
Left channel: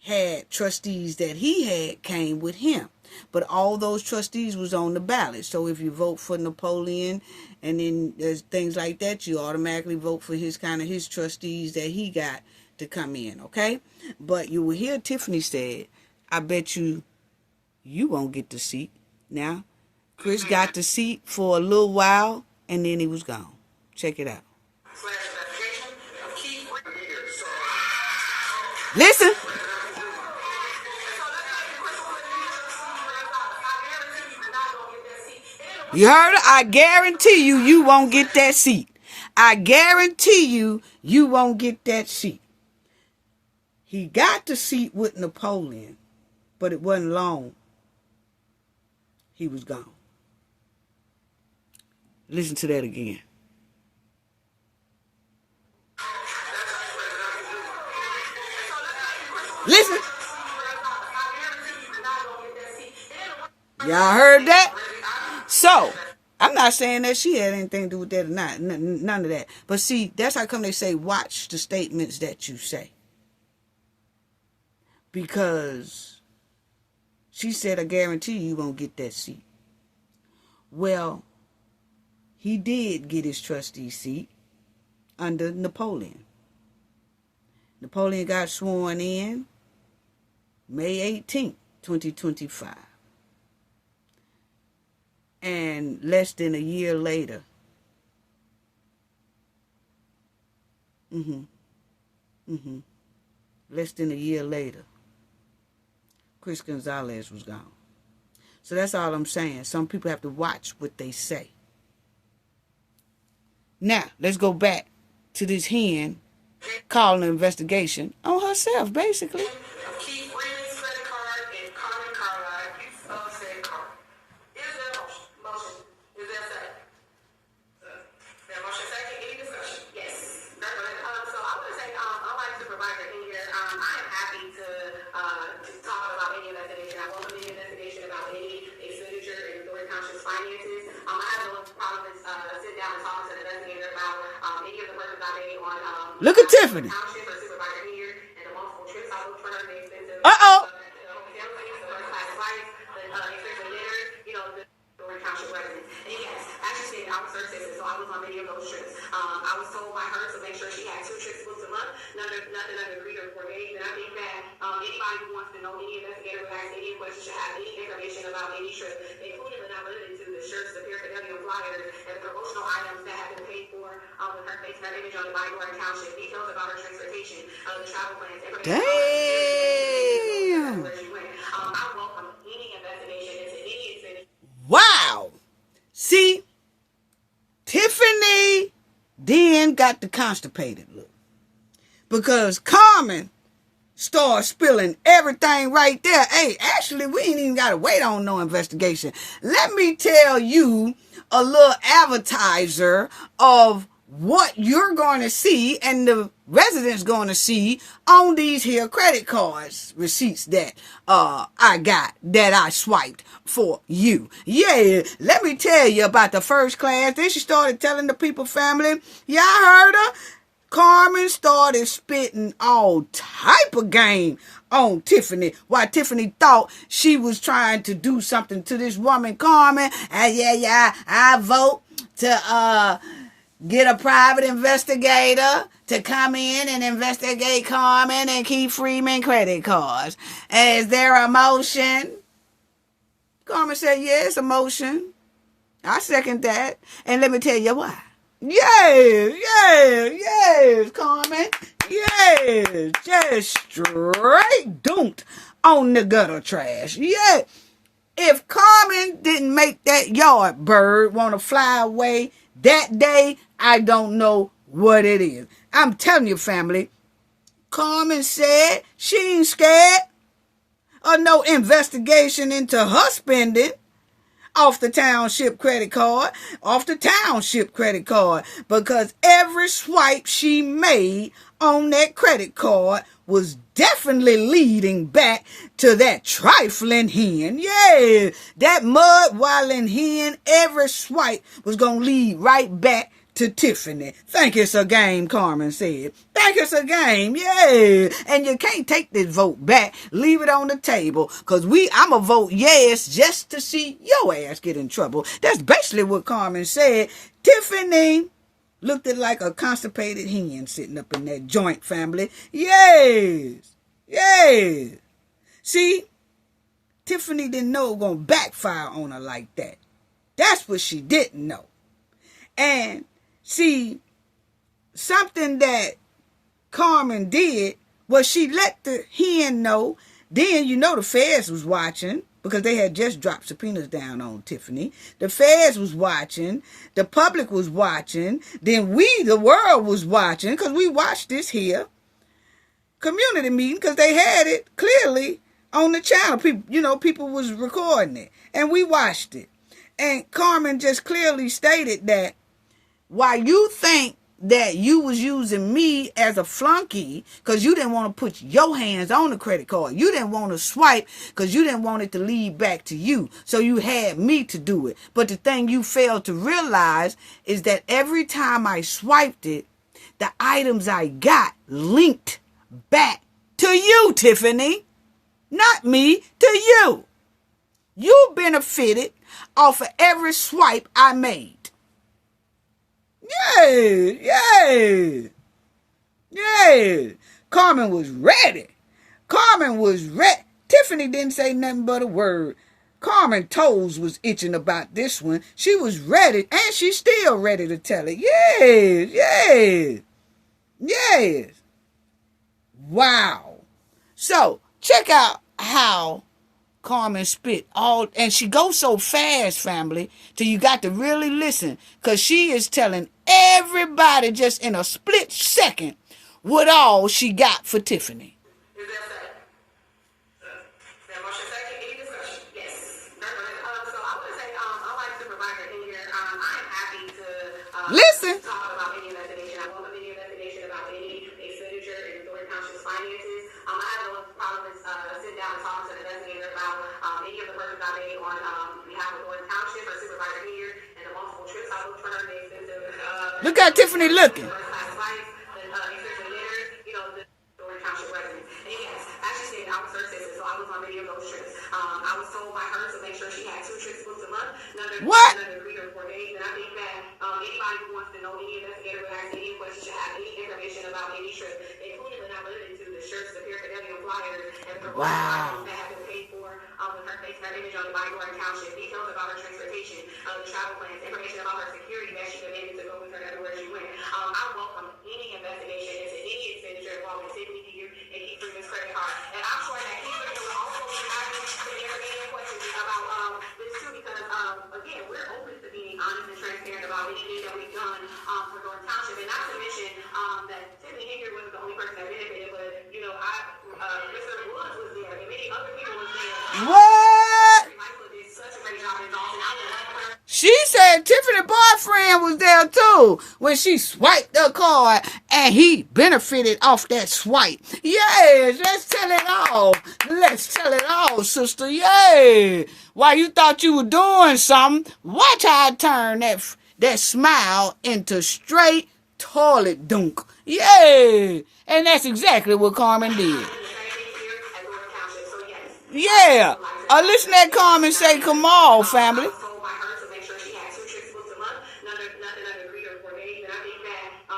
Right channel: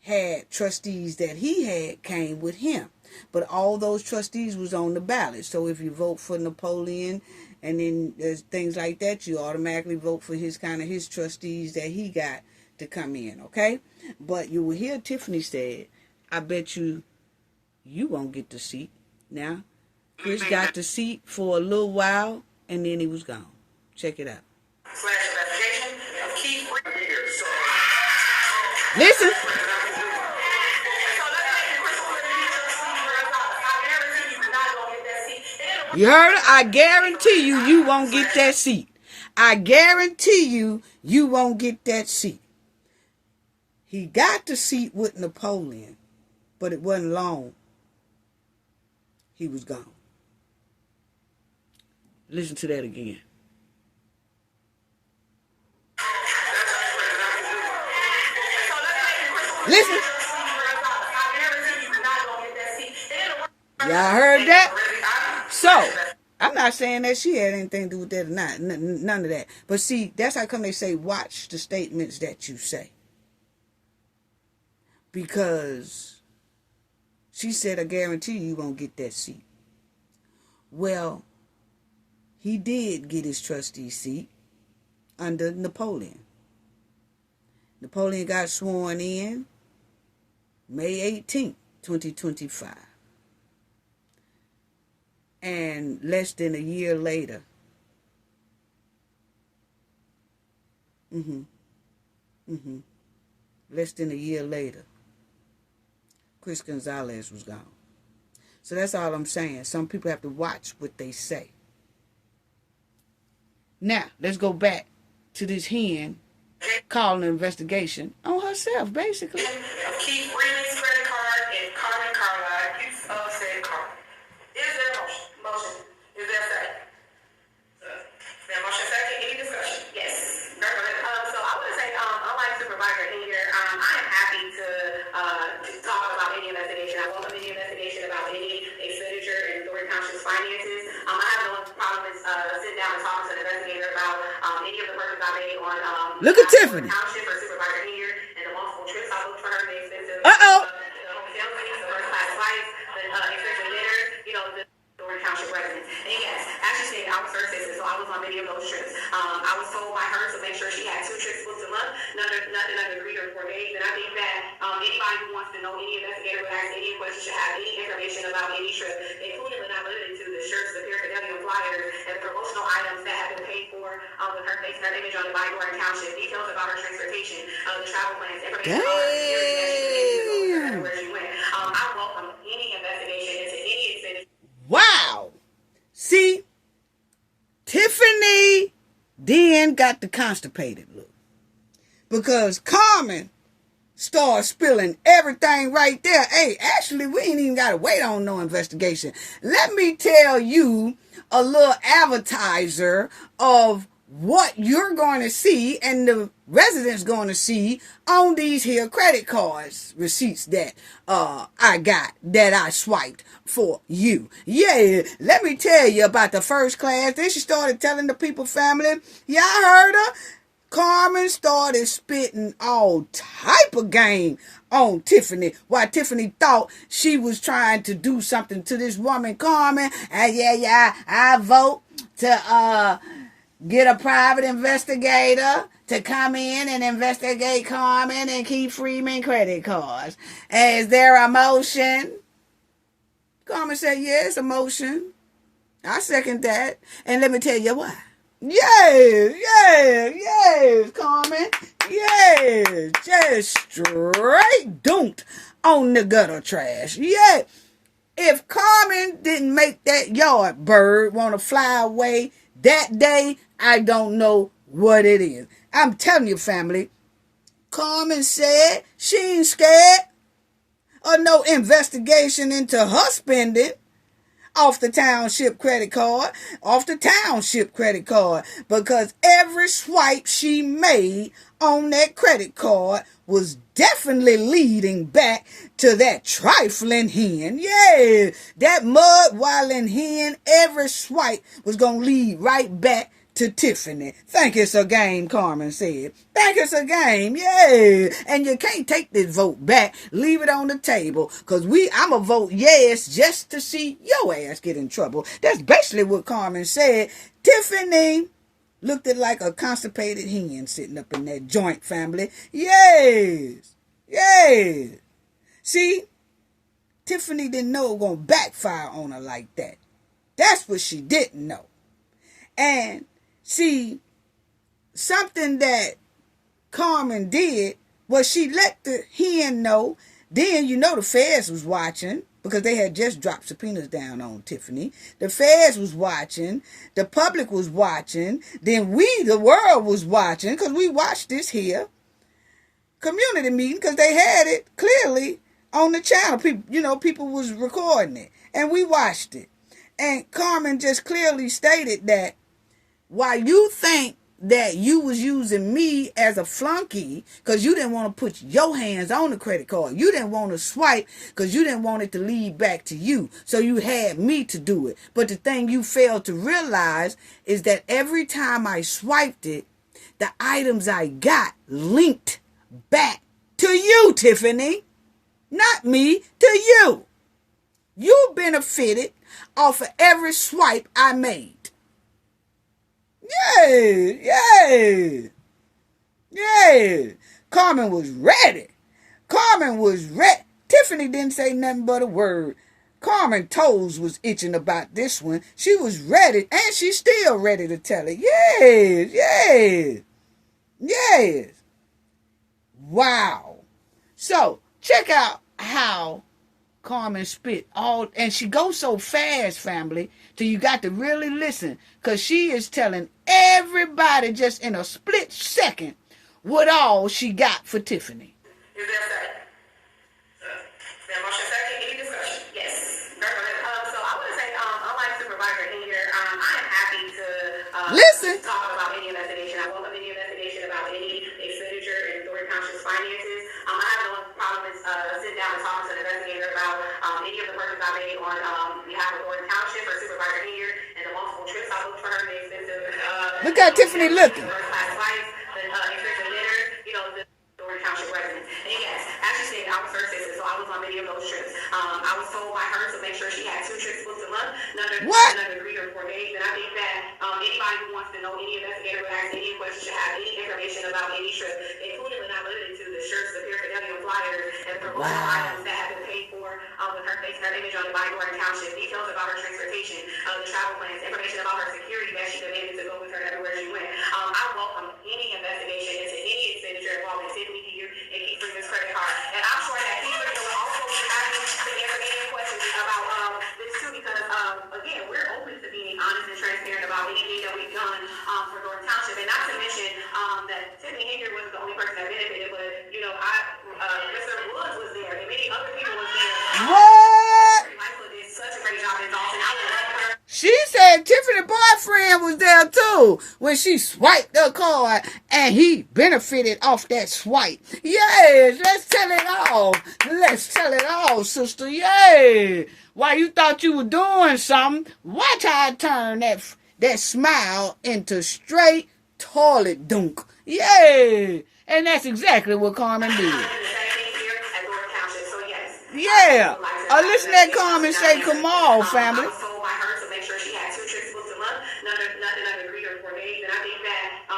had, trustees that he had, came with him. But all those trustees was on the ballot. So if you vote for Napoleon and then there's things like that, you automatically vote for his trustees that he got to come in, okay? But you will hear Tiffany said, I bet you won't get the seat. Now, Chris got the seat for a little while, and then he was gone. Check it out. Listen. You heard her? I guarantee you won't get that seat. I guarantee you won't get that seat. He got the seat with Napoleon, but it wasn't long. He was gone. Listen to that again. Listen. Y'all heard that? So, I'm not saying that she had anything to do with that or not. None of that. But see, that's how come they say, watch the statements that you say. Because she said, I guarantee you won't get that seat. Well, he did get his trustee seat under Napoleon. Napoleon got sworn in May 18th, 2025. And less than a year later, less than a year later, Chris Gonzalez was gone. So that's all I'm saying. Some people have to watch what they say. Now, let's go back to this hen calling an investigation on herself, basically. Keith Freeman's credit card and Carmen Carlisle, you said Carmen. Is there a motion? Is there a second? There a motion second? Any discussion? Yes. So I want to say, unlike Supervisor Henyard, I am happy to talk about any investigation. I welcome any investigation about any expenditure in Thornton Township's finances. I have no problem with sitting down and talking to an investigator about Look at Tiffany. Township or Supervisor Henyard, and the multiple trips I booked for her, the expensive Uh-oh. hotel stays, the first class flights, the expensive dinners, the Thornton Township residence. And yes, as she said, I was her sister, so I was on many of those trips. I was told by her to make sure she had 2 trips booked a month, nothing under 3 or 4 days. And I think that anybody who wants to know, any investigator would ask any question, should have any information about any trip, including but not limited to the shirts, the paraphernalia flyers, and the promotional items that have been paid for with her face and her image on the body or Township, details about her transportation, the travel plans, information about her security, where she went. I welcome any investigation into any expenditure. Wow. See, Tiffany then got the constipated look. Because Carmen started spilling everything right there. Hey, actually, we ain't even got to wait on no investigation. Let me tell you a little advertiser of what you're going to see and the residents going to see on these here credit cards receipts that I got, that I swiped for you. Yeah, let me tell you about the first class. Then she started telling the people, family, y'all heard her? Carmen started spitting all type of game on Tiffany, while Tiffany thought she was trying to do something to this woman, Carmen. And yeah, I vote to get a private investigator to come in and investigate Carmen and Keith Freeman credit cards. Is there a motion? Carmen said, yes, a motion. I second that. And let me tell you why. Yes, Carmen. Yes, just straight dumped on the gutter trash. Yeah. If Carmen didn't make that yard bird want to fly away that day, I don't know what it is. I'm telling you, family, Carmen said she ain't scared of no investigation into her spending off the Township credit card, because every swipe she made on that credit card was definitely leading back to that trifling hen. Yeah, that mud-walling hen, every swipe was going to lead right back to Tiffany. Think it's a game, Carmen said. Think it's a game, yeah. And you can't take this vote back. Leave it on the table. Because I'ma vote yes just to see your ass get in trouble. That's basically what Carmen said. Tiffany looked like a constipated hen sitting up in that joint, family. Yes. See, Tiffany didn't know it was going to backfire on her like that. That's what she didn't know. And see, something that Carmen did was she let the hen know. Then the feds was watching because they had just dropped subpoenas down on Tiffany. The feds was watching. The public was watching. Then the world was watching, because we watched this here community meeting because they had it clearly on the channel. People was recording it. And we watched it. And Carmen just clearly stated that while you think that you was using me as a flunky because you didn't want to put your hands on the credit card. You didn't want to swipe because you didn't want it to lead back to you. So you had me to do it. But the thing you failed to realize is that every time I swiped it, the items I got linked back to you, Tiffany. Not me, to you. You benefited off of every swipe I made. Yeah. Carmen was ready. Tiffany didn't say nothing but a word. Carmen's toes was itching about this one. She was ready, and she's still ready to tell it. Yes. Wow. So, check out how Carmen spit all, and she goes so fast, family, till you got to really listen, because she is telling everybody just in a split second what all she got for Tiffany. Is there a second? Is there a motion second? Any discussion? Yes. So I want to say, unlike Supervisor Henyard, I am happy to Listen. talk about any investigation. I welcome any investigation about any expenditure in Thornton Township's finances. I have no problem with sitting down and talking to the investigator about any of the purchases I made on behalf of Fulton Township or Supervisor Henyard and the multiple trips I booked for her. Look at Tiffany looking. The first class flights, the expensive was told by her to make sure she had 2 trips booked a month. What? None of 3 or 4 days. And I think that anybody who wants to know, any investigator would ask any question, should have any information about any trip, including but not limited to the shirts, the paraphernalia, flyers, and promotional items that have been paid for with her face and her image on the body in Township, details about her transportation, the travel plans, information about her security that she demanded to go with her everywhere she went. I welcome any investigation into any expenditure involving Tiffany here and Keith Freeman's credit card. And I'm sure that Keith Freeman will also be happy to answer any questions about this too, because again, we're open to being honest and transparent about anything that we've done for Thornton Township. And not to mention that Tiffany Henyard wasn't the only person that benefited, but Mr. Woods was there and many other people was there. What? Did such a great job in Dalton. I would love her. She said Tiffany's boyfriend was there too when she swiped the card and he benefited off that swipe. Yes, let's tell it all. Let's tell it all, sister. Yeah. While you thought you were doing something, watch how I turn that smile into straight toilet dunk. Yeah. And that's exactly what Carmen did. Yeah. Listen to that Carmen say, come on, family.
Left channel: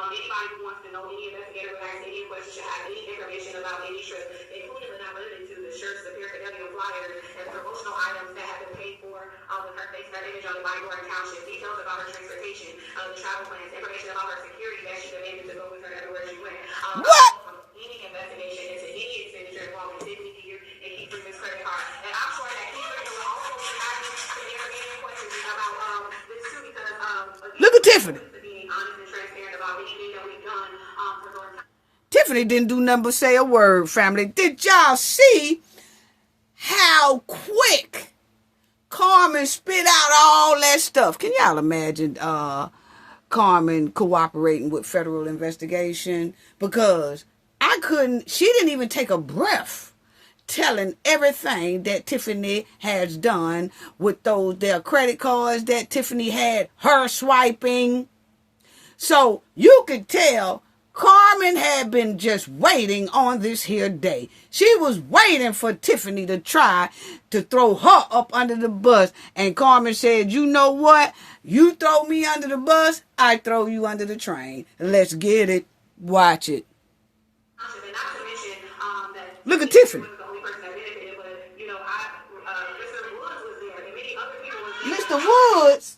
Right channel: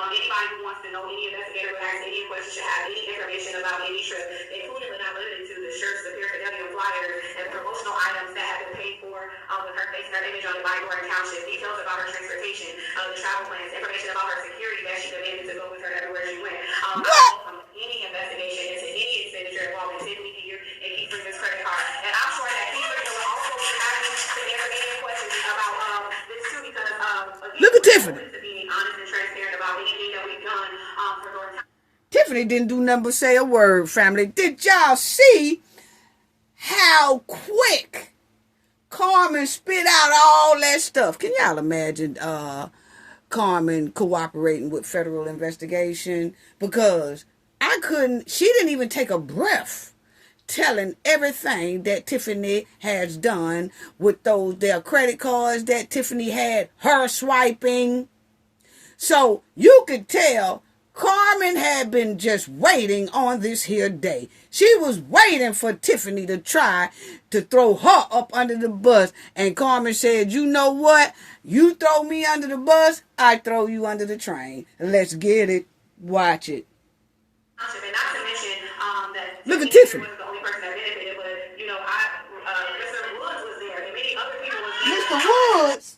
Anybody who wants to know, any investigator would ask any question, should have any information about any trip, including but not limited to the shirts, the paraphernalia, flyers, and promotional items that have been paid for with her face and her image on the body in Township, details about her transportation, the travel plans, information about her security that she demanded to go with her everywhere she went. Any investigation into any expenditure involving Tiffany here and Keith Freeman's credit card. And I'm sure that Keith Freeman will also be happy to answer any questions about this too, because again, look at Tiffany. Tiffany didn't do nothing but say a word, family. Did y'all see how quick Carmen spit out all that stuff? Can y'all imagine Carmen cooperating with federal investigation? Because she didn't even take a breath telling everything that Tiffany has done with their credit cards that Tiffany had her swiping. So you could tell Carmen had been just waiting on this here day. She was waiting for Tiffany to try to throw her up under the bus. And Carmen said, you know what? You throw me under the bus, I throw you under the train. Let's get it. Watch it. Look at Tiffany. Mr. Woods.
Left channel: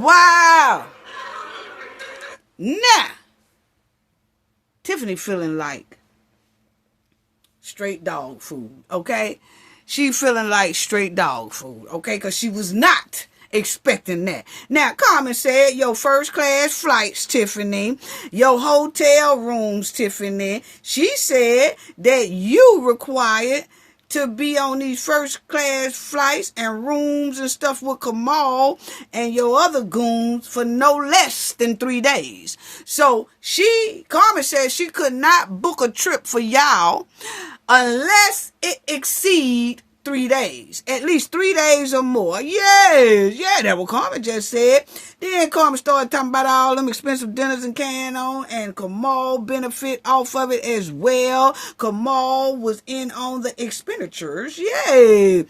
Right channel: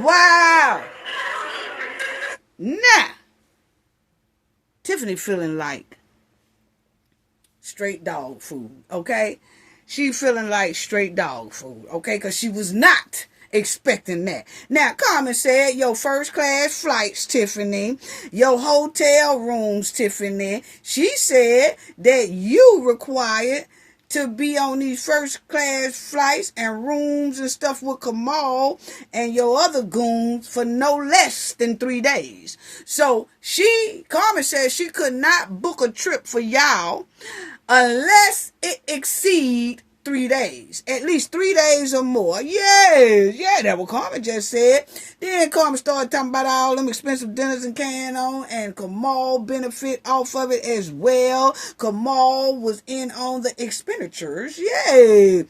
Wow. Now, Tiffany feeling like straight dog food, okay? She feeling like straight dog food, okay? Because she was not expecting that. Now, Carmen said, your first class flights, Tiffany, your hotel rooms, Tiffany. She said that you required to be on these first class flights and rooms and stuff with Kamal and your other goons for no less than 3 days. So Carmen said she could not book a trip for y'all unless it exceed 3 days, at least 3 days or more. Yeah, that's what Carmen just said. Then Carmen started talking about all them expensive dinners and carrying on, and Kamal benefit off of it as well. Kamal was in on the expenditures. Yeah,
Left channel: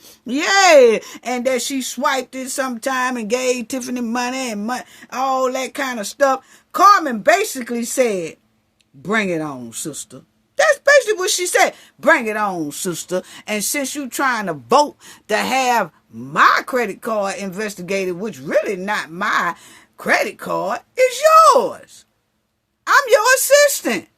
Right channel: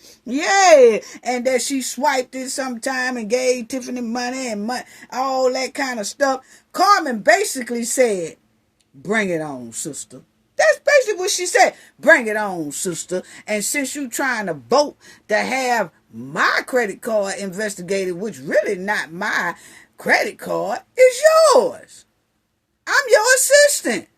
and that she swiped it sometime and gave Tiffany money and all that kind of stuff. Carmen basically said, bring it on, sister. That's basically what she said. Bring it on, sister. And since you trying to vote to have my credit card investigated, which really not my credit card, it's yours. I'm your assistant.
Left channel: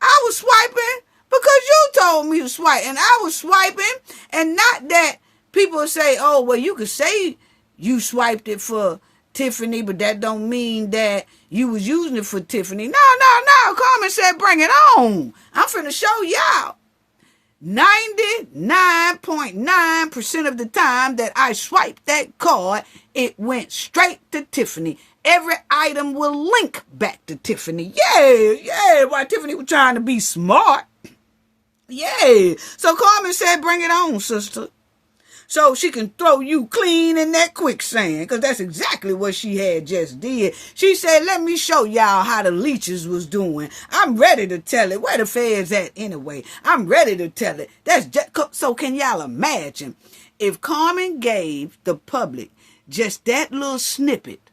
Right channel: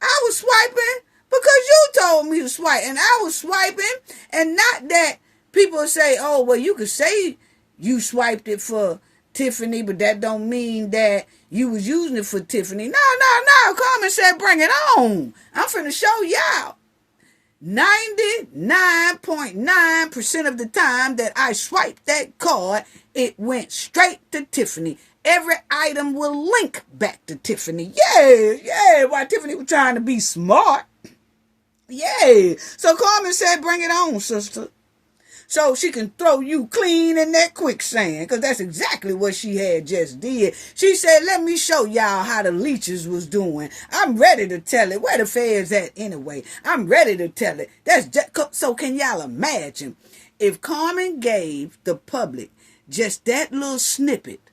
I was swiping because you told me to swipe. And I was swiping. And not that people say, oh, well, you could say you swiped it for Tiffany, but that don't mean that you was using it for Tiffany. No. Carmen said, bring it on. I'm finna show y'all. 99.9% of the time that I swiped that card, it went straight to Tiffany. Every item will link back to Tiffany. Yeah. While Tiffany was trying to be smart. Yeah. So Carmen said, bring it on, sister. so she can throw you clean in that quicksand, because that's exactly what she had just did. She said, let me show y'all how the leeches was doing. I'm ready to tell it. Where the feds at anyway? I'm ready to tell it. That's just, so can y'all imagine if Carmen gave the public just that little snippet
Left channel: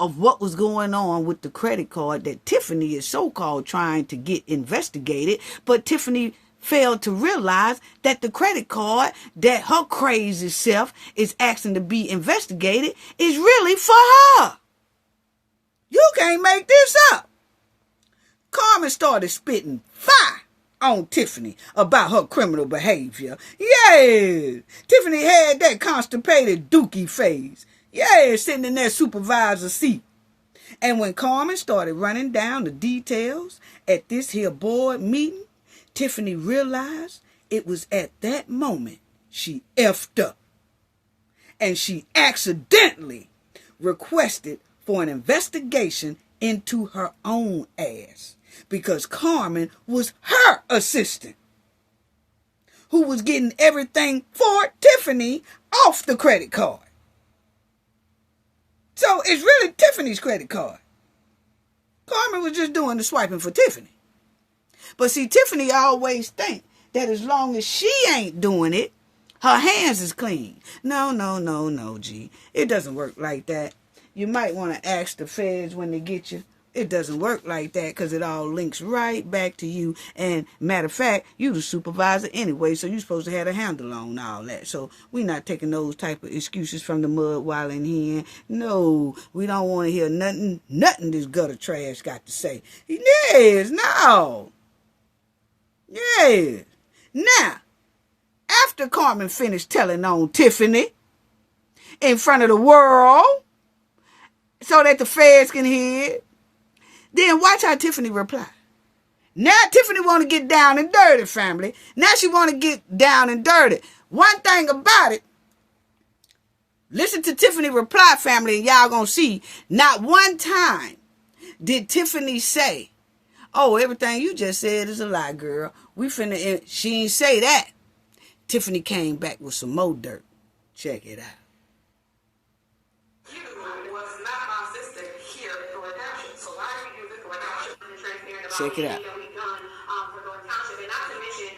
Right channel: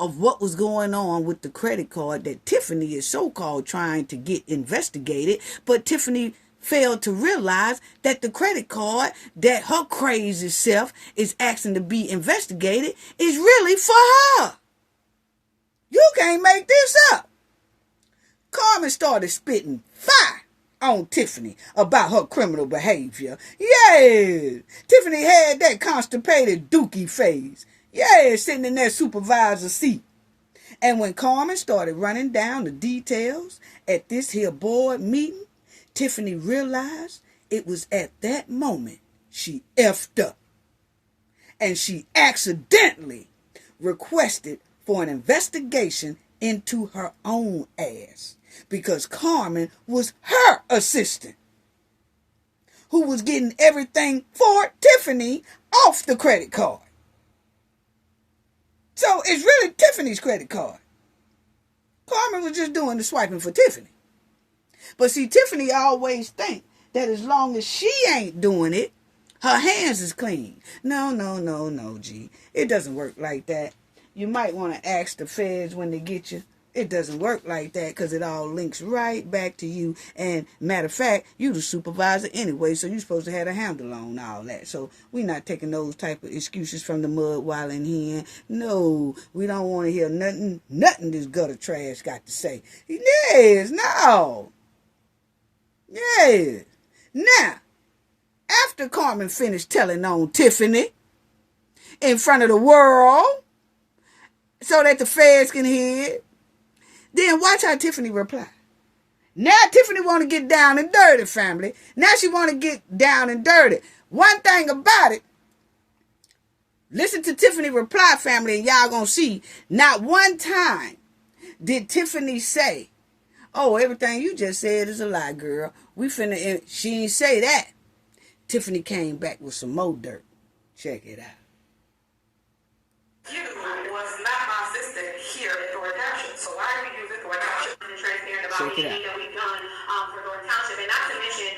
of what was going on with the credit card that Tiffany is so-called trying to get investigated, but Tiffany failed to realize that the credit card that her crazy self is asking to be investigated is really for her. You can't make this up. Carmen started spitting fire on Tiffany about her criminal behavior. Yeah, Tiffany had that constipated dookie face. Yeah, sitting in that supervisor seat. And when Carmen started running down the details at this here board meeting, Tiffany realized it was at that moment she effed up. And she accidentally requested for an investigation into her own ass, because Carmen was her assistant who was getting everything for Tiffany off the credit card. So it's really Tiffany's credit card. Carmen was just doing the swiping for Tiffany. But see, Tiffany always think that as long as she ain't doing it, her hands is clean. No, G. It doesn't work like that. You might want to ask the feds when they get you. It doesn't work like that, because it all links right back to you. And matter of fact, you the supervisor anyway, so you're supposed to have a handle on all that. So we're not taking those type of excuses from the mud while in here. No, we don't want to hear nothing this gutter trash got to say. Yes, no. Yes. Now, after Carmen finished telling on Tiffany in front of the world so that the feds can hear it, then watch how Tiffany reply. Now Tiffany want to get down and dirty, family. Now she want to get down and dirty. One thing about it, listen to Tiffany reply, family, and y'all gonna see, not one time did Tiffany say, oh, everything you just said is a lie, girl. She ain't say that. Tiffany came back with some more dirt. Check it out. You was not my assistant here at Thornton Township, so why are you using Thornton Township and transparent about anything that we've done for Thornton Township? And not to mention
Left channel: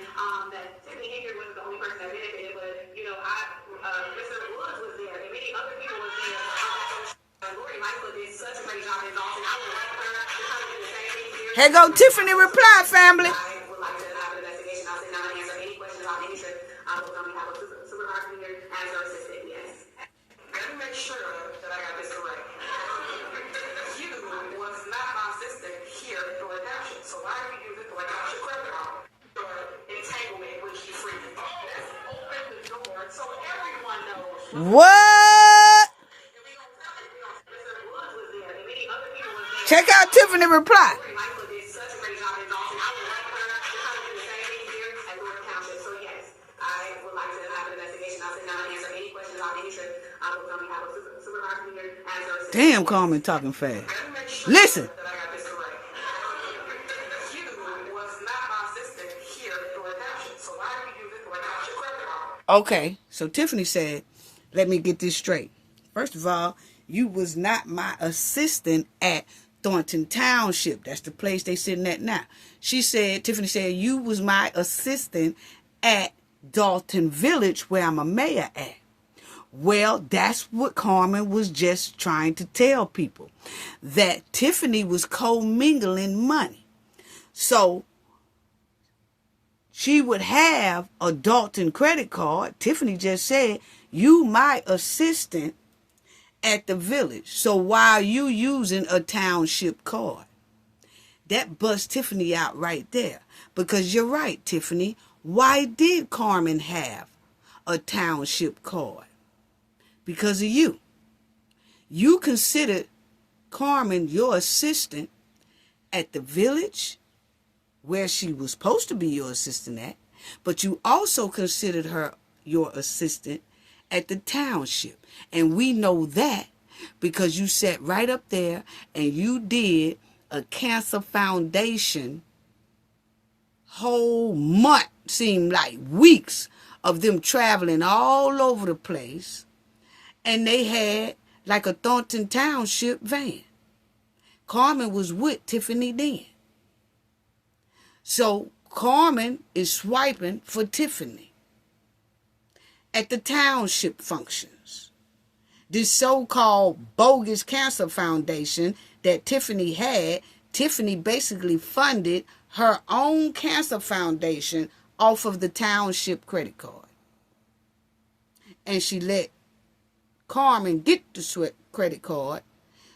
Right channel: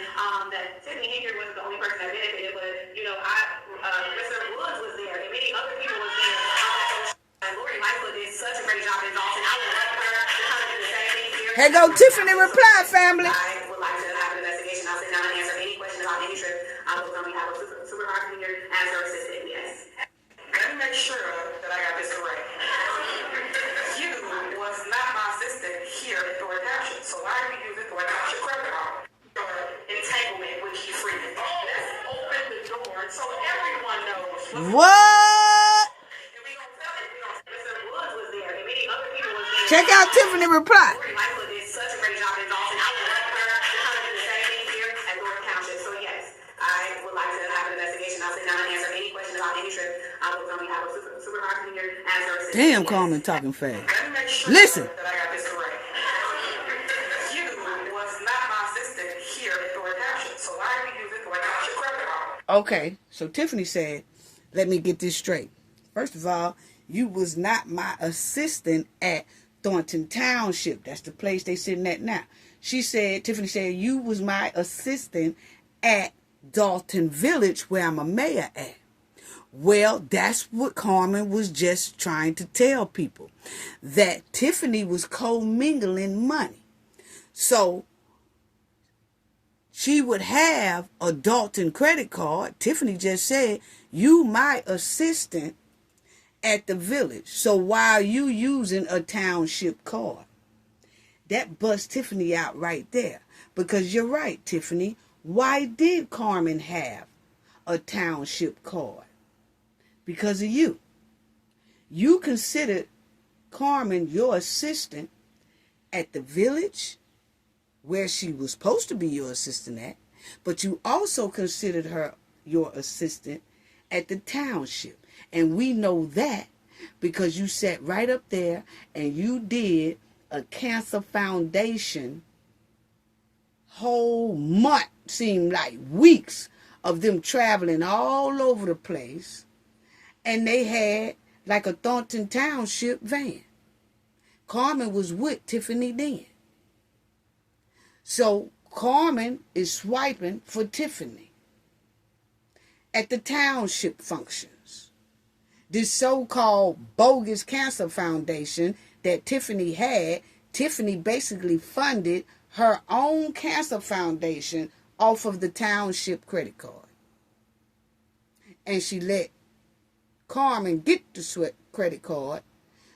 that Tiffany Henyard wasn't the only person that benefited, but Mr. Woods was there, and many other people were there. And Lori Michael did such a great job in Dalton. I would like her to kind of do the same thing here. Here go Tiffany reply, family. I would like to have an investigation. I'll sit down and answer any question about any trip. I will come and have a supervisor here as her assistant. Yes. Let me make sure that I got this correct. You was not my assistant here at Thornton Township, so why are you using Thornton Township credit card? Entanglement with Keith Freeman. Let's open the door so everyone knows. What? Check out Tiffany reply. Damn, Carmen talking fast. Listen. Okay, so Tiffany said, let me get this straight. First of all, you was not my assistant at Thornton Township. That's the place they sitting at now. Tiffany said, you was my assistant at Dalton Village, where I'm a mayor at. Well, that's what Carmen was just trying to tell people, that Tiffany was commingling money. So she would have a Dalton credit card. Tiffany just said, you my assistant at the village. So why are you using a township card? That busts Tiffany out right there. Because you're right, Tiffany. Why did Carmen have a township card? Because of you. You considered Carmen your assistant at the village, where she was supposed to be your assistant at, but you also considered her your assistant at the township. And we know that because you sat right up there and you did a cancer foundation whole month, seemed like weeks, of them traveling all over the place, and they had like a Thornton Township van. Carmen was with Tiffany then. So Carmen is swiping for Tiffany at the Township functions. This so-called bogus cancer foundation that Tiffany had, Tiffany basically funded her own cancer foundation off of the Township credit card. And she let Carmen get the credit card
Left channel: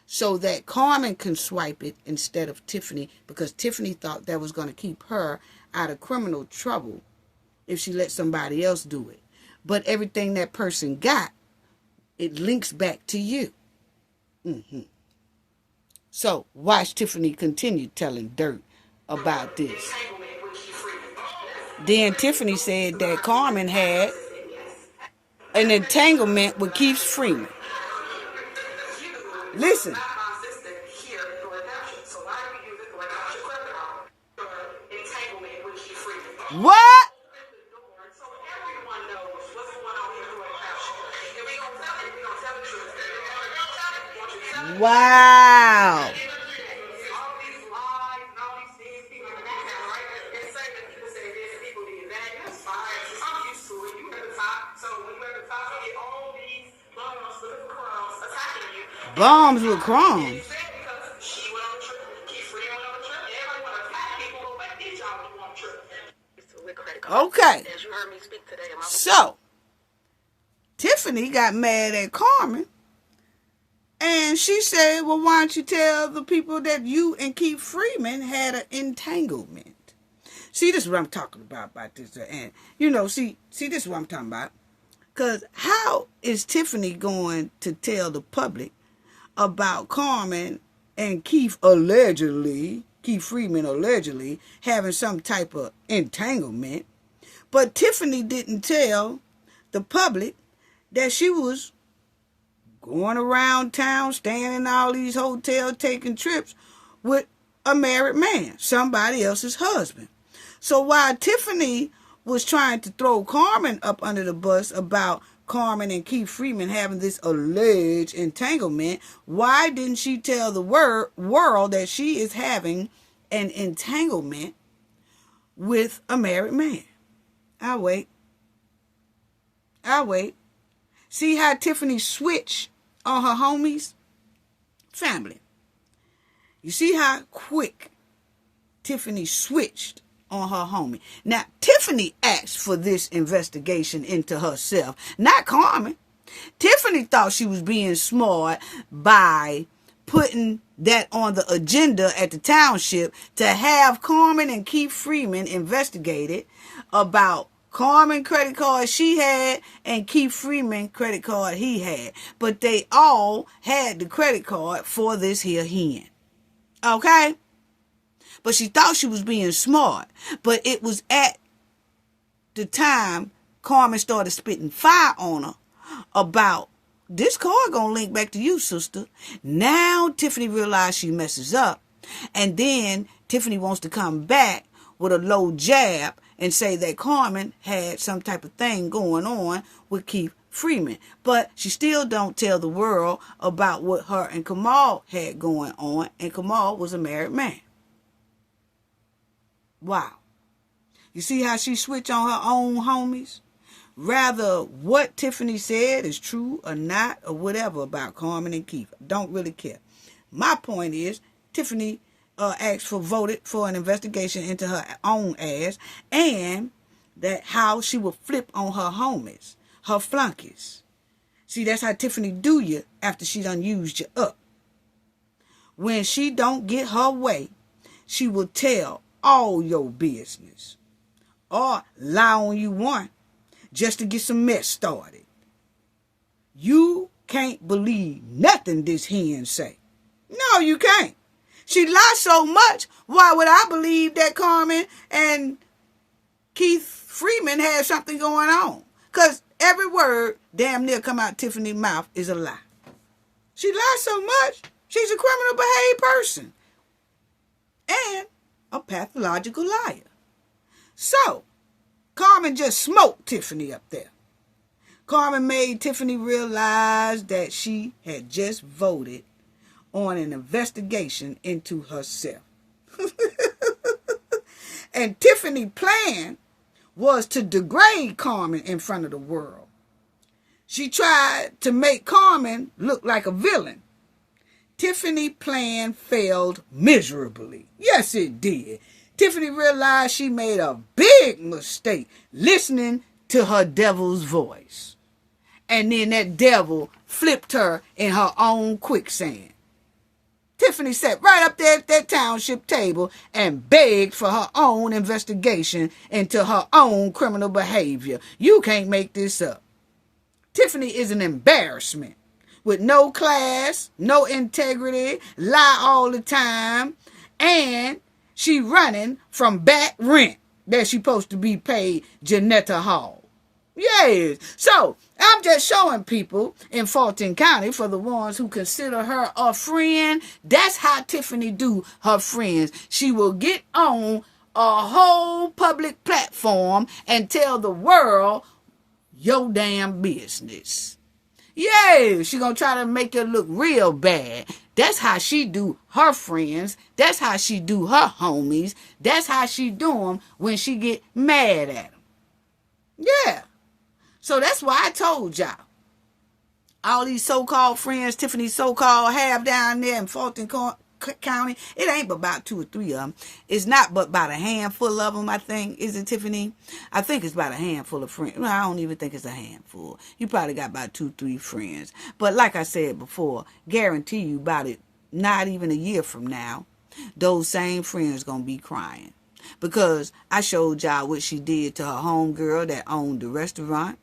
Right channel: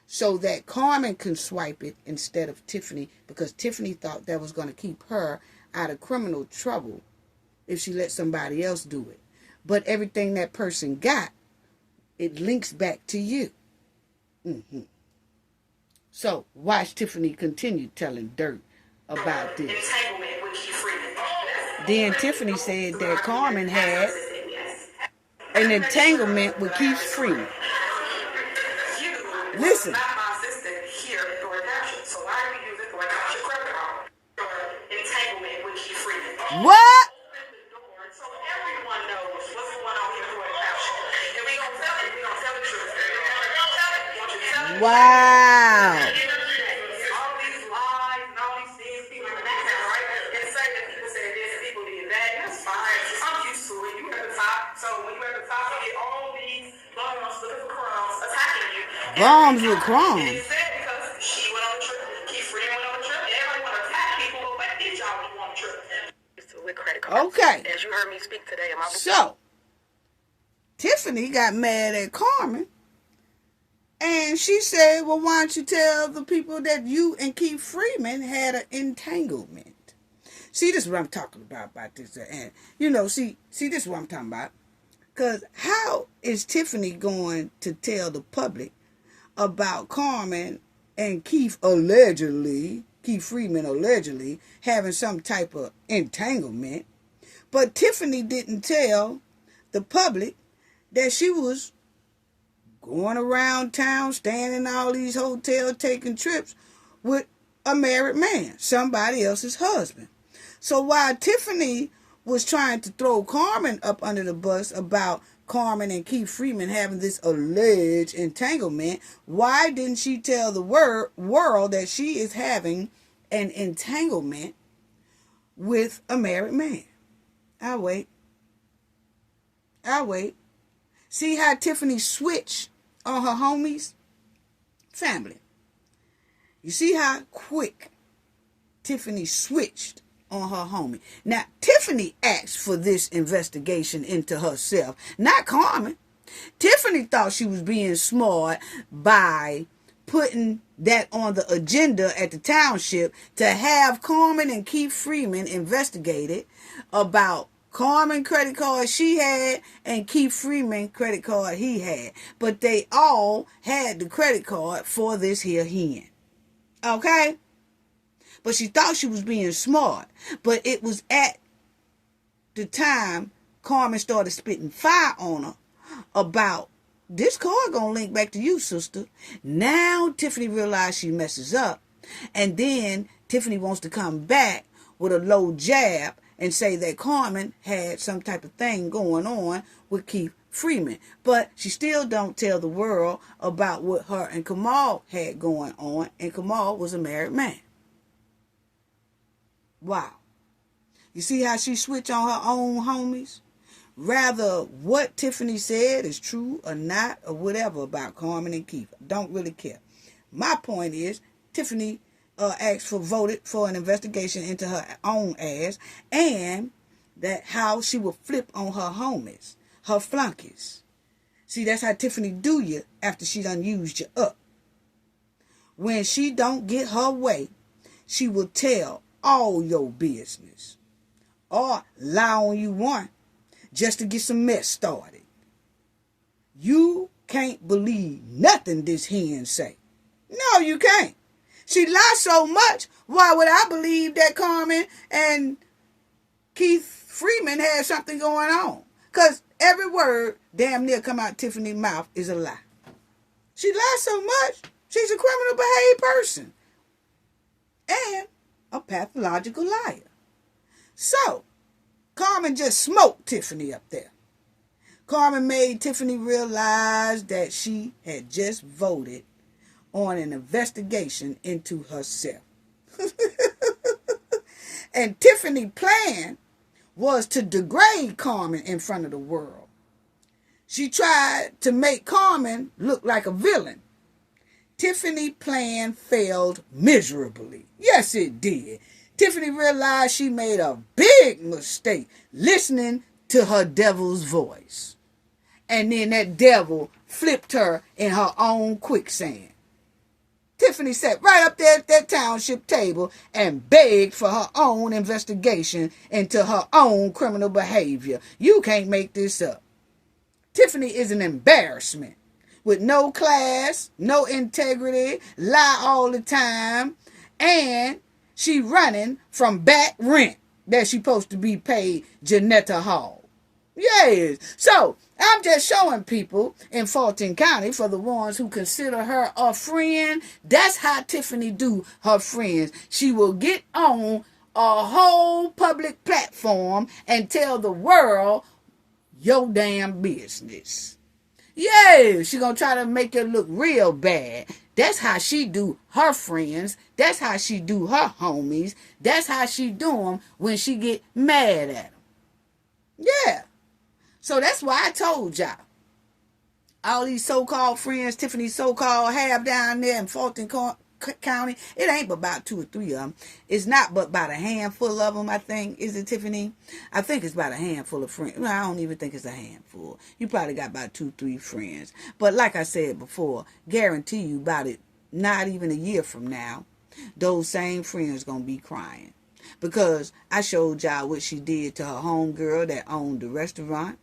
so that Carmen can swipe it instead of Tiffany, because Tiffany thought that was going to keep her out of criminal trouble if she let somebody else do it. But everything that person got, it links back to you. So watch Tiffany continue telling dirt about this. Then Tiffany said that Carmen had an entanglement with Keith Freeman. Listen. What? Wow. Bombs with crumbs. Okay. So, Tiffany got mad at Carmen, and she said, well, why don't you tell the people that you and Keith Freeman had an entanglement? See, this is what I'm talking about this. And, see, this is what I'm talking about. Because how is Tiffany going to tell the public about Carmen and Keith Freeman allegedly having some type of entanglement, but Tiffany didn't tell the public that she was going around town, staying in all these hotels, taking trips with a married man, somebody else's husband. So while Tiffany was trying to throw Carmen up under the bus about Carmen and Keith Freeman having this alleged entanglement, why didn't she tell the world that she is having an entanglement with a married man? I'll wait. See how Tiffany switched on her homies? Family. You see how quick Tiffany switched on her homie. Now, Tiffany asked for this investigation into herself, not Carmen. Tiffany thought she was being smart by putting that on the agenda at the Township to have Carmen and Keith Freeman investigated about Carmen credit card she had and Keith Freeman credit card he had. But they all had the credit card for this here hen. Okay? But she thought she was being smart. But it was at the time Carmen started spitting fire on her about this card gonna link back to you, sister. Now Tiffany realized she messes up. And then Tiffany wants to come back with a low jab and say that Carmen had some type of thing going on with Keith Freeman. But she still don't tell the world about what her and Kamal had going on. And Kamal was a married man. Wow. You see how she switched on her own homies? Rather what Tiffany said is true or not or whatever about Carmen and Keith. Don't really care. My point is, Tiffany voted for an investigation into her own ass, and that how she will flip on her homies, her flunkies. See, that's how Tiffany do you after she done used you up. When she don't get her way, she will tell all your business or lie on you one just to get some mess started. You can't believe nothing this hen say. No, you can't. She lied so much, why would I believe that Carmen and Keith Freeman had something going on? Because every word damn near come out Tiffany's mouth is a lie. She lied so much, she's a criminal behaved person. And a pathological liar. So, Carmen just smoked Tiffany up there. Carmen made Tiffany realize that she had just voted on an investigation into herself. And Tiffany's plan was to degrade Carmen in front of the world. She tried to make Carmen look like a villain. Tiffany's plan failed miserably. Yes, it did. Tiffany realized she made a big mistake listening to her devil's voice. And then that devil flipped her in her own quicksand. Tiffany sat right up there at that township table and begged for her own investigation into her own criminal behavior. You can't make this up. Tiffany is an embarrassment. With no class, no integrity, lie all the time, and she running from back rent that she supposed to be paid Janetta Hall. Yes. So I'm just showing people in Fulton County, for the ones who consider her a friend, that's how Tiffany do her friends. She will get on a whole public platform and tell the world your damn business. Yeah, she gonna try to make it look real bad. That's how she do her friends. That's how she do her homies. That's how she do them when she get mad at them. Yeah. So that's why I told y'all. All these so-called friends Tiffany so-called have down there in Fulton County, it ain't but about 2 or 3 of them. It's not but about a handful of them, I think. Is it, Tiffany? I think it's about a handful of friends. Well, I don't even think it's a handful. You probably got about 2, 3 friends. But like I said before, guarantee you about it, not even a year from now, those same friends gonna be crying. Because I showed y'all what she did to her homegirl that owned the restaurant.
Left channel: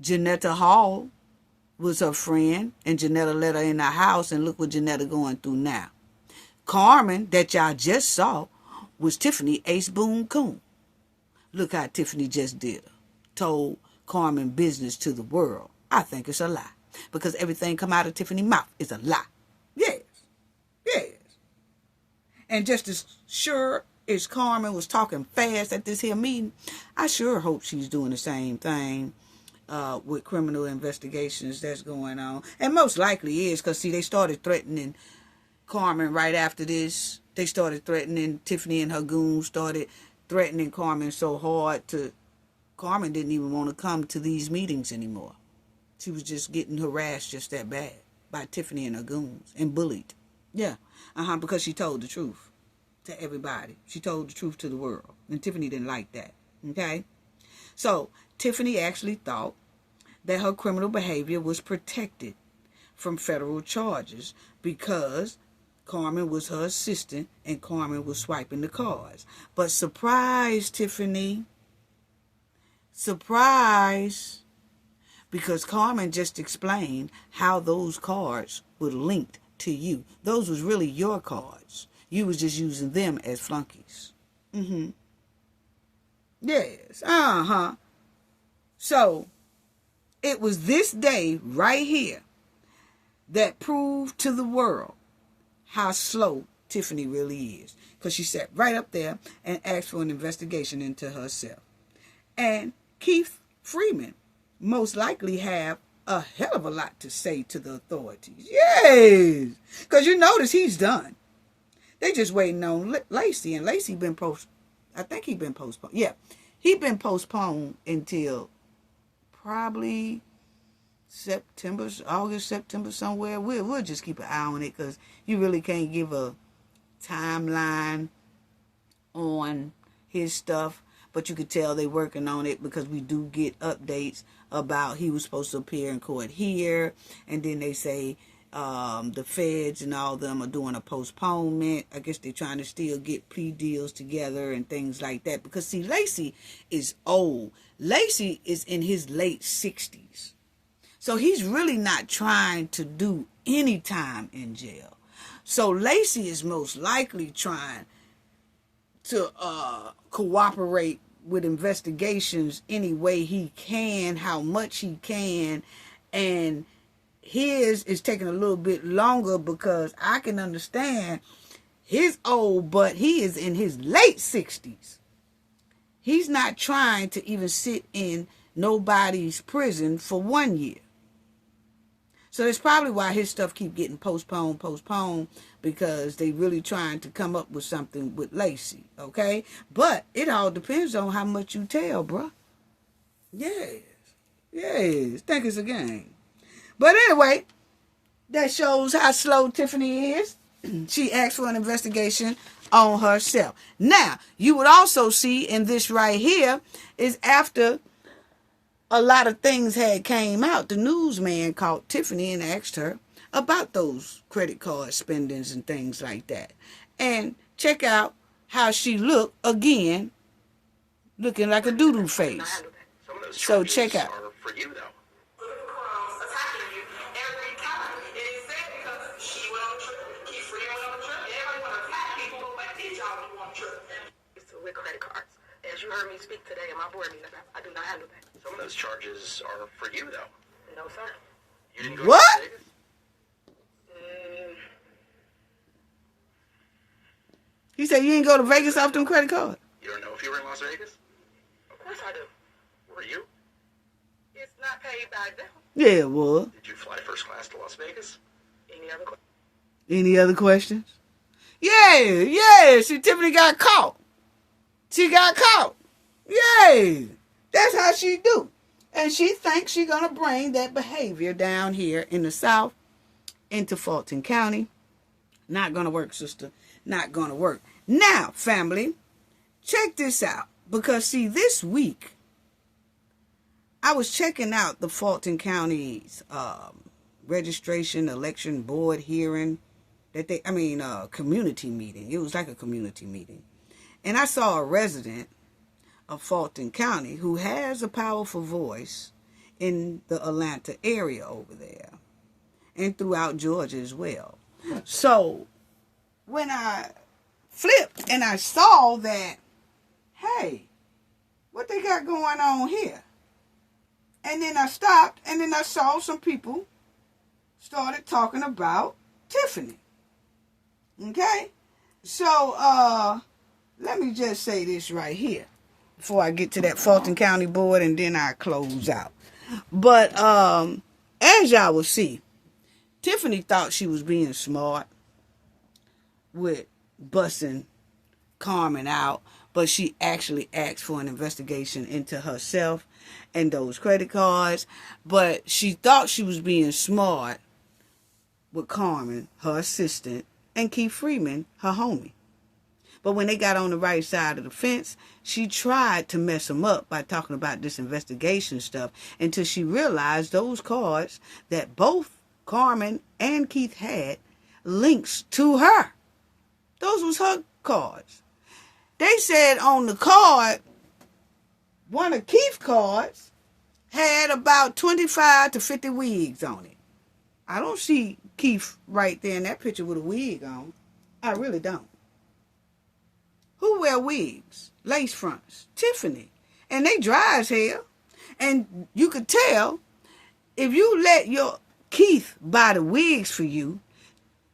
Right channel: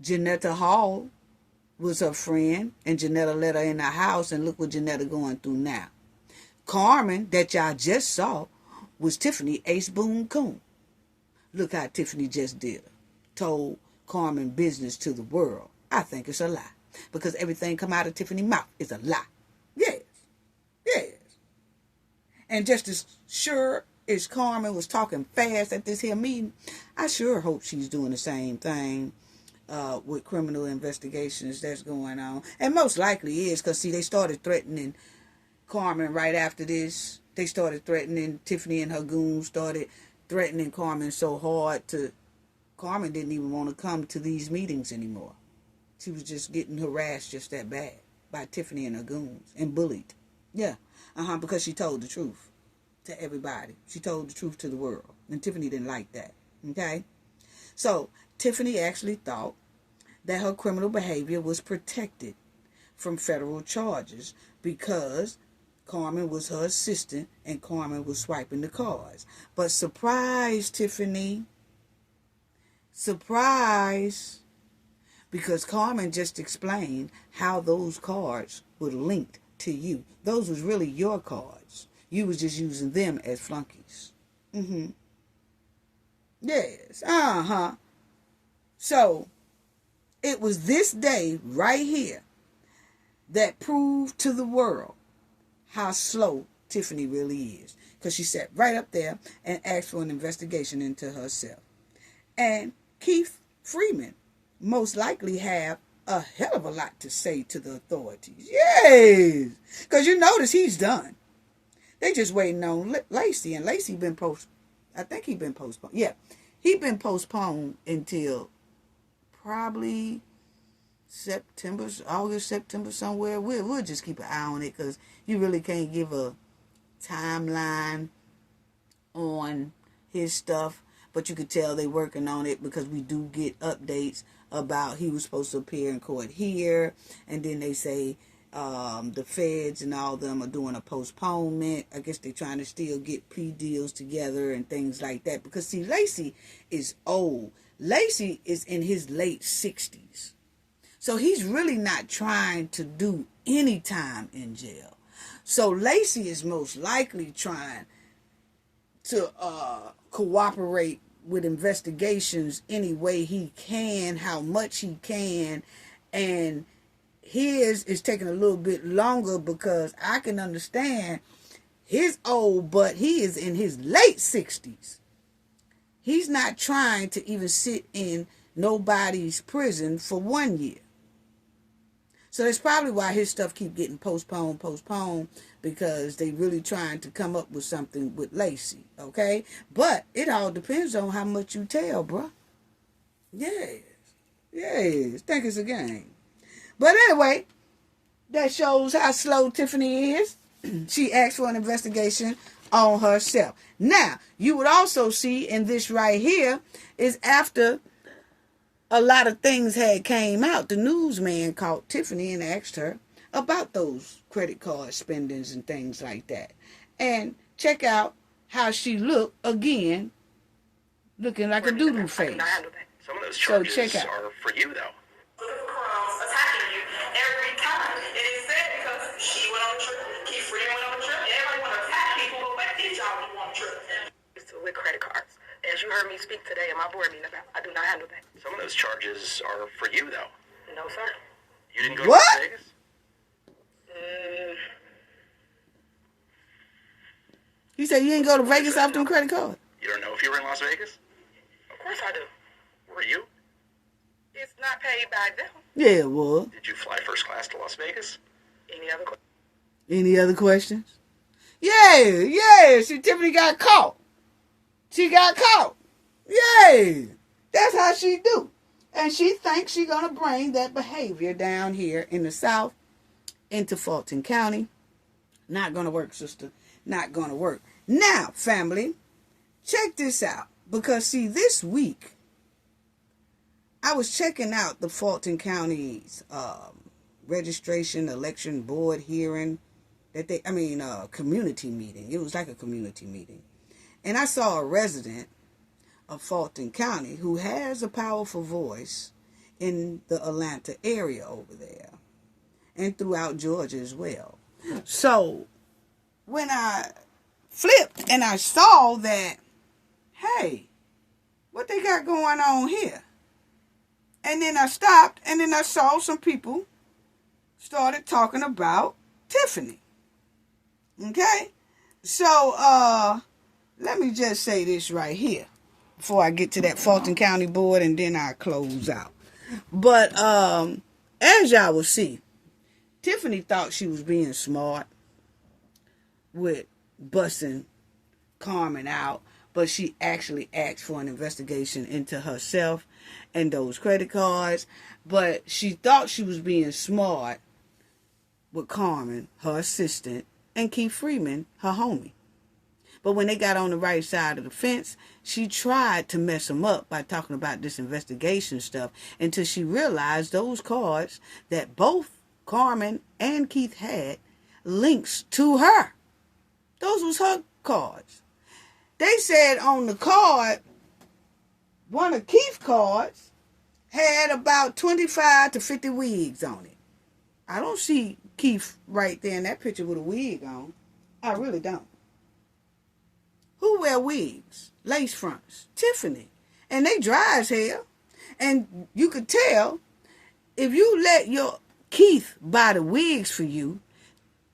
Janetta Hall was her friend, and Janetta let her in her house, and look what Janetta going through now. Carmen, that y'all just saw, was Tiffany Ace Boone Coon. Look how Tiffany just did her. Told Carmen business to the world. I think it's a lie. Because everything come out of Tiffany's mouth is a lie. Yes. Yes. And just as sure as Carmen was talking fast at this here meeting, I sure hope she's doing the same thing with criminal investigations that's going on. And most likely is, because see, they started threatening Carmen right after this. They started threatening Tiffany, and her goons started threatening Carmen so hard Carmen didn't even want to come to these meetings anymore. She was just getting harassed just that bad by Tiffany and her goons and bullied. Yeah, because she told the truth to everybody. She told the truth to the world. And Tiffany didn't like that. Okay? So Tiffany actually thought that her criminal behavior was protected from federal charges because Carmen was her assistant and Carmen was swiping the cards. But surprise, Tiffany. Surprise. Because Carmen just explained how those cards were linked to you. Those was really your cards. You was just using them as flunkies. Yes. So, it was this day right here that proved to the world how slow Tiffany really is. Because she sat right up there and asked for an investigation into herself. And Keith Freeman most likely have a hell of a lot to say to the authorities. Yes. Because you notice he's done. They just waiting on Lacey. And Lacey been I think he been postponed. Yeah. He been postponed until probably August, September, somewhere. We'll just keep an eye on it, because you really can't give a timeline on his stuff. But you could tell they working on it, because we do get updates about he was supposed to appear in court here. And then they say the feds and all them are doing a postponement. I guess they're trying to still get plea deals together and things like that. Because, see, Lacey is old. Lacey is in his late 60s. So he's really not trying to do any time in jail. So Lacey is most likely trying to cooperate with investigations any way he can, how much he can. And his is taking a little bit longer, because I can understand his old butt. He is in his late 60s. He's not trying to even sit in nobody's prison for 1 year. So that's probably why his stuff keep getting postponed, because they really trying to come up with something with Lacey, okay? But it all depends on how much you tell, bruh. Yes, think it's a game. But anyway, that shows how slow Tiffany is. She asked for an investigation on herself. Now, you would also see in this right here is after a lot of things had came out, the newsman called Tiffany and asked her about those credit card spendings and things like that. And check out how she looked again, looking like a doodoo face. Some of those So charges check out. are for you, though. Attacking you every time. And it's sad because she went on a trip, Keith Freeman went on a trip, everybody want to attack people, but each of them want a trip. With credit cards. As you heard me speak today in my board meeting about, I do not handle that. Some of those charges are for you, though. No, sir. You didn't go What? to Las Vegas? He said you ain't go to Vegas off them credit cards. You don't know if you were in Las Vegas? Of course I do. Were you? It's not paid by them. Yeah, it was. Did you fly first class to Las Vegas? Any other questions? Any other questions? Yeah. See, Tiffany got caught. She got caught. Yay. That's how she do. And she thinks she's going to bring that behavior down here in the South into Fulton County. Not going to work, sister. Not going to work. Now, family, check this out. Because, see, this week, I was checking out the Fulton County's registration election board hearing. Community meeting. It was like a community meeting. And I saw a resident of Fulton County who has a powerful voice in the Atlanta area over there and throughout Georgia as well. So when I flipped and I saw that, hey, what they got going on here? And then I stopped and then I saw some people started talking about Tiffany. Okay? So, let me just say this right here before I get to that Fulton County board and then I close out. But as y'all will see, Tiffany thought she was being smart with bussing Carmen out, but she actually asked for an investigation into herself and those credit cards. But she thought she was being smart with Carmen, her assistant, and Keith Freeman, her homie. But when they got on the right side of the fence, she tried to mess them up by talking about this investigation stuff until she realized those cards that both Carmen and Keith had links to her. Those was her cards. They said on the card, one of Keith's cards had about 25 to 50 wigs on it. I don't see Keith right there in that picture with a wig on. I really don't. Who wear wigs? Lace fronts. Tiffany. And they dry as hell. And you could tell if you let your Keith buy the wigs for you,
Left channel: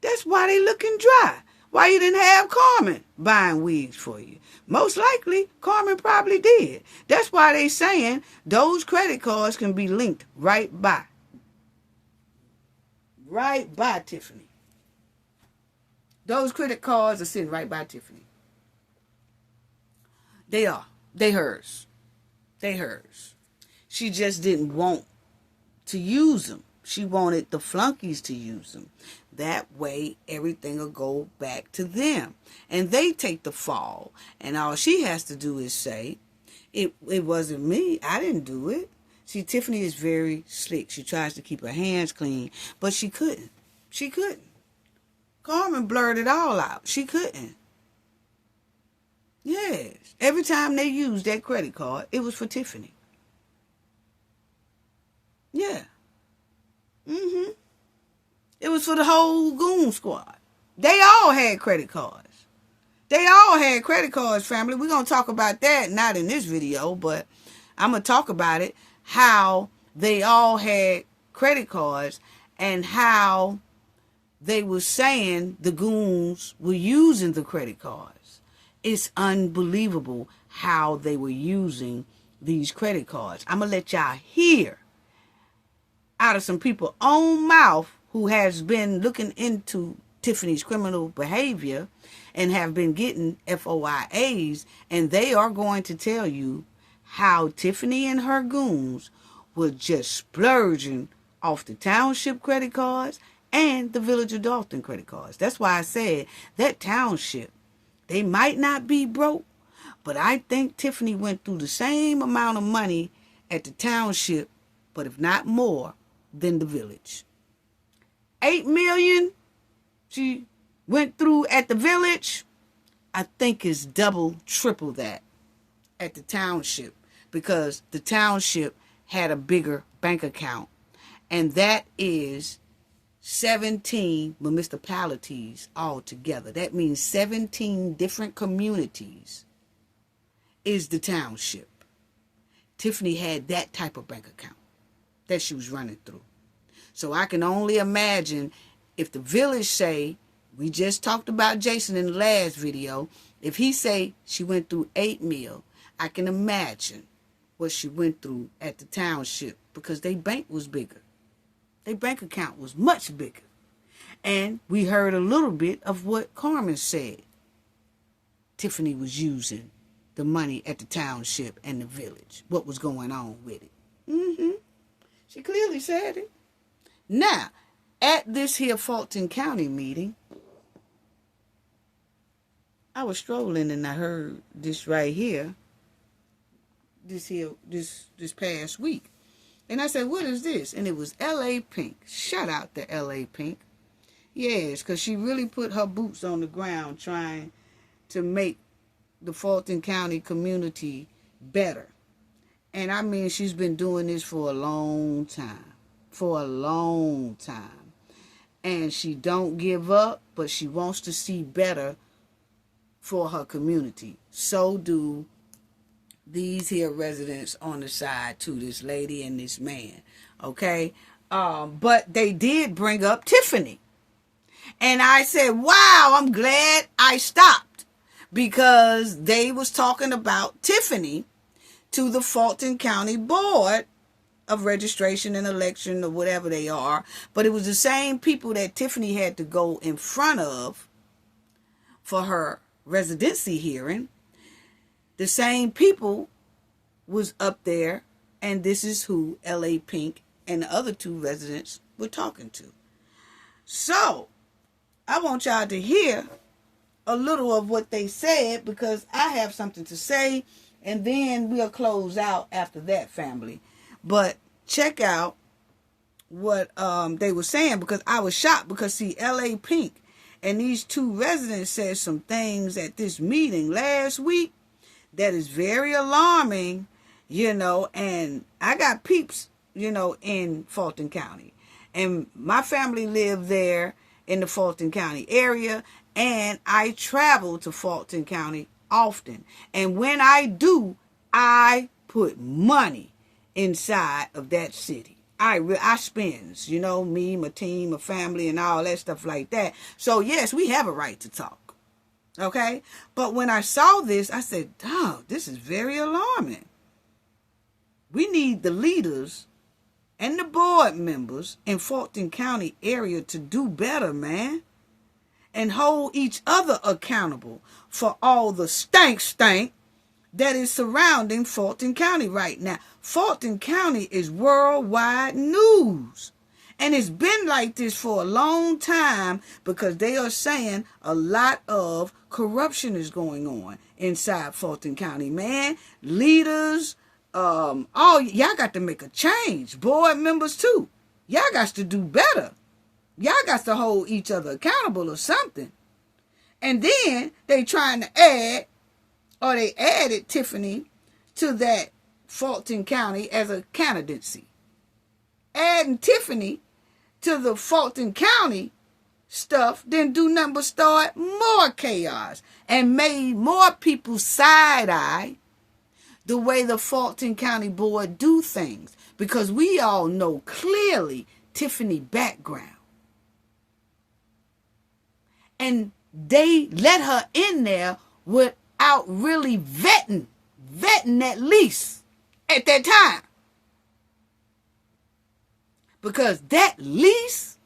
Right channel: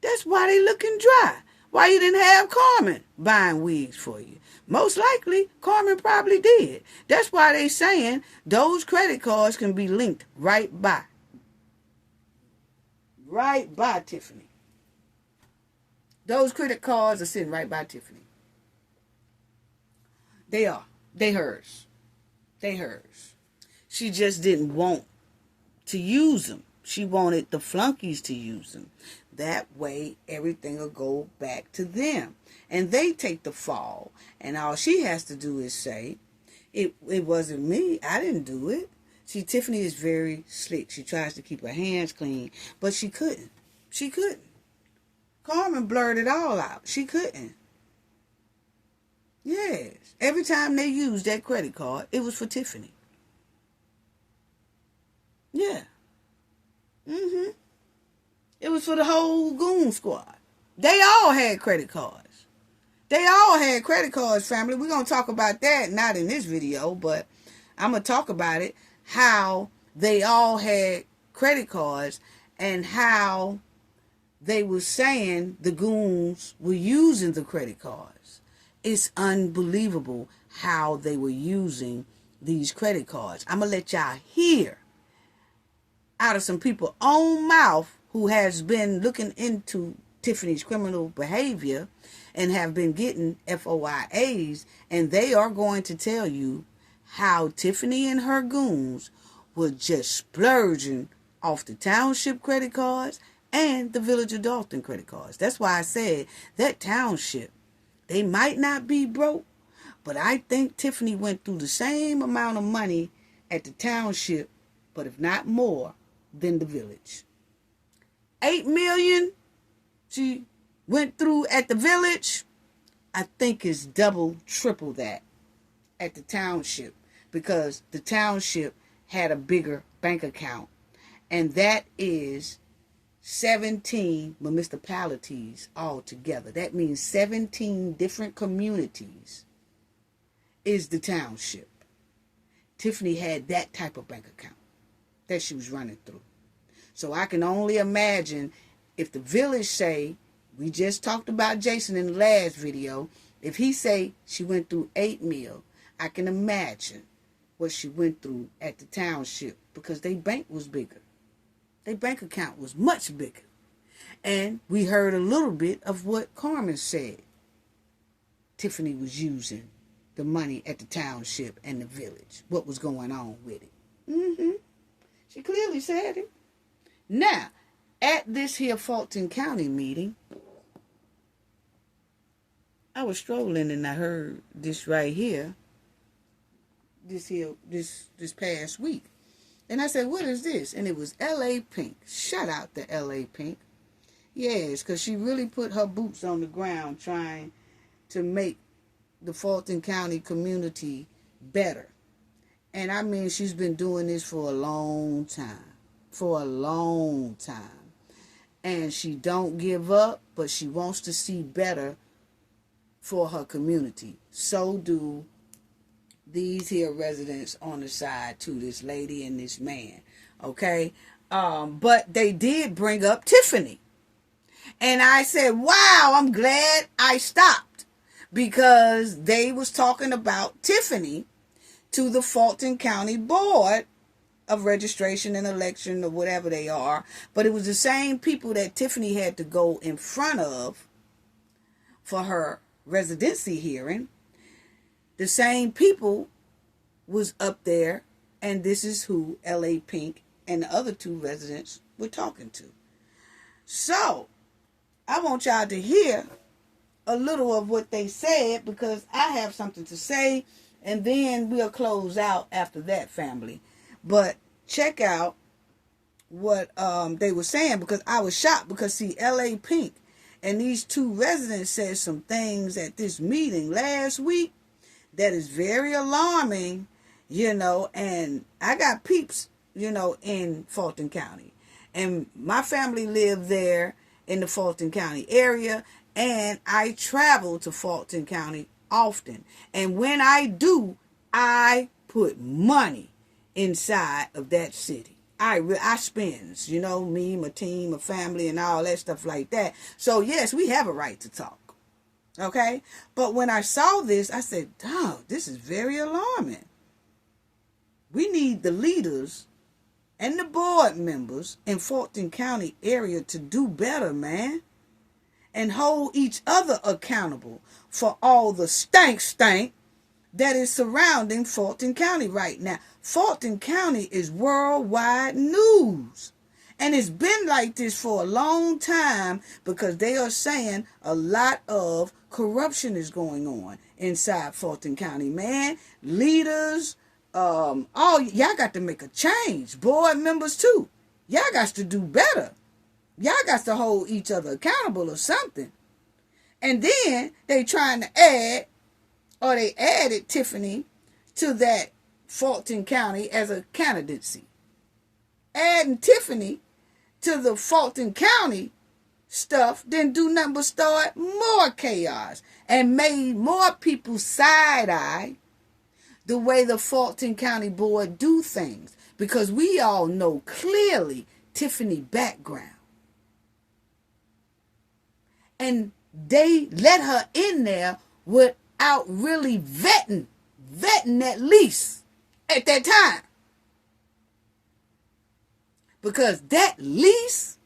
that's why they looking dry. Why you didn't have Carmen buying wigs for you? Most likely, Carmen probably did. That's why they saying those credit cards can be linked right by. Right by Tiffany. Those credit cards are sitting right by Tiffany. They are. They hers. They hers. She just didn't want to use them. She wanted the flunkies to use them. That way, everything will go back to them. And they take the fall. And all she has to do is say, it wasn't me. I didn't do it. See, Tiffany is very slick. She tries to keep her hands clean. But she couldn't. She couldn't. Carmen blurred it all out. She couldn't. Yes. Every time they used that credit card, it was for Tiffany. Yeah. Mm-hmm. It was for the whole goon squad. They all had credit cards. They all had credit cards, family. We're going to talk about that, not in this video, but I'm going to talk about it, how they all had credit cards and how they were saying the goons were using the credit cards. It's unbelievable how they were using these credit cards. I'm going to let y'all hear out of some people's own mouth who has been looking into Tiffany's criminal behavior and have been getting FOIAs, and they are going to tell you how Tiffany and her goons were just splurging off the Township credit cards and the Village of Thornton credit cards. That's why I said that Township, they might not be broke, but I think Tiffany went through the same amount of money at the Township, but if not more, than the Village. 8 million she went through at the Village. I think it's double, triple that at the Township, because the Township had a bigger bank account, and that is 17 municipalities altogether. That means 17 different communities is the Township. Tiffany had that type of bank account that she was running through. So I can only imagine if the Village say, we just talked about Jason in the last video, if he say she went through 8 mil, I can imagine what she went through at the Township, because their bank was bigger. Their bank account was much bigger. And we heard a little bit of what Carmen said. Tiffany was using the money at the Township and the Village. What was going on with it? She clearly said it. Now, at this here Fulton County meeting, I was strolling and I heard this right here, this past week. And I said, what is this? And it was L.A. Pink. Shout out to L.A. Pink. Yes, because she really put her boots on the ground trying to make the Fulton County community better. And I mean, she's been doing this for a long time. For a long time. And she don't give up, but she wants to see better for her community. So do these here residents on the side too, this lady and this man. Okay? But they did bring up Tiffany. And I said, wow, I'm glad I stopped, because they was talking about Tiffany to the Fulton County Board of Registration and Election, or whatever they are. But it was the same people that Tiffany had to go in front of for her residency hearing. The same people was up there, and this is who L.A. Pink and the other two residents were talking to. So, I want y'all to hear a little of what they said, because I have something to say, and then we'll close out after that, family. But check out what they were saying, because I was shocked, because see, L.A. Pink and these two residents said some things at this meeting last week that is very alarming, and I got peeps, in Fulton County. And my family lived there in the Fulton County area, and I travel to Fulton County often. And when I do, I put money inside of that city. I spends, me, my team, my family, and all that stuff like that. So, yes, we have a right to talk. Okay? But when I saw this, I said, oh, this is very alarming. We need the leaders and the board members in Fulton County area to do better, man. And hold each other accountable for all the stank that is surrounding Fulton County right now. Fulton County is worldwide news. And it's been like this for a long time, because they are saying a lot of corruption is going on inside Fulton County, man. Leaders, y'all got to make a change. Board members too. Y'all got to do better. Y'all got to hold each other accountable or something. And then they trying to add, or they added Tiffany to that Fulton County as a candidacy. Adding Tiffany to the Fulton County stuff didn't do nothing but start more chaos and made more people side-eye the way the Fulton County Board do things, because we all know clearly Tiffany's background. And they let her in there with out really vetting that lease at that time. Because that lease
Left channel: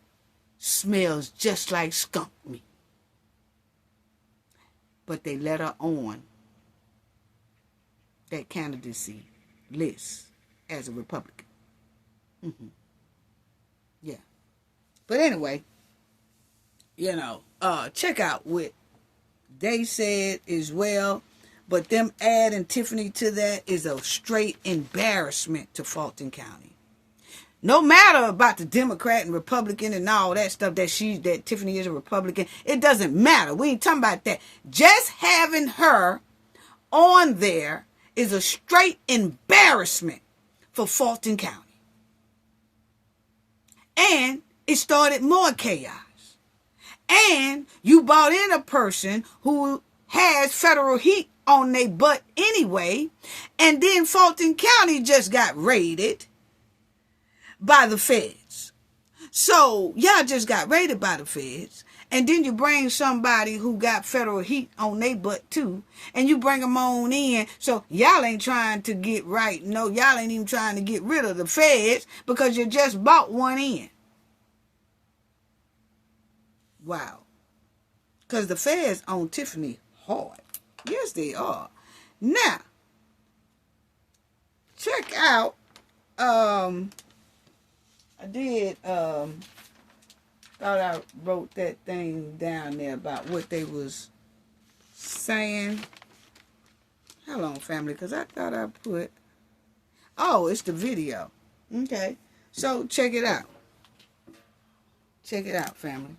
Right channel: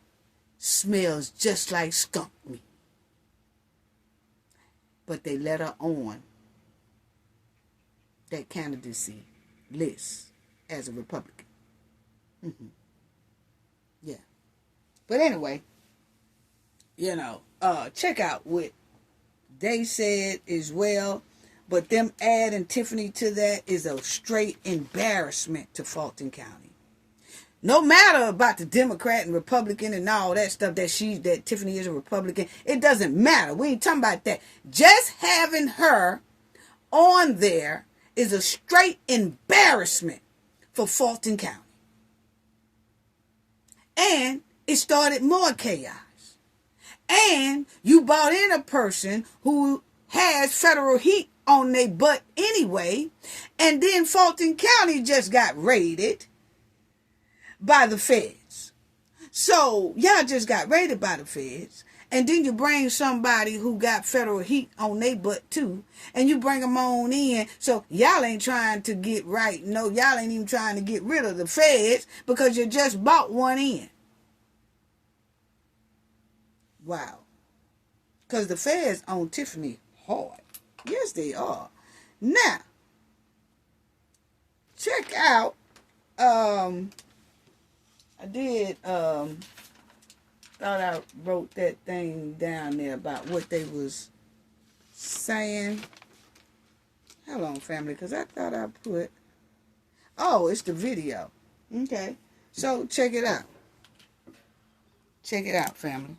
smells just like skunk meat. But they let her on that candidacy list as a Republican. Yeah. But anyway, check out what they said as well. But them adding Tiffany to that is a straight embarrassment to Fulton County. No matter about the Democrat and Republican and all that stuff that Tiffany is a Republican, it doesn't matter. We ain't talking about that. Just having her on there is a straight embarrassment for Fulton County. And it started more chaos. And you brought in a person who has federal heat on their butt anyway. And then Fulton County just got raided by the feds. So y'all just got raided by the feds. And then you bring somebody who got federal heat on their butt too. And you bring them on in. So y'all ain't trying to get right. No, y'all ain't even trying to get rid of the feds because you just bought one in. Wow. Because the feds own Tiffany hard. Yes, they are. Now, check out, I thought I wrote that thing down there about what they was saying. Hold on, family, because I thought I put, it's the video. Okay, so check it out. Check it out, family.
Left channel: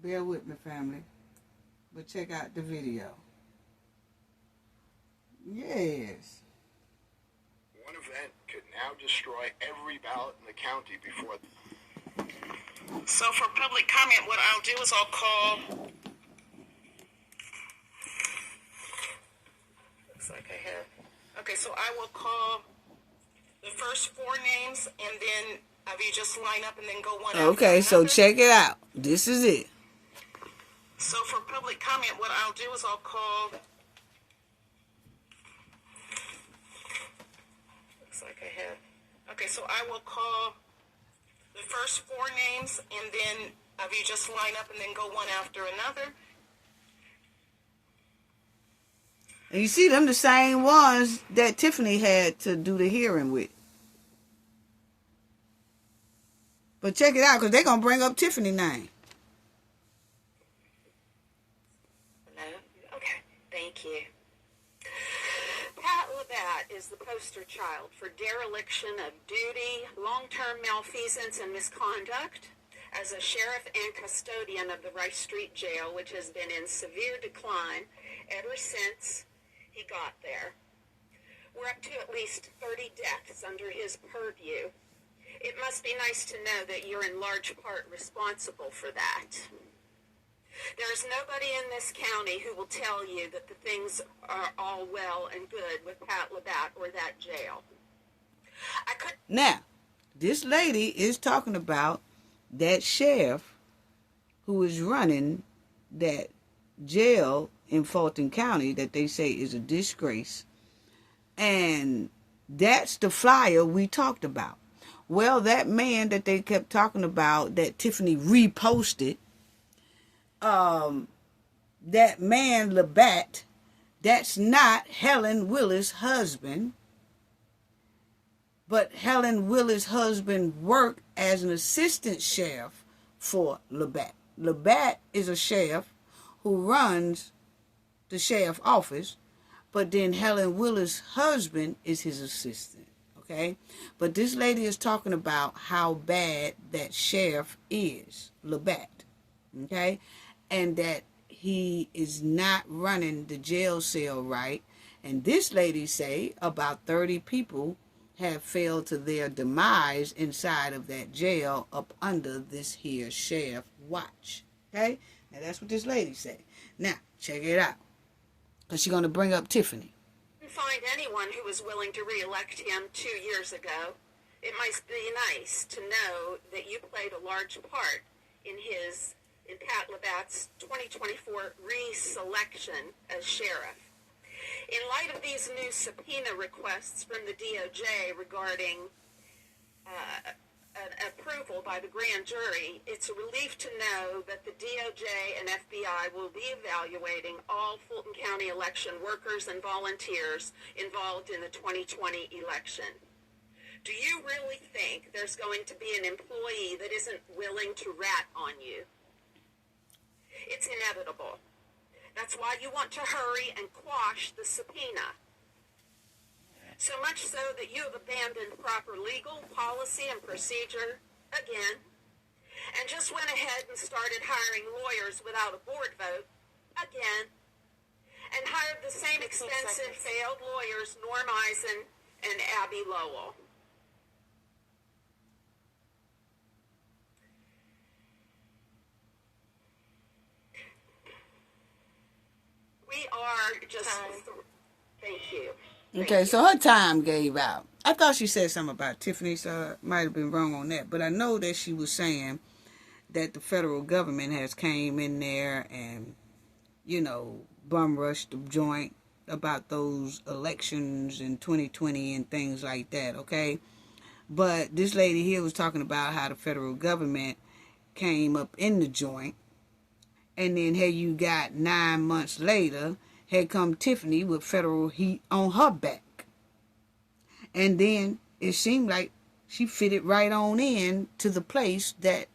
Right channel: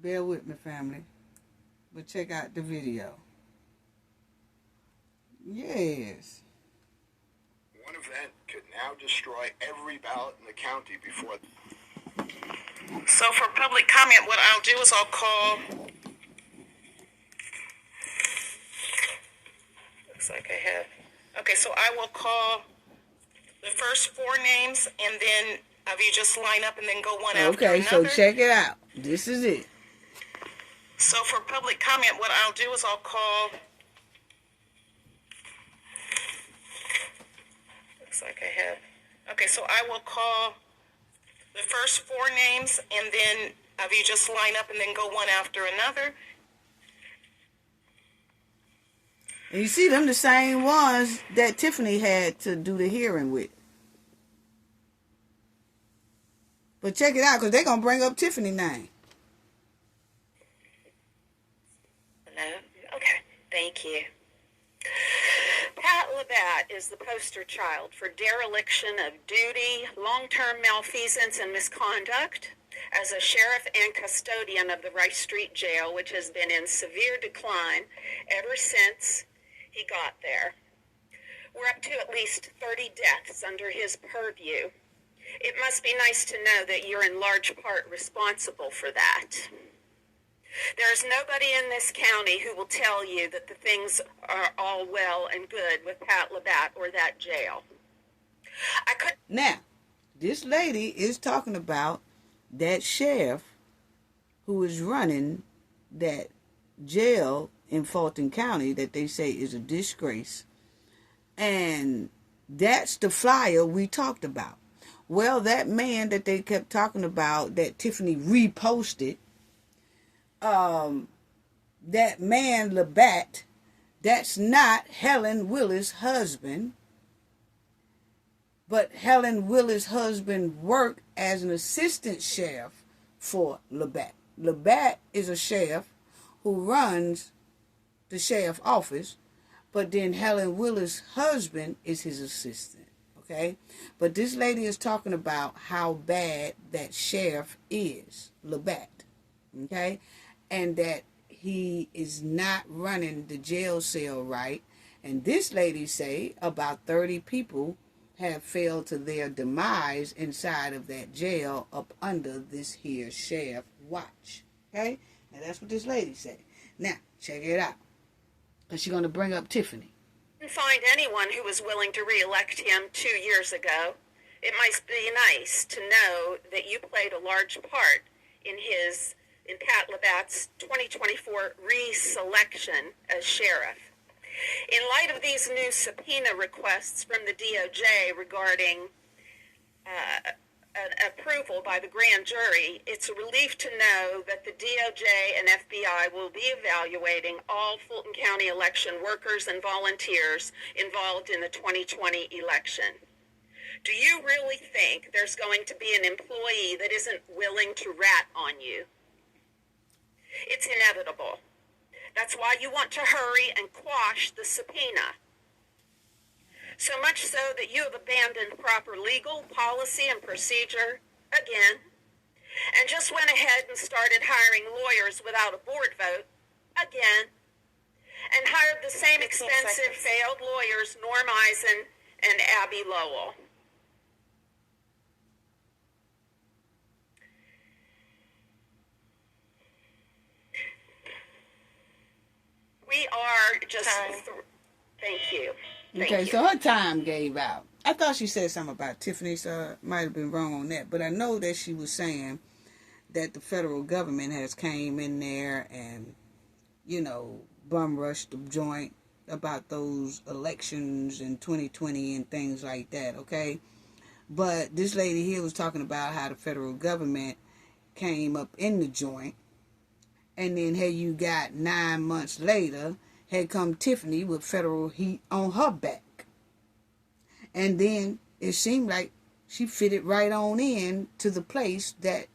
Bear with me, family. But check out the video. Yes. One event could now destroy every ballot in the county before. So for public comment, what I'll do is I'll call. Looks like I have. Okay, so I will call the first four names, and then have you just line up and then go one after another. Okay, so check it out. This is it. So for public comment, what I'll do is I'll call. Looks like I have. Okay, so I will call the first four names, and then have you just line up and then go one after another. And you see them the same ones that Tiffany had to do the hearing with. But check it out, because they're going to bring up Tiffany's name. Okay, thank you. Pat Labatt is the poster child for dereliction of duty, long-term malfeasance, and misconduct as a sheriff and custodian of the Rice Street Jail, which has been in severe decline ever since he got there. We're up to at least 30 deaths under his purview. It must be nice to know that you're in large part responsible for that. There's nobody in this county who will tell you that the things are all well and good with Pat Labatt or that jail. Now, this lady is talking about that sheriff who is running that jail in Fulton County that they say is a disgrace. And that's the flyer we talked about. Well, that man that they kept talking about that Tiffany reposted, that man Labatt, that's not Helen Willis' husband, but Helen Willis' husband worked as an assistant sheriff for Labatt. Labatt is a sheriff who runs the sheriff office, but then Helen Willis' husband is his assistant, okay? But this lady is talking about how bad that sheriff is, Labatt, okay? And that he is not running the jail cell right. And this lady say about 30 people have failed to their demise inside of that jail up under this here sheriff watch. Okay? Now that's what this lady said. Now, check it out. Because she's going to bring up Tiffany. Couldn't find anyone who was willing to re-elect him 2 years ago. It might be nice to know that you played a large part in his in Pat Labatt's 2024 reselection as sheriff. In light of these new subpoena requests from the DOJ regarding an approval by the grand jury, it's a relief to know that the DOJ and FBI will be evaluating all Fulton County election workers and volunteers involved in the 2020 election. Do you really think there's going to be an employee that isn't willing to rat on you? It's inevitable. That's why you want to hurry and quash the subpoena. So much so that you have abandoned proper legal policy and procedure again, and just went ahead and started hiring lawyers without a board vote again, and hired the same expensive failed lawyers, Norm Eisen and Abby Lowell. We are just... Thank you. Okay, so her time gave out. I thought she said something about Tiffany, so I might have been wrong on that. But I know that she was saying that the federal government has came in there and, you know, bum rushed the joint about those elections in 2020 and things like that, okay? But this lady here was talking about how the federal government came up in the joint. And then here you got 9 months later, had come Tiffany with federal heat on her back. And then it seemed like she fitted right on in to the place that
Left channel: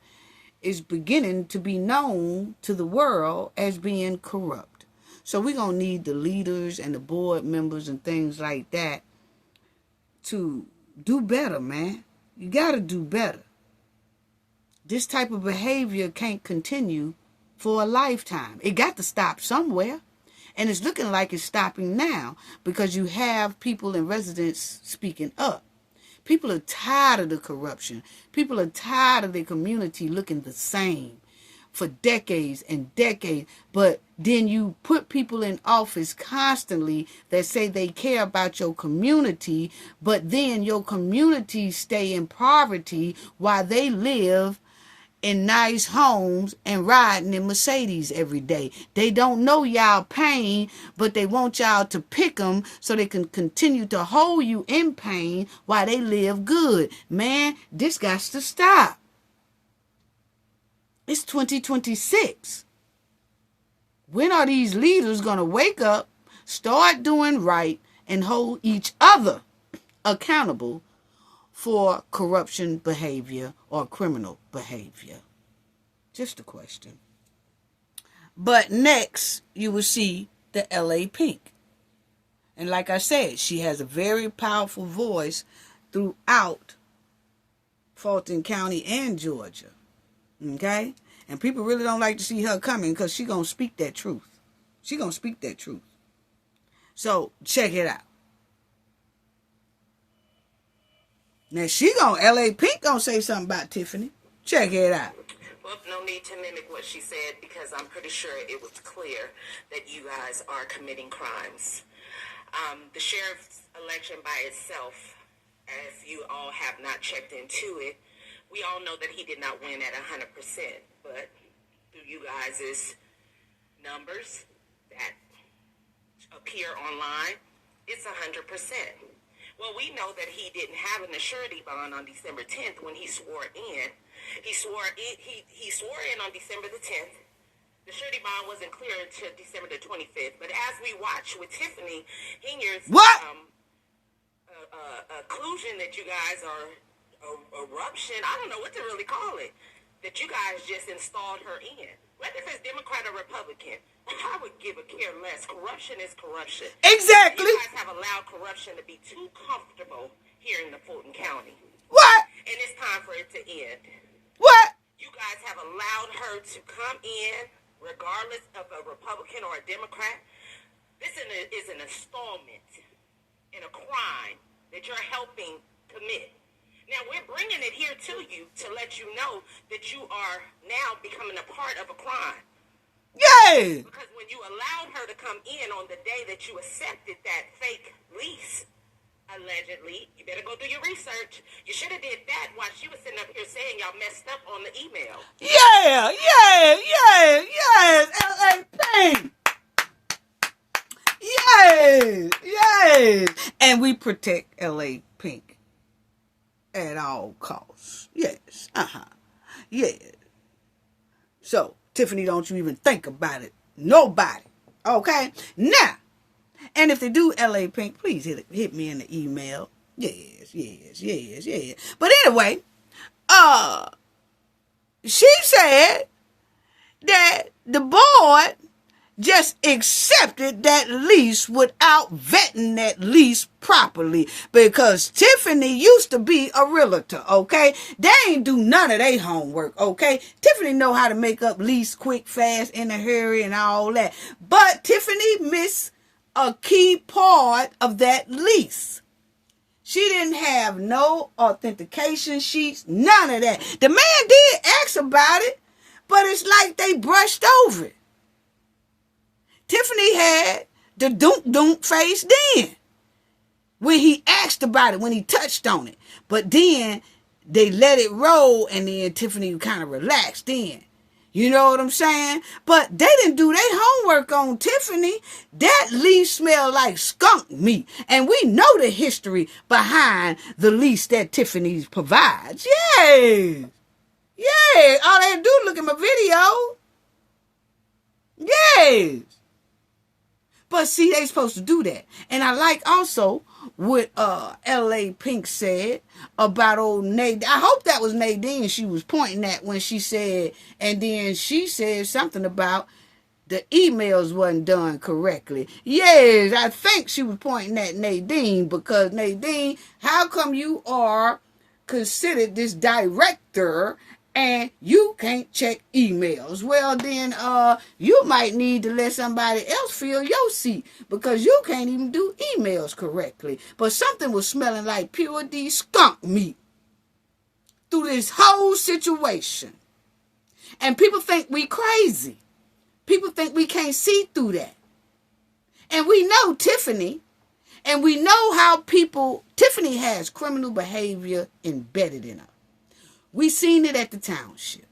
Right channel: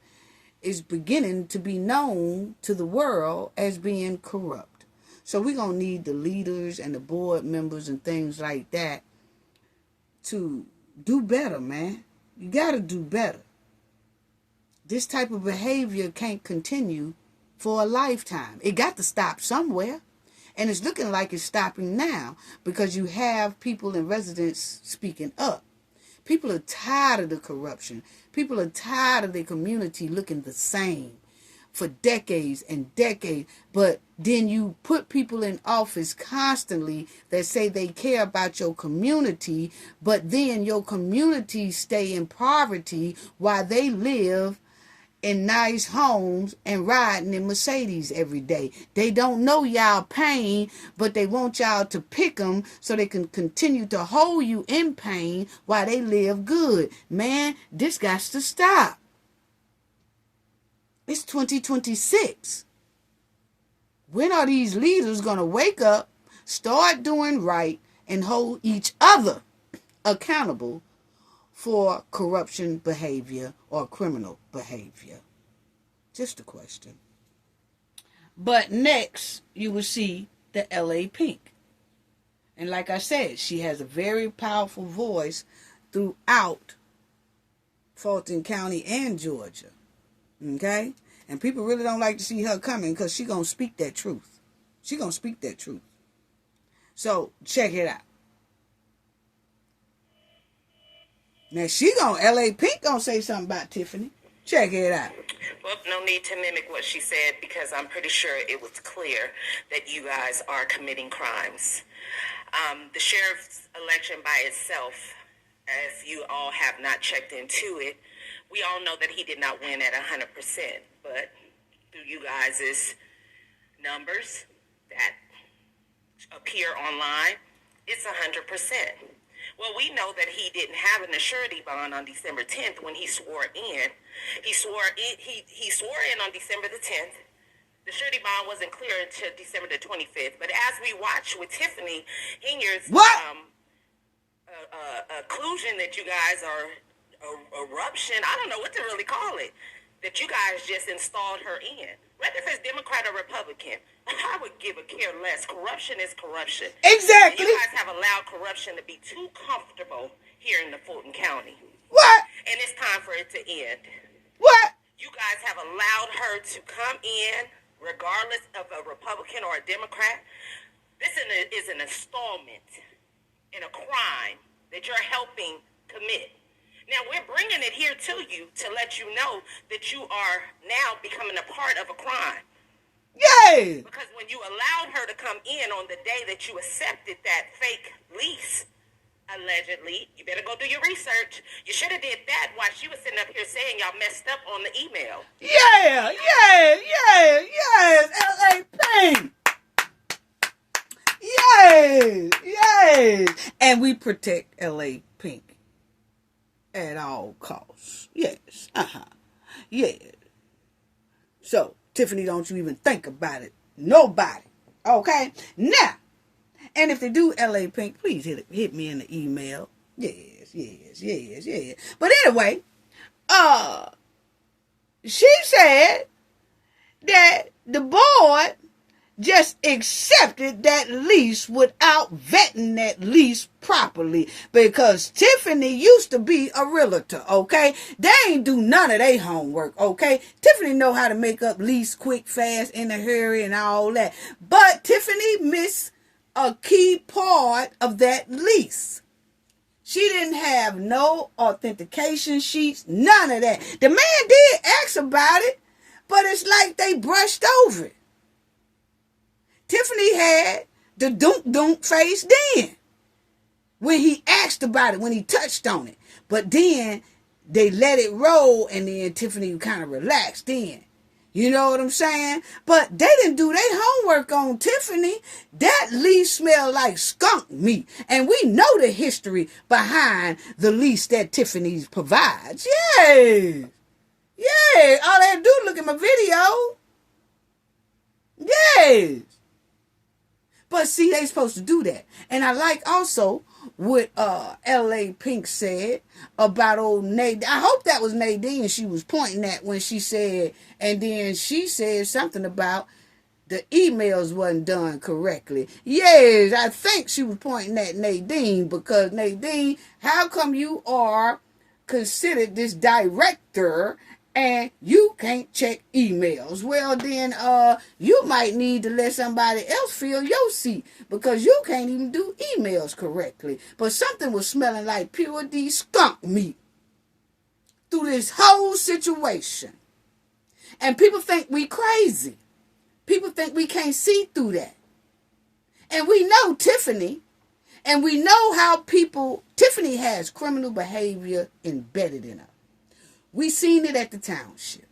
is beginning to be known to the world as being corrupt. So we're going to need the leaders and the board members and things like that to do better, man. You got to do better. This type of behavior can't continue for a lifetime. It got to stop somewhere. And it's looking like it's stopping now because you have people in residence speaking up. People are tired of the corruption. People are tired of their community looking the same for decades and decades. But then you put people in office constantly that say they care about your community, but then your community stay in poverty while they live in nice homes and riding in Mercedes every day. They don't know y'all pain, but they want y'all to pick them so they can continue to hold you in pain while they live good. Man, this got to stop. It's 2026. When are these leaders going to wake up, start doing right, and hold each other accountable for corruption behavior or criminal behavior? Just a question. But next, you will see the LA Pink. And like I said, she has a very powerful voice throughout Fulton County and Georgia. Okay? And people really don't like to see her coming because she's going to speak that truth. She's going to speak that truth. So, check it out. Now, LA Pink gonna say something about Tiffany. Check it out. Well, no need to mimic what she said because I'm pretty sure it was clear that you guys are committing crimes. The sheriff's election by itself, if you all have not checked into it, we all know that he did not win at 100%. But through you guys' numbers that appear online, it's 100%. Well, we know that he didn't have an surety bond on December 10th when he swore in. He swore in on December the 10th. The surety bond wasn't clear until December the 25th. But as we watch with Tiffany Henyard's occlusion that you guys are, eruption, I don't know what to really call it, that you guys just installed her in. Whether if it's Democrat or Republican, I would give a care less. Corruption is corruption. Exactly. And you guys have allowed corruption to be too comfortable here in the Fulton County. What? And it's time for it to end. What? You guys have allowed her to come in, regardless of a Republican or a Democrat. This is an installment in a crime that you're helping commit. Now, we're bringing it here to you to let you know that you are now becoming a part of a crime. Yay! Because when you allowed her to come in on the day that you accepted that fake lease, allegedly. You better go do your research. You should have did that while she was sitting up here saying y'all messed up on the email. Yeah. L.A. Pink. Yes. And we protect L.A. Pink at all costs. Yes. Yeah. So, Tiffany, don't you even think about it. Nobody. Okay? Now, and if they do L.A. Pink, please hit me in the email. Yes. But anyway, she said that the board just accepted that lease without vetting that lease properly, because Tiffany used to be a realtor, okay? They ain't do none of their homework, okay? Tiffany know how to make up lease quick, fast, in a hurry and all that. But Tiffany missed a key part of that lease. She didn't have no authentication sheets, none of that. The man did ask about it, but it's like they brushed over it. Tiffany had the dunk face then when he asked about it, when he touched on it. But then they let it roll, and then Tiffany kind of relaxed then. You know what I'm saying? But they didn't do their homework on Tiffany. That lease smelled like skunk meat. And we know the history behind the lease that Tiffany provides. Yay! All they do is look at my video. Yes. But see, they supposed to do that. And I like also what L.A. Pink said about old Nadine. I hope that was Nadine she was pointing at when she said, and then she said something about the emails wasn't done correctly. Yes, I think she was pointing at Nadine, because Nadine, how come you are considered this director and you can't check emails? Well, then you might need to let somebody else fill your seat, because you can't even do emails correctly. But something was smelling like pure D skunk meat through this whole situation. And people think we crazy. People think we can't see through that. And we know Tiffany, and we know how Tiffany has criminal behavior embedded in her. We seen it at the Township.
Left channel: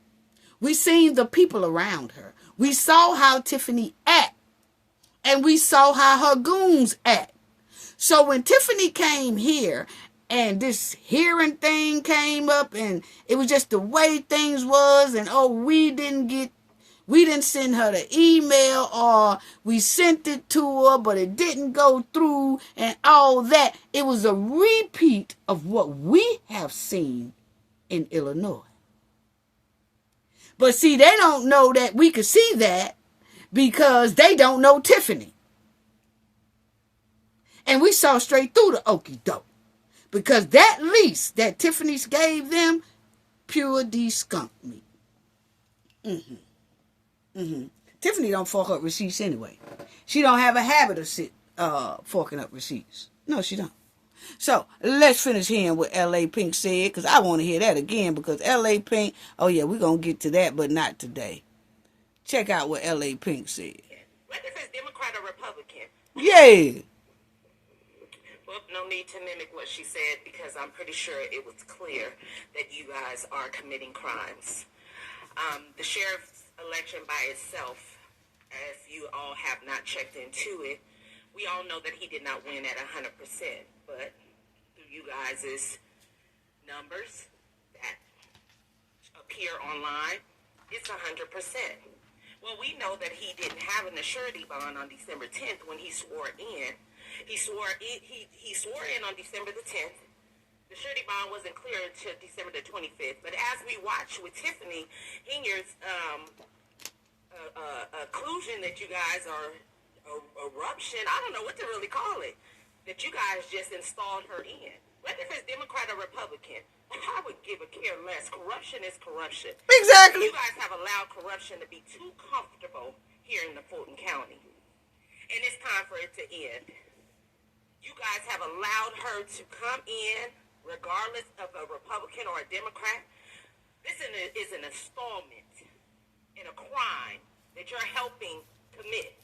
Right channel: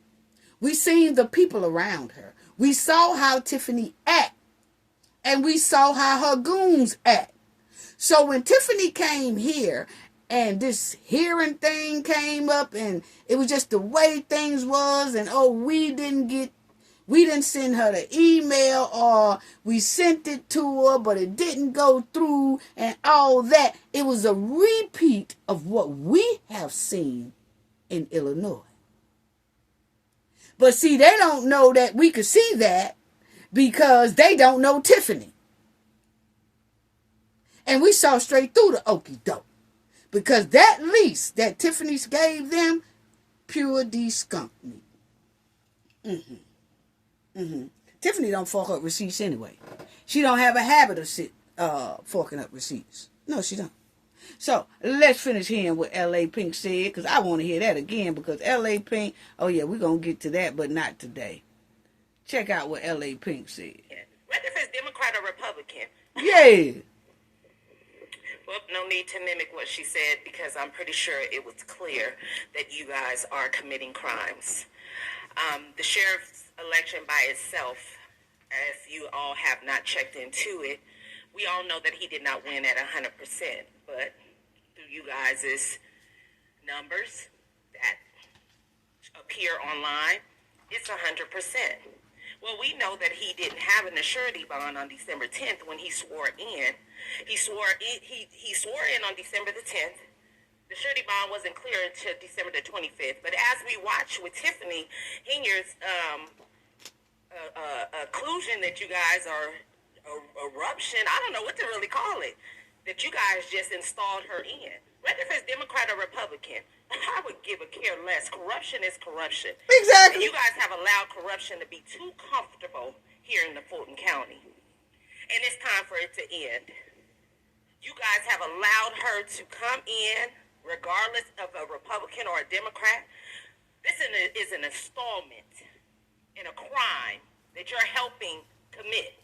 We seen the people around her. We saw how Tiffany act. And we saw how her goons act. So when Tiffany came here and this hearing thing came up, and it was just the way things was, and we didn't send her the email, or we sent it to her but it didn't go through, and all that. It was a repeat of what we have seen in Illinois. But see, they don't know that we could see that, because they don't know Tiffany. And we saw straight through the okie doke, because that lease that Tiffany gave them, pure D skunk meat. Tiffany don't fork up receipts anyway. She don't have a habit of forking up receipts. No, she don't. So, let's finish hearing what L.A. Pink said, because I want to hear that again, because L.A. Pink, we're going to get to that, but not today. Check out what L.A. Pink said. Whether if it's Democrat or Republican. Yeah. Well, no need to mimic what she said, because I'm pretty sure it was clear that you guys are committing crimes. The sheriff's election by itself, if you all have not checked into it, we all know that he did not win at 100%, but through you guys' numbers that appear online, it's 100%. Well, we know that he didn't have an surety bond on December 10th when he swore in. He swore in on December the 10th. The surety bond wasn't clear until December the 25th. But as we watch with Tiffany Henyard's occlusion that you guys are eruption, I don't know what to really call it, that you guys just installed her in. Whether if it's Democrat or Republican, I would give a care less. Corruption is corruption. Exactly. And you guys have allowed corruption to be too comfortable here in the Fulton County. And it's time for it to end. You guys have allowed her to come in, regardless of a Republican or a Democrat. This is an installment in a crime that you're helping commit.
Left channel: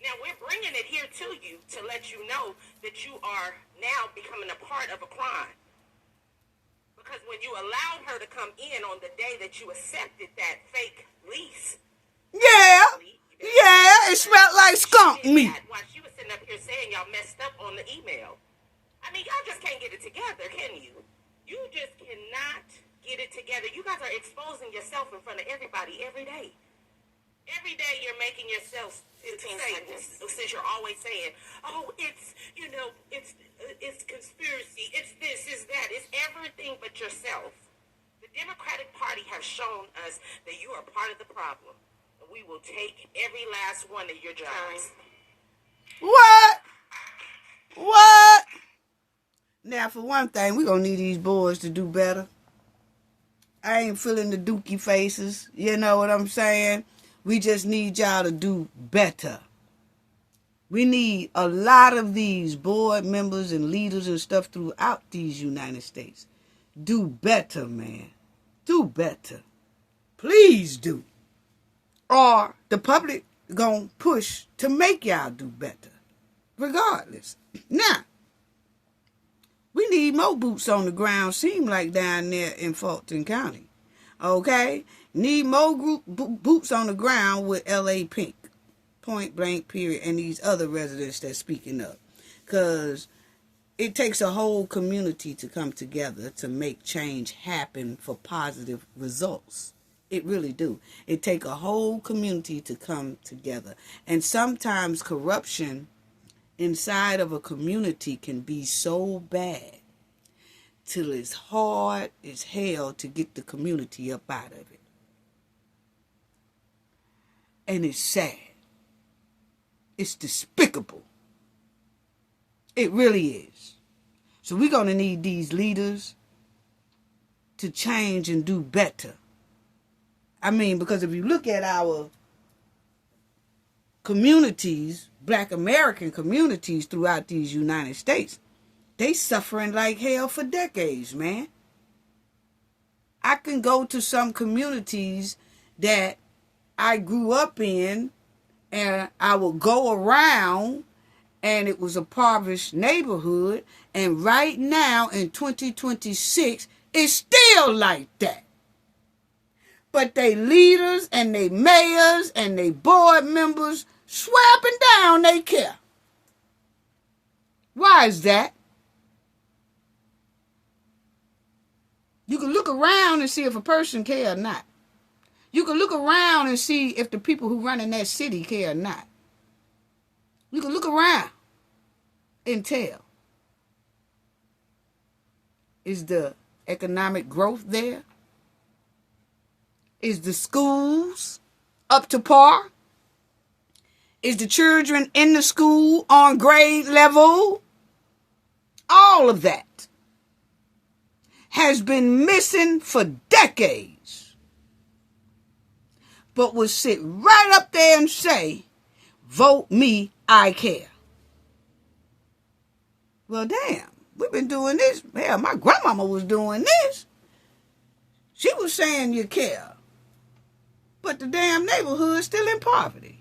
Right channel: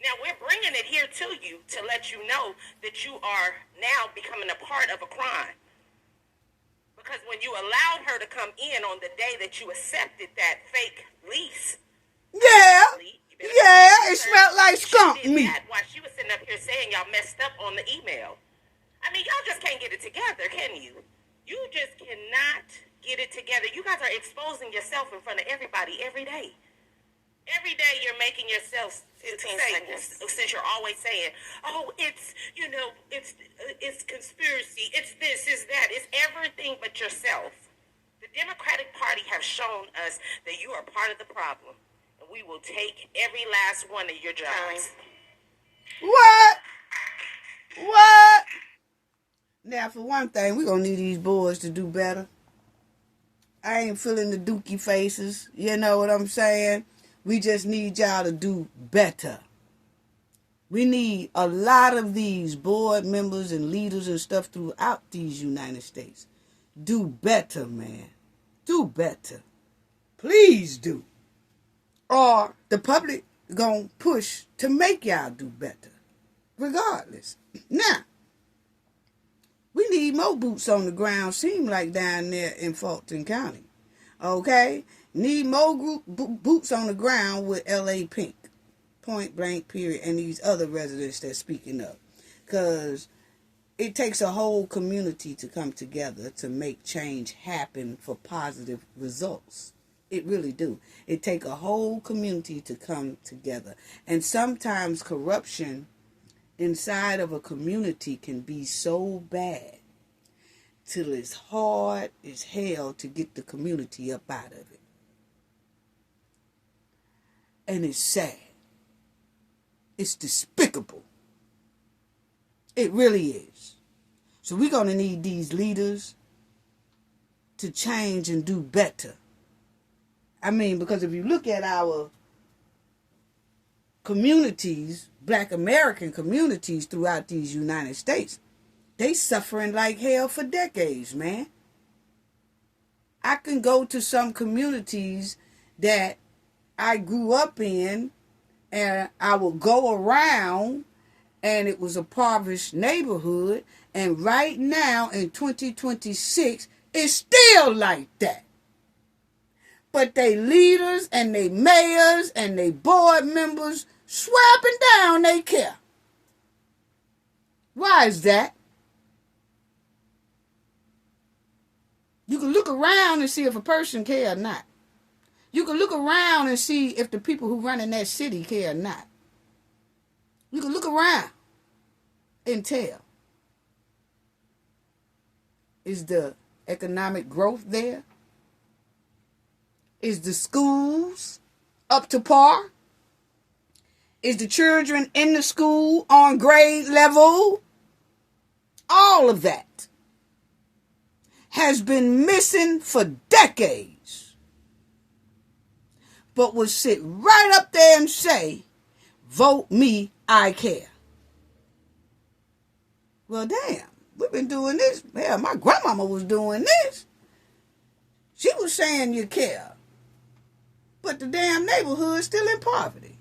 Now, we're bringing it here to you to let you know that you are now becoming a part of a crime. Because when you allowed her to come in on the day that you accepted that fake lease, Yeah, it smelled like skunk meat. while she was sitting up here saying y'all messed up on the email. I mean, y'all just can't get it together, can you? You just cannot get it together. You guys are exposing yourself in front of everybody every day. Every day you're making yourself since you're always saying, oh, it's, it's conspiracy, it's this, it's that, it's everything but yourself. The Democratic Party have shown us that you are part of the problem. And we will take every last one of your jobs. What? Now, for one thing, we're going to need these boys to do better. I ain't feeling the dookie faces. You know what I'm saying? We just need y'all to do better. We need a lot of these board members and leaders and stuff throughout these United States. Do better, man. Do better. Please do. Or the public gonna push to make y'all do better. Regardless. Now, we need more boots on the ground, seem like down there in Fulton County. Okay? Need more boots on the ground with L.A. Pink. Point blank, period. And these other residents that's speaking up. Because it takes a whole community to come together to make change happen for positive results. It really do. It take a whole community to come together. And sometimes corruption inside of a community can be so bad till it's hard as hell to get the community up out of it. And it's sad. It's despicable. It really is. So we're going to need these leaders to change and do better. I mean, because if you look at our communities, Black American communities throughout these United States, they suffering like hell for decades, man. I can go to some communities that I grew up in, and I would go around, and it was a impoverished neighborhood, and right now in 2026, it's still like that. But they leaders and they mayors and they board members swear up and down they care. Why is that? You can look around and see if a person care or not. You can look around and see if the people who run in that city care or not. You can look around and tell. Is the economic growth there? Is the schools up to par? Is the children in the school on grade level? All of that has been missing for decades. But will sit right up there and say, vote me, I care. Well, damn, we've been doing this. Hell, my grandmama was doing this. She was saying you care. But the damn neighborhood's still in poverty.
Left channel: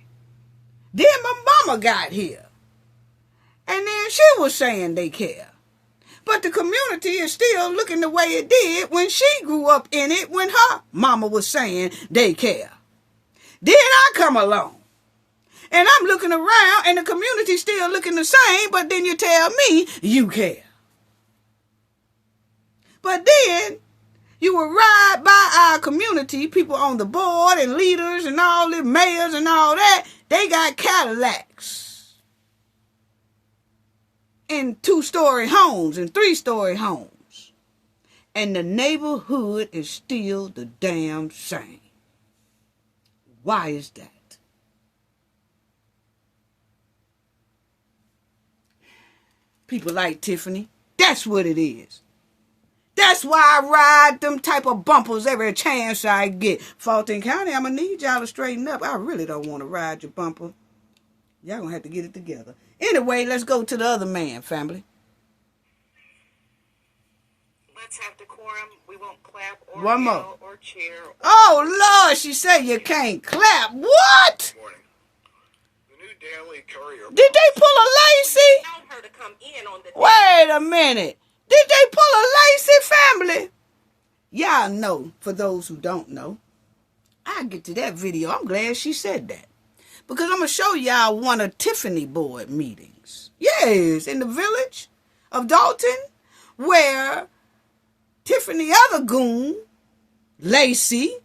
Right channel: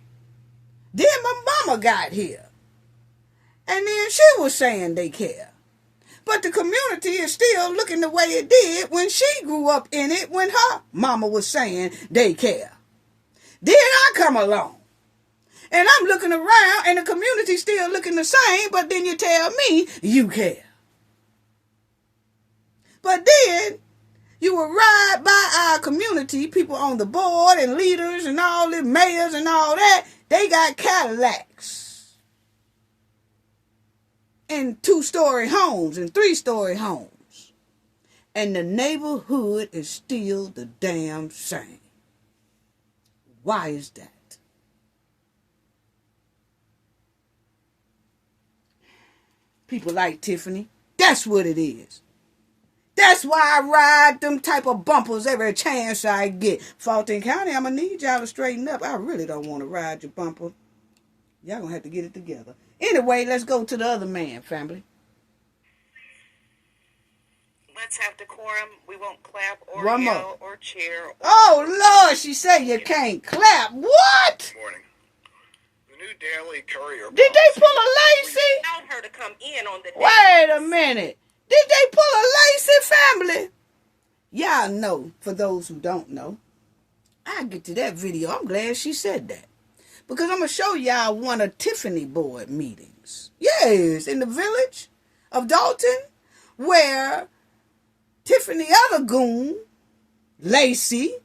Then my mama got here. And then she was saying they care. But the community is still looking the way it did when she grew up in it, when her mama was saying they care. Then I come along. And I'm looking around and the community still looking the same, but then you tell me you care. But then you will ride by our community, people on the board and leaders and all the mayors and all that. They got Cadillacs and 2-story homes and 3-story homes. And the neighborhood is still the damn same. Why is that? People like Tiffany, that's what it is. That's why I ride them type of bumpers every chance I get. Fulton County, I'm going to need y'all to straighten up. I really don't want to ride your bumper. Y'all going to have to get it together. Anyway, let's go to the other man, family. Let's have decorum. We won't clap or One yell more. or cheer. Oh, Lord, she said you can't clap. What? Morning. new Daily Courier. Did they pull a Lacey? Allowed her to come in on the Wait a minute. Did they pull a Lacey, family? Y'all know, for those who don't know, I'll get to that video. I'm glad she said that. Because I'm going to show y'all one of Tiffany board meetings. Yes, in the village of Dalton, where Tiffany other goon, Lacey,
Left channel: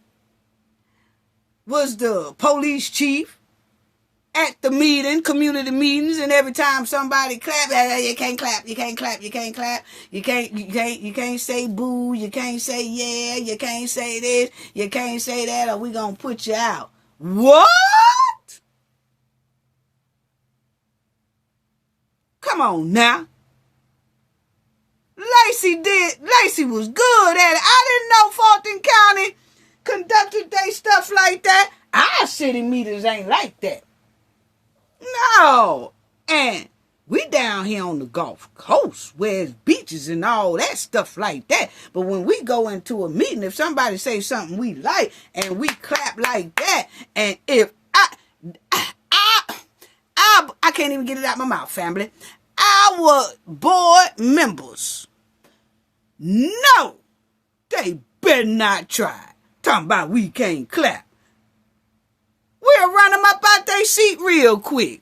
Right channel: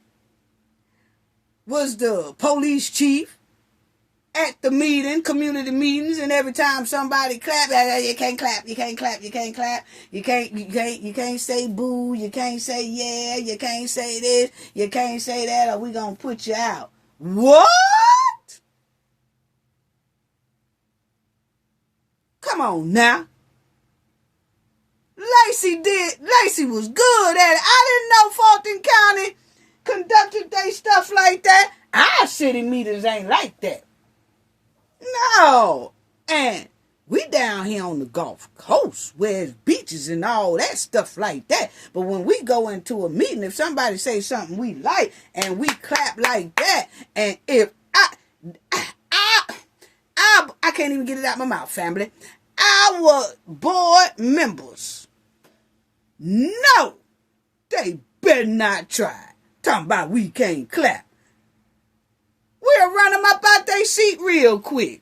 was the police chief at the meeting, community meetings, and every time somebody clap, you can't clap, you can't clap, you can't clap, you can't say boo, you can't say yeah, you can't say this, you can't say that, or we gonna put you out. What? Come on now. Lacey was good at it. I didn't know Fulton County conducted their stuff like that. Our city meetings ain't like that. No. And we down here on the Gulf Coast where it's beaches and all that stuff like that. But when we go into a meeting, if somebody say something we like and we clap like that, and if I can't even get it out my mouth, family. Our board members, no, they better not try. Talking about we can't clap. We'll run them up out their seat real quick.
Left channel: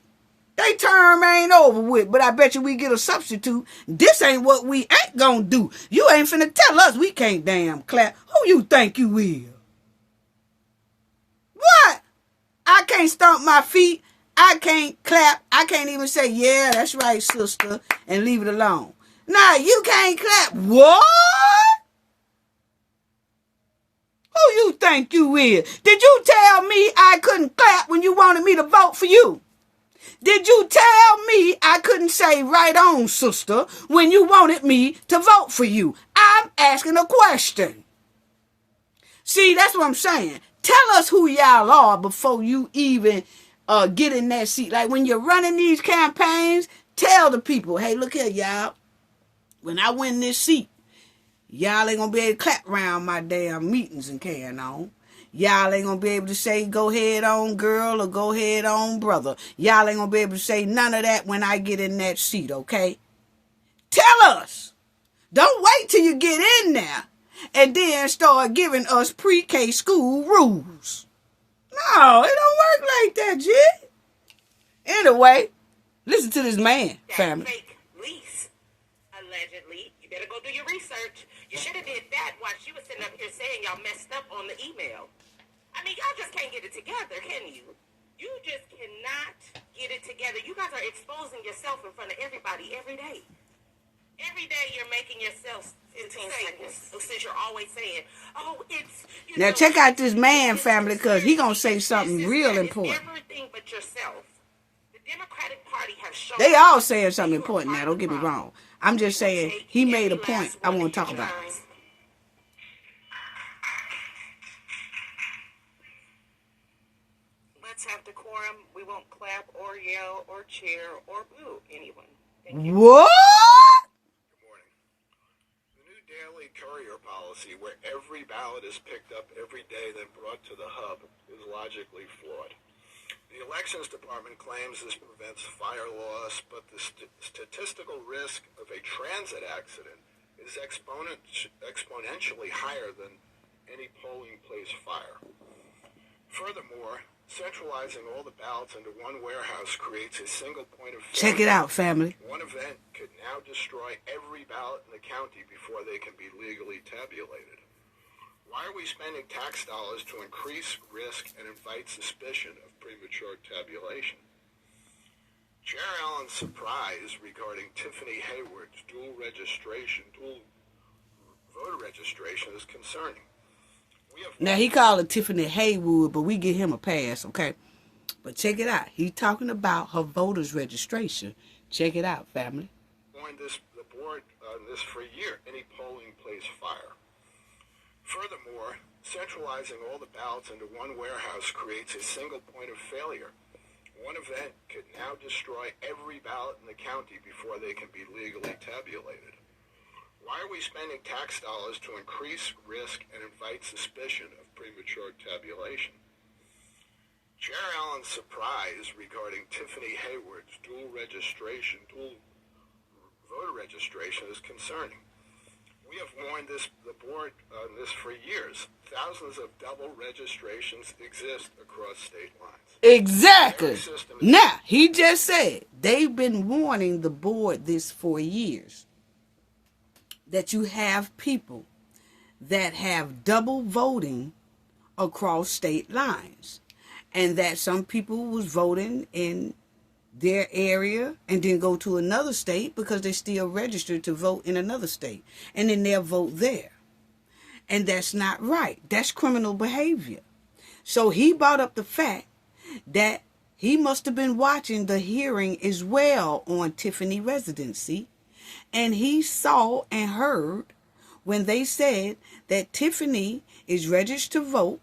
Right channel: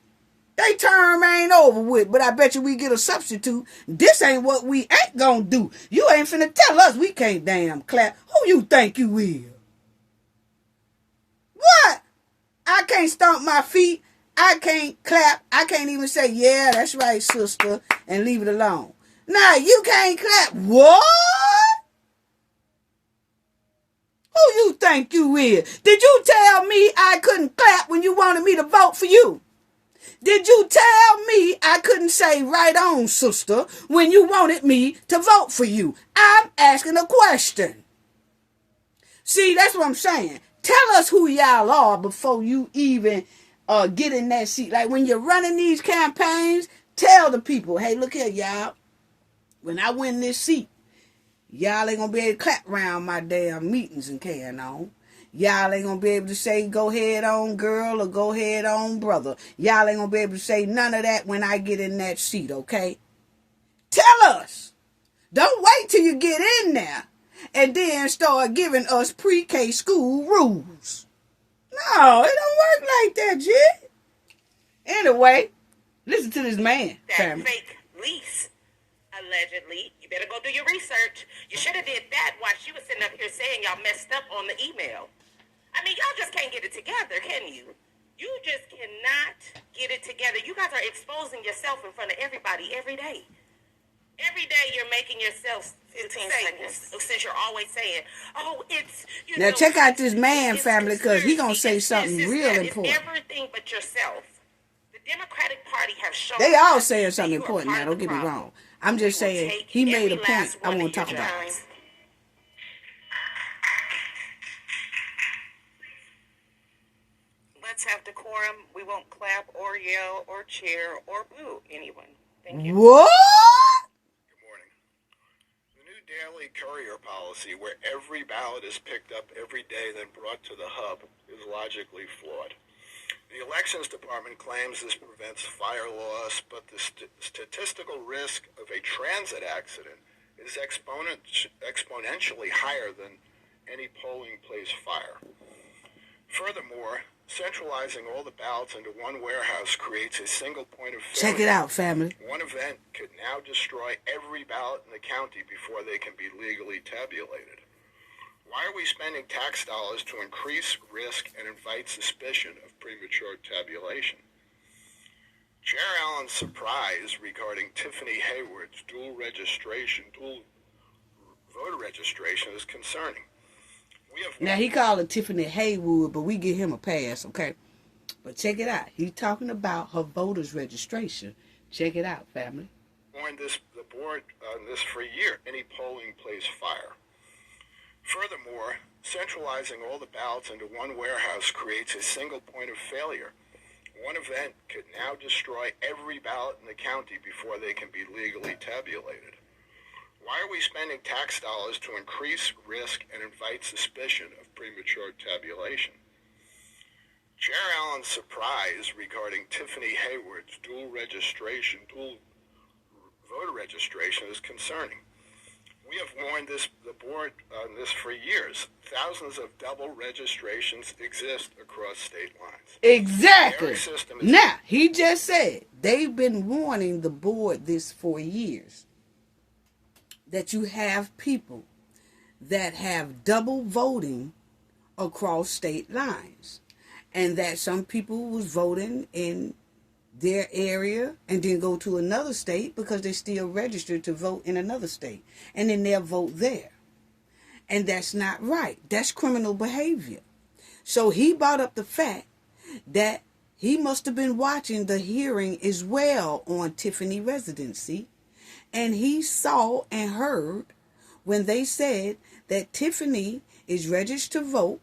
They term ain't over with, but I bet you we get a substitute. This ain't what we ain't gonna do. You ain't finna tell us we can't damn clap. Who you think you will? What? I can't stomp my feet. I can't clap. I can't even say, yeah, that's right, sister, and leave it alone. Nah, you can't clap. What? Who you think you is? Did you tell me I couldn't clap when you wanted me to vote for you? Did you tell me I couldn't say right on, sister, when you wanted me to vote for you? I'm asking a question. See, that's what I'm saying. Tell us who y'all are before you even get in that seat. Like when you're running these campaigns, tell the people, hey, look here, y'all. When I win this seat, y'all ain't gonna be able to clap around my damn meetings and carrying on. Y'all ain't gonna be able to say, go ahead on girl or go ahead on brother. Y'all ain't gonna be able to say none of that when I get in that seat, okay? Tell us. Don't wait till you get in there and then start giving us pre-K school rules. No, it don't work like that, Jit. Anyway, listen to this man, that family. fake lease, allegedly. You better go do your research. You should have did that while she was sitting up here saying y'all messed up on the email. I mean, y'all just can't get it together, can you? You just cannot get it together. You guys are exposing yourself in front of everybody every day. Every day you're making yourself 15 seconds, since you're always saying, oh, it's... Now check out this man, family, because he going to say something real important. Everything but yourself. The Democratic Party has shown... They all saying something important now, don't get me wrong. I'm just saying, he made a point I want to talk about. Let's have decorum. We won't clap or yell or cheer or boo anyone. Thank you. What? Daily Courier policy, where every ballot is picked up every day then brought to the hub, is logically flawed. The Elections Department claims this prevents fire loss, but the statistical risk of a transit accident is exponentially higher than any polling place fire. Furthermore, centralizing all the ballots into one warehouse creates a single point of failure. Check it out, family. One event could now destroy every ballot in the county before they can be legally tabulated. Why are we spending tax dollars to increase risk and invite suspicion of premature tabulation? Chair Allen's surprise regarding Tiffany Henyard's dual voter registration is concerning. Now, he called her Tiffany Henyard, but we give him a pass, okay? But check it out. He's talking about her voters' registration. Check it out, family. The board on this for a year, any polling place fire. Furthermore, centralizing all the ballots into one warehouse creates a single point of failure. One event could now destroy every ballot in the county before they can be legally tabulated. Why are we spending tax dollars to increase risk and invite suspicion of premature tabulation? Chair Allen's surprise regarding Tiffany Henyard's dual voter registration is concerning. We have warned the board on this for years. Thousands of double registrations exist across state lines. Exactly. Now, he just said they've been warning the board this for years, that you have people that have double voting across state lines, and that some people was voting in their area and then go to another state because they're still registered to vote in another state, and then they'll vote there. And that's not right. That's criminal behavior. So he brought up the fact that he must have been watching the hearing as well on Tiffany residency, and he saw and heard when they said that Tiffany is registered to vote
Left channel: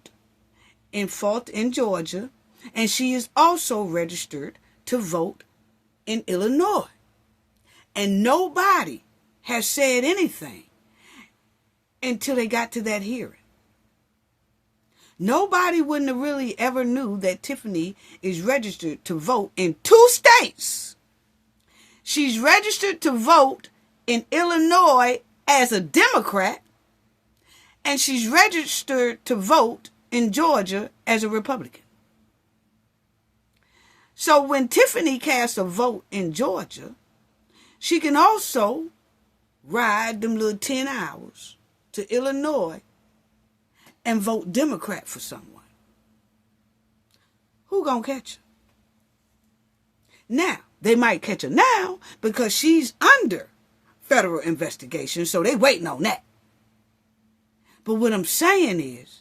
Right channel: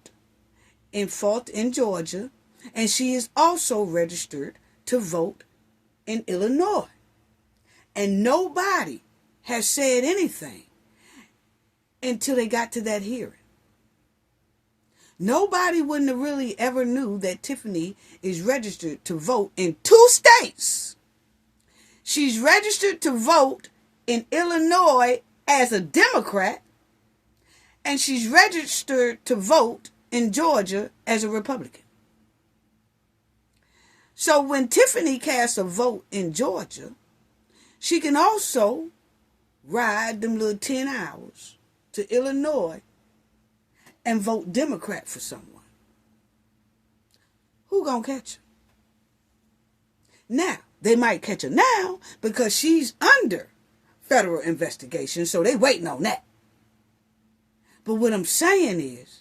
in Fulton, Georgia, and she is also registered to vote in Illinois. And nobody has said anything until they got to that hearing. Nobody wouldn't have really ever knew that Tiffany is registered to vote in 2 states. She's registered to vote in Illinois as a Democrat, and she's registered to vote in Georgia as a Republican. So when Tiffany casts a vote in Georgia, she can also ride them little 10 hours to Illinois and vote Democrat for someone. Who gonna catch her? Now, they might catch her now because she's under federal investigation, so they waiting on that. But what I'm saying is,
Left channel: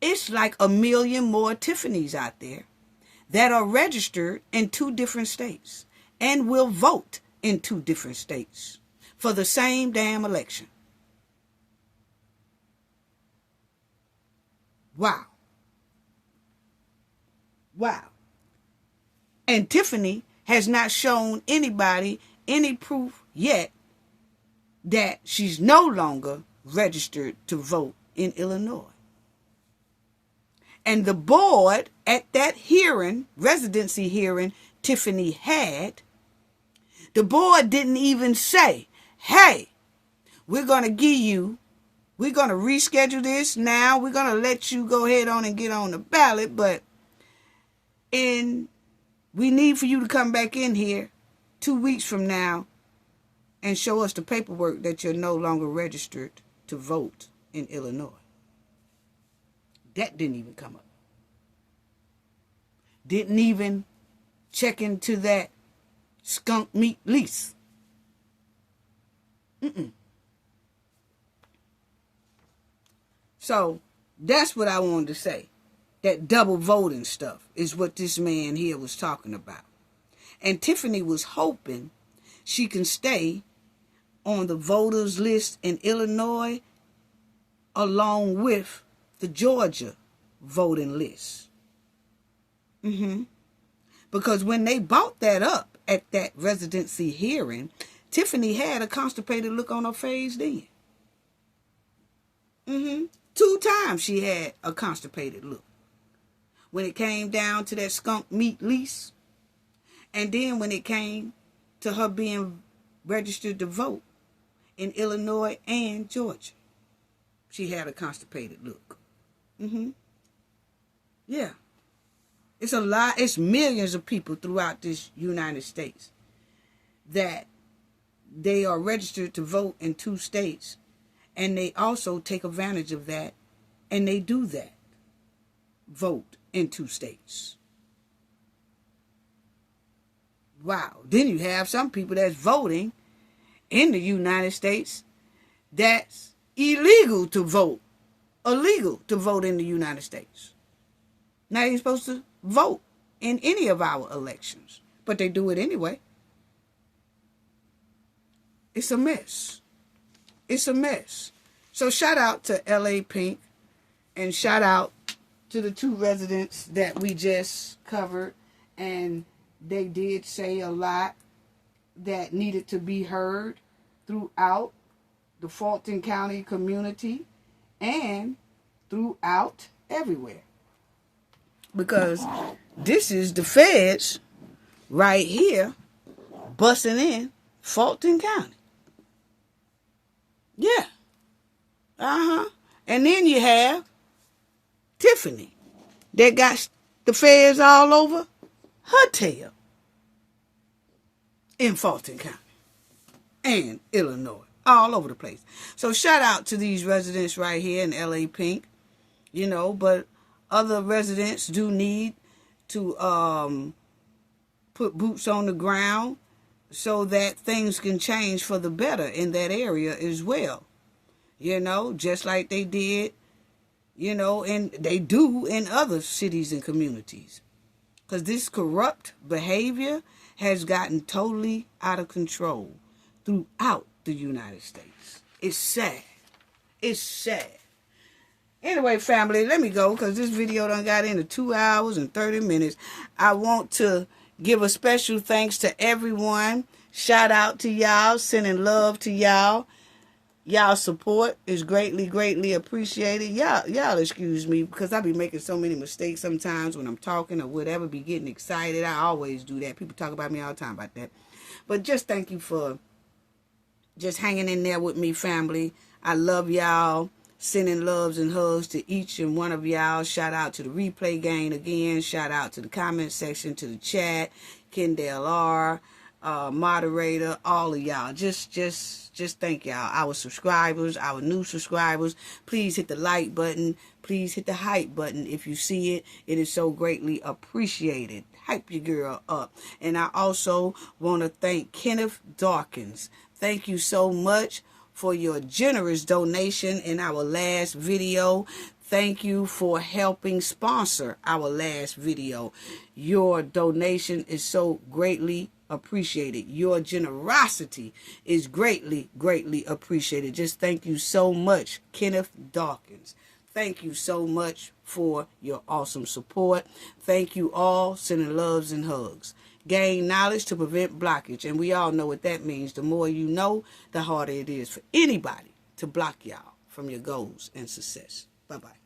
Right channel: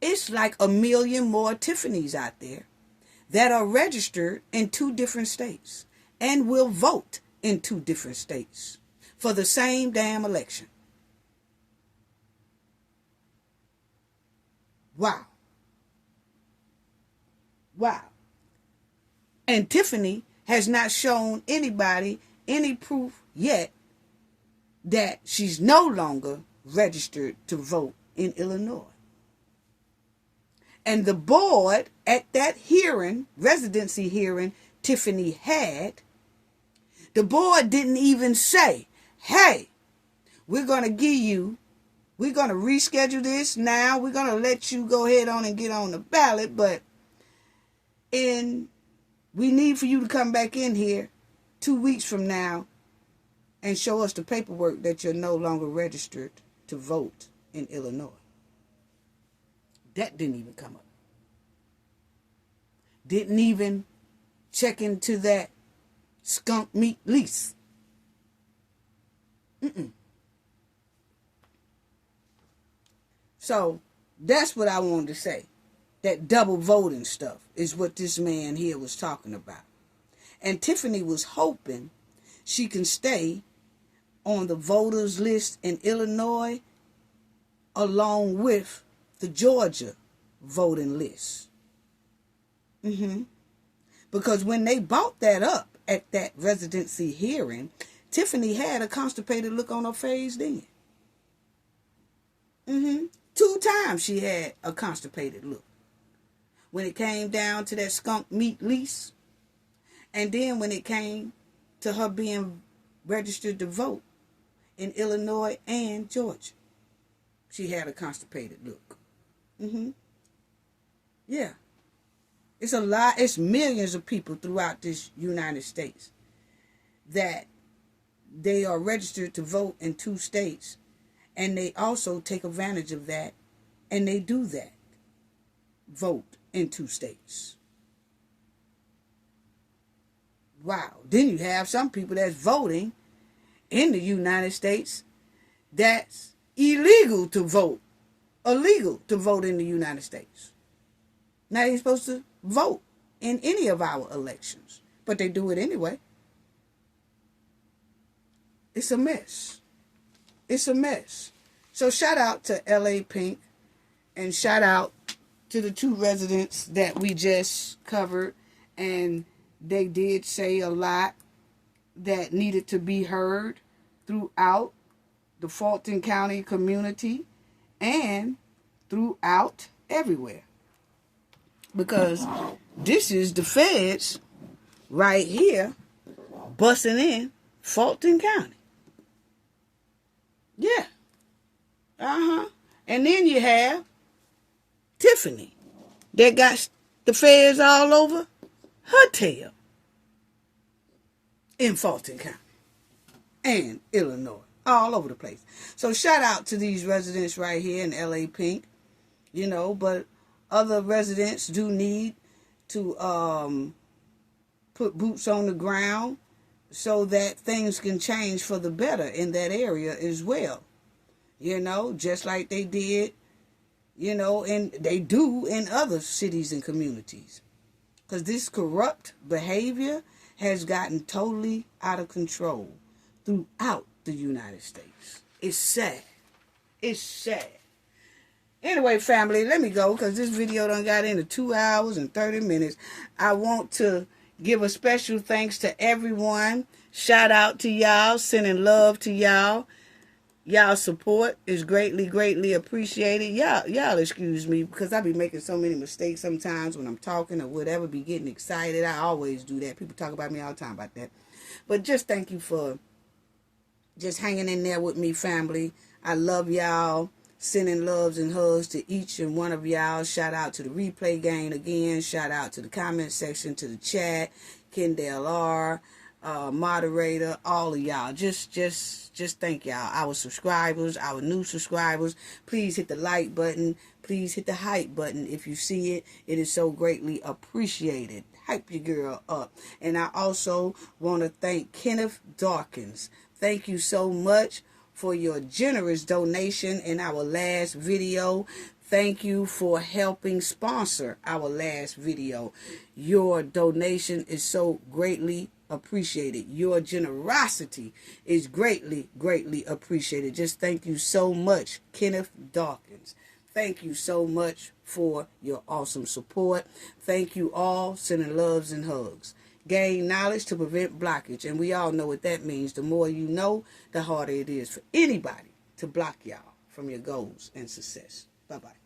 it's like 1 million more Tiffany's out there that are registered in 2 different states and will vote in 2 different states for the same damn election. Wow. Wow. And Tiffany has not shown anybody any proof yet that she's no longer registered to vote in Illinois. And the board at that hearing, residency hearing Tiffany had, the board didn't even say, hey, we're going to reschedule this now. We're going to let you go ahead on and get on the ballot, but we need for you to come back in here 2 weeks from now and show us the paperwork that you're no longer registered to vote in Illinois. That didn't even come up. Didn't even check into that skunk meat lease. So that's what I wanted to say. That double voting stuff is what this man here was talking about. And Tiffany was hoping she can stay on the voters list in Illinois along with the Georgia voting list. Because when they brought that up at that residency hearing, Tiffany had a constipated look on her face then. 2 times she had a constipated look. When it came down to that skunk meat lease, and then when it came to her being registered to vote in Illinois and Georgia, she had a constipated look. Yeah. It's a lot. It's millions of people throughout this United States that they are registered to vote in 2 states, and they also take advantage of that, and they do that. Vote in 2 states. Wow. Then you have some people that's voting in the United States that's illegal to vote in the United States. Now you're supposed to vote in any of our elections, but they do it anyway. It's a mess. It's a mess. So shout out to LA Pink, and shout out to the 2 residents that we just covered, and they did say a lot that needed to be heard throughout the Fulton County community and throughout everywhere. because this is the feds right here busting in Fulton County. Yeah. And then you have Tiffany that got the feds all over her tail in Fulton County and Illinois, all over the place. So shout out to these residents right here in LA Pink, you know, but other residents do need to put boots on the ground so that things can change for the better in that area as well. You know, just like they did, you know, and they do in other cities and communities. Because this corrupt behavior has gotten totally out of control throughout the United States. It's sad. It's sad. Anyway, family, let me go because this video done got into 2 hours and 30 minutes. I want to give a special thanks to everyone. Shout out to y'all. Sending love to y'all. Y'all support is greatly, greatly appreciated. Y'all excuse me because I be making so many mistakes sometimes when I'm talking or whatever, be getting excited. I always do that. People talk about me all the time about that. But just thank you for just hanging in there with me, family. I love y'all. Sending loves and hugs to each and one of y'all. Shout out to the replay gang again. Shout out to the comment section, to the chat, Kendall R., moderator, all of y'all. Just thank y'all. Our subscribers, our new subscribers. Please hit the like button. Please hit the hype button. If you see it, it is so greatly appreciated. Hype your girl up. And I also want to thank Kenneth Dawkins. Thank you so much for your generous donation in our last video. Thank you for helping sponsor our last video. Your donation is so greatly appreciated. Your generosity is greatly, greatly appreciated. Just thank you so much, Kenneth Dawkins. Thank you so much for your awesome support. Thank you all. Sending loves and hugs. Gain knowledge to prevent blockage. And we all know what that means. The more you know, the harder it is for anybody to block y'all from your goals and success. Bye-bye.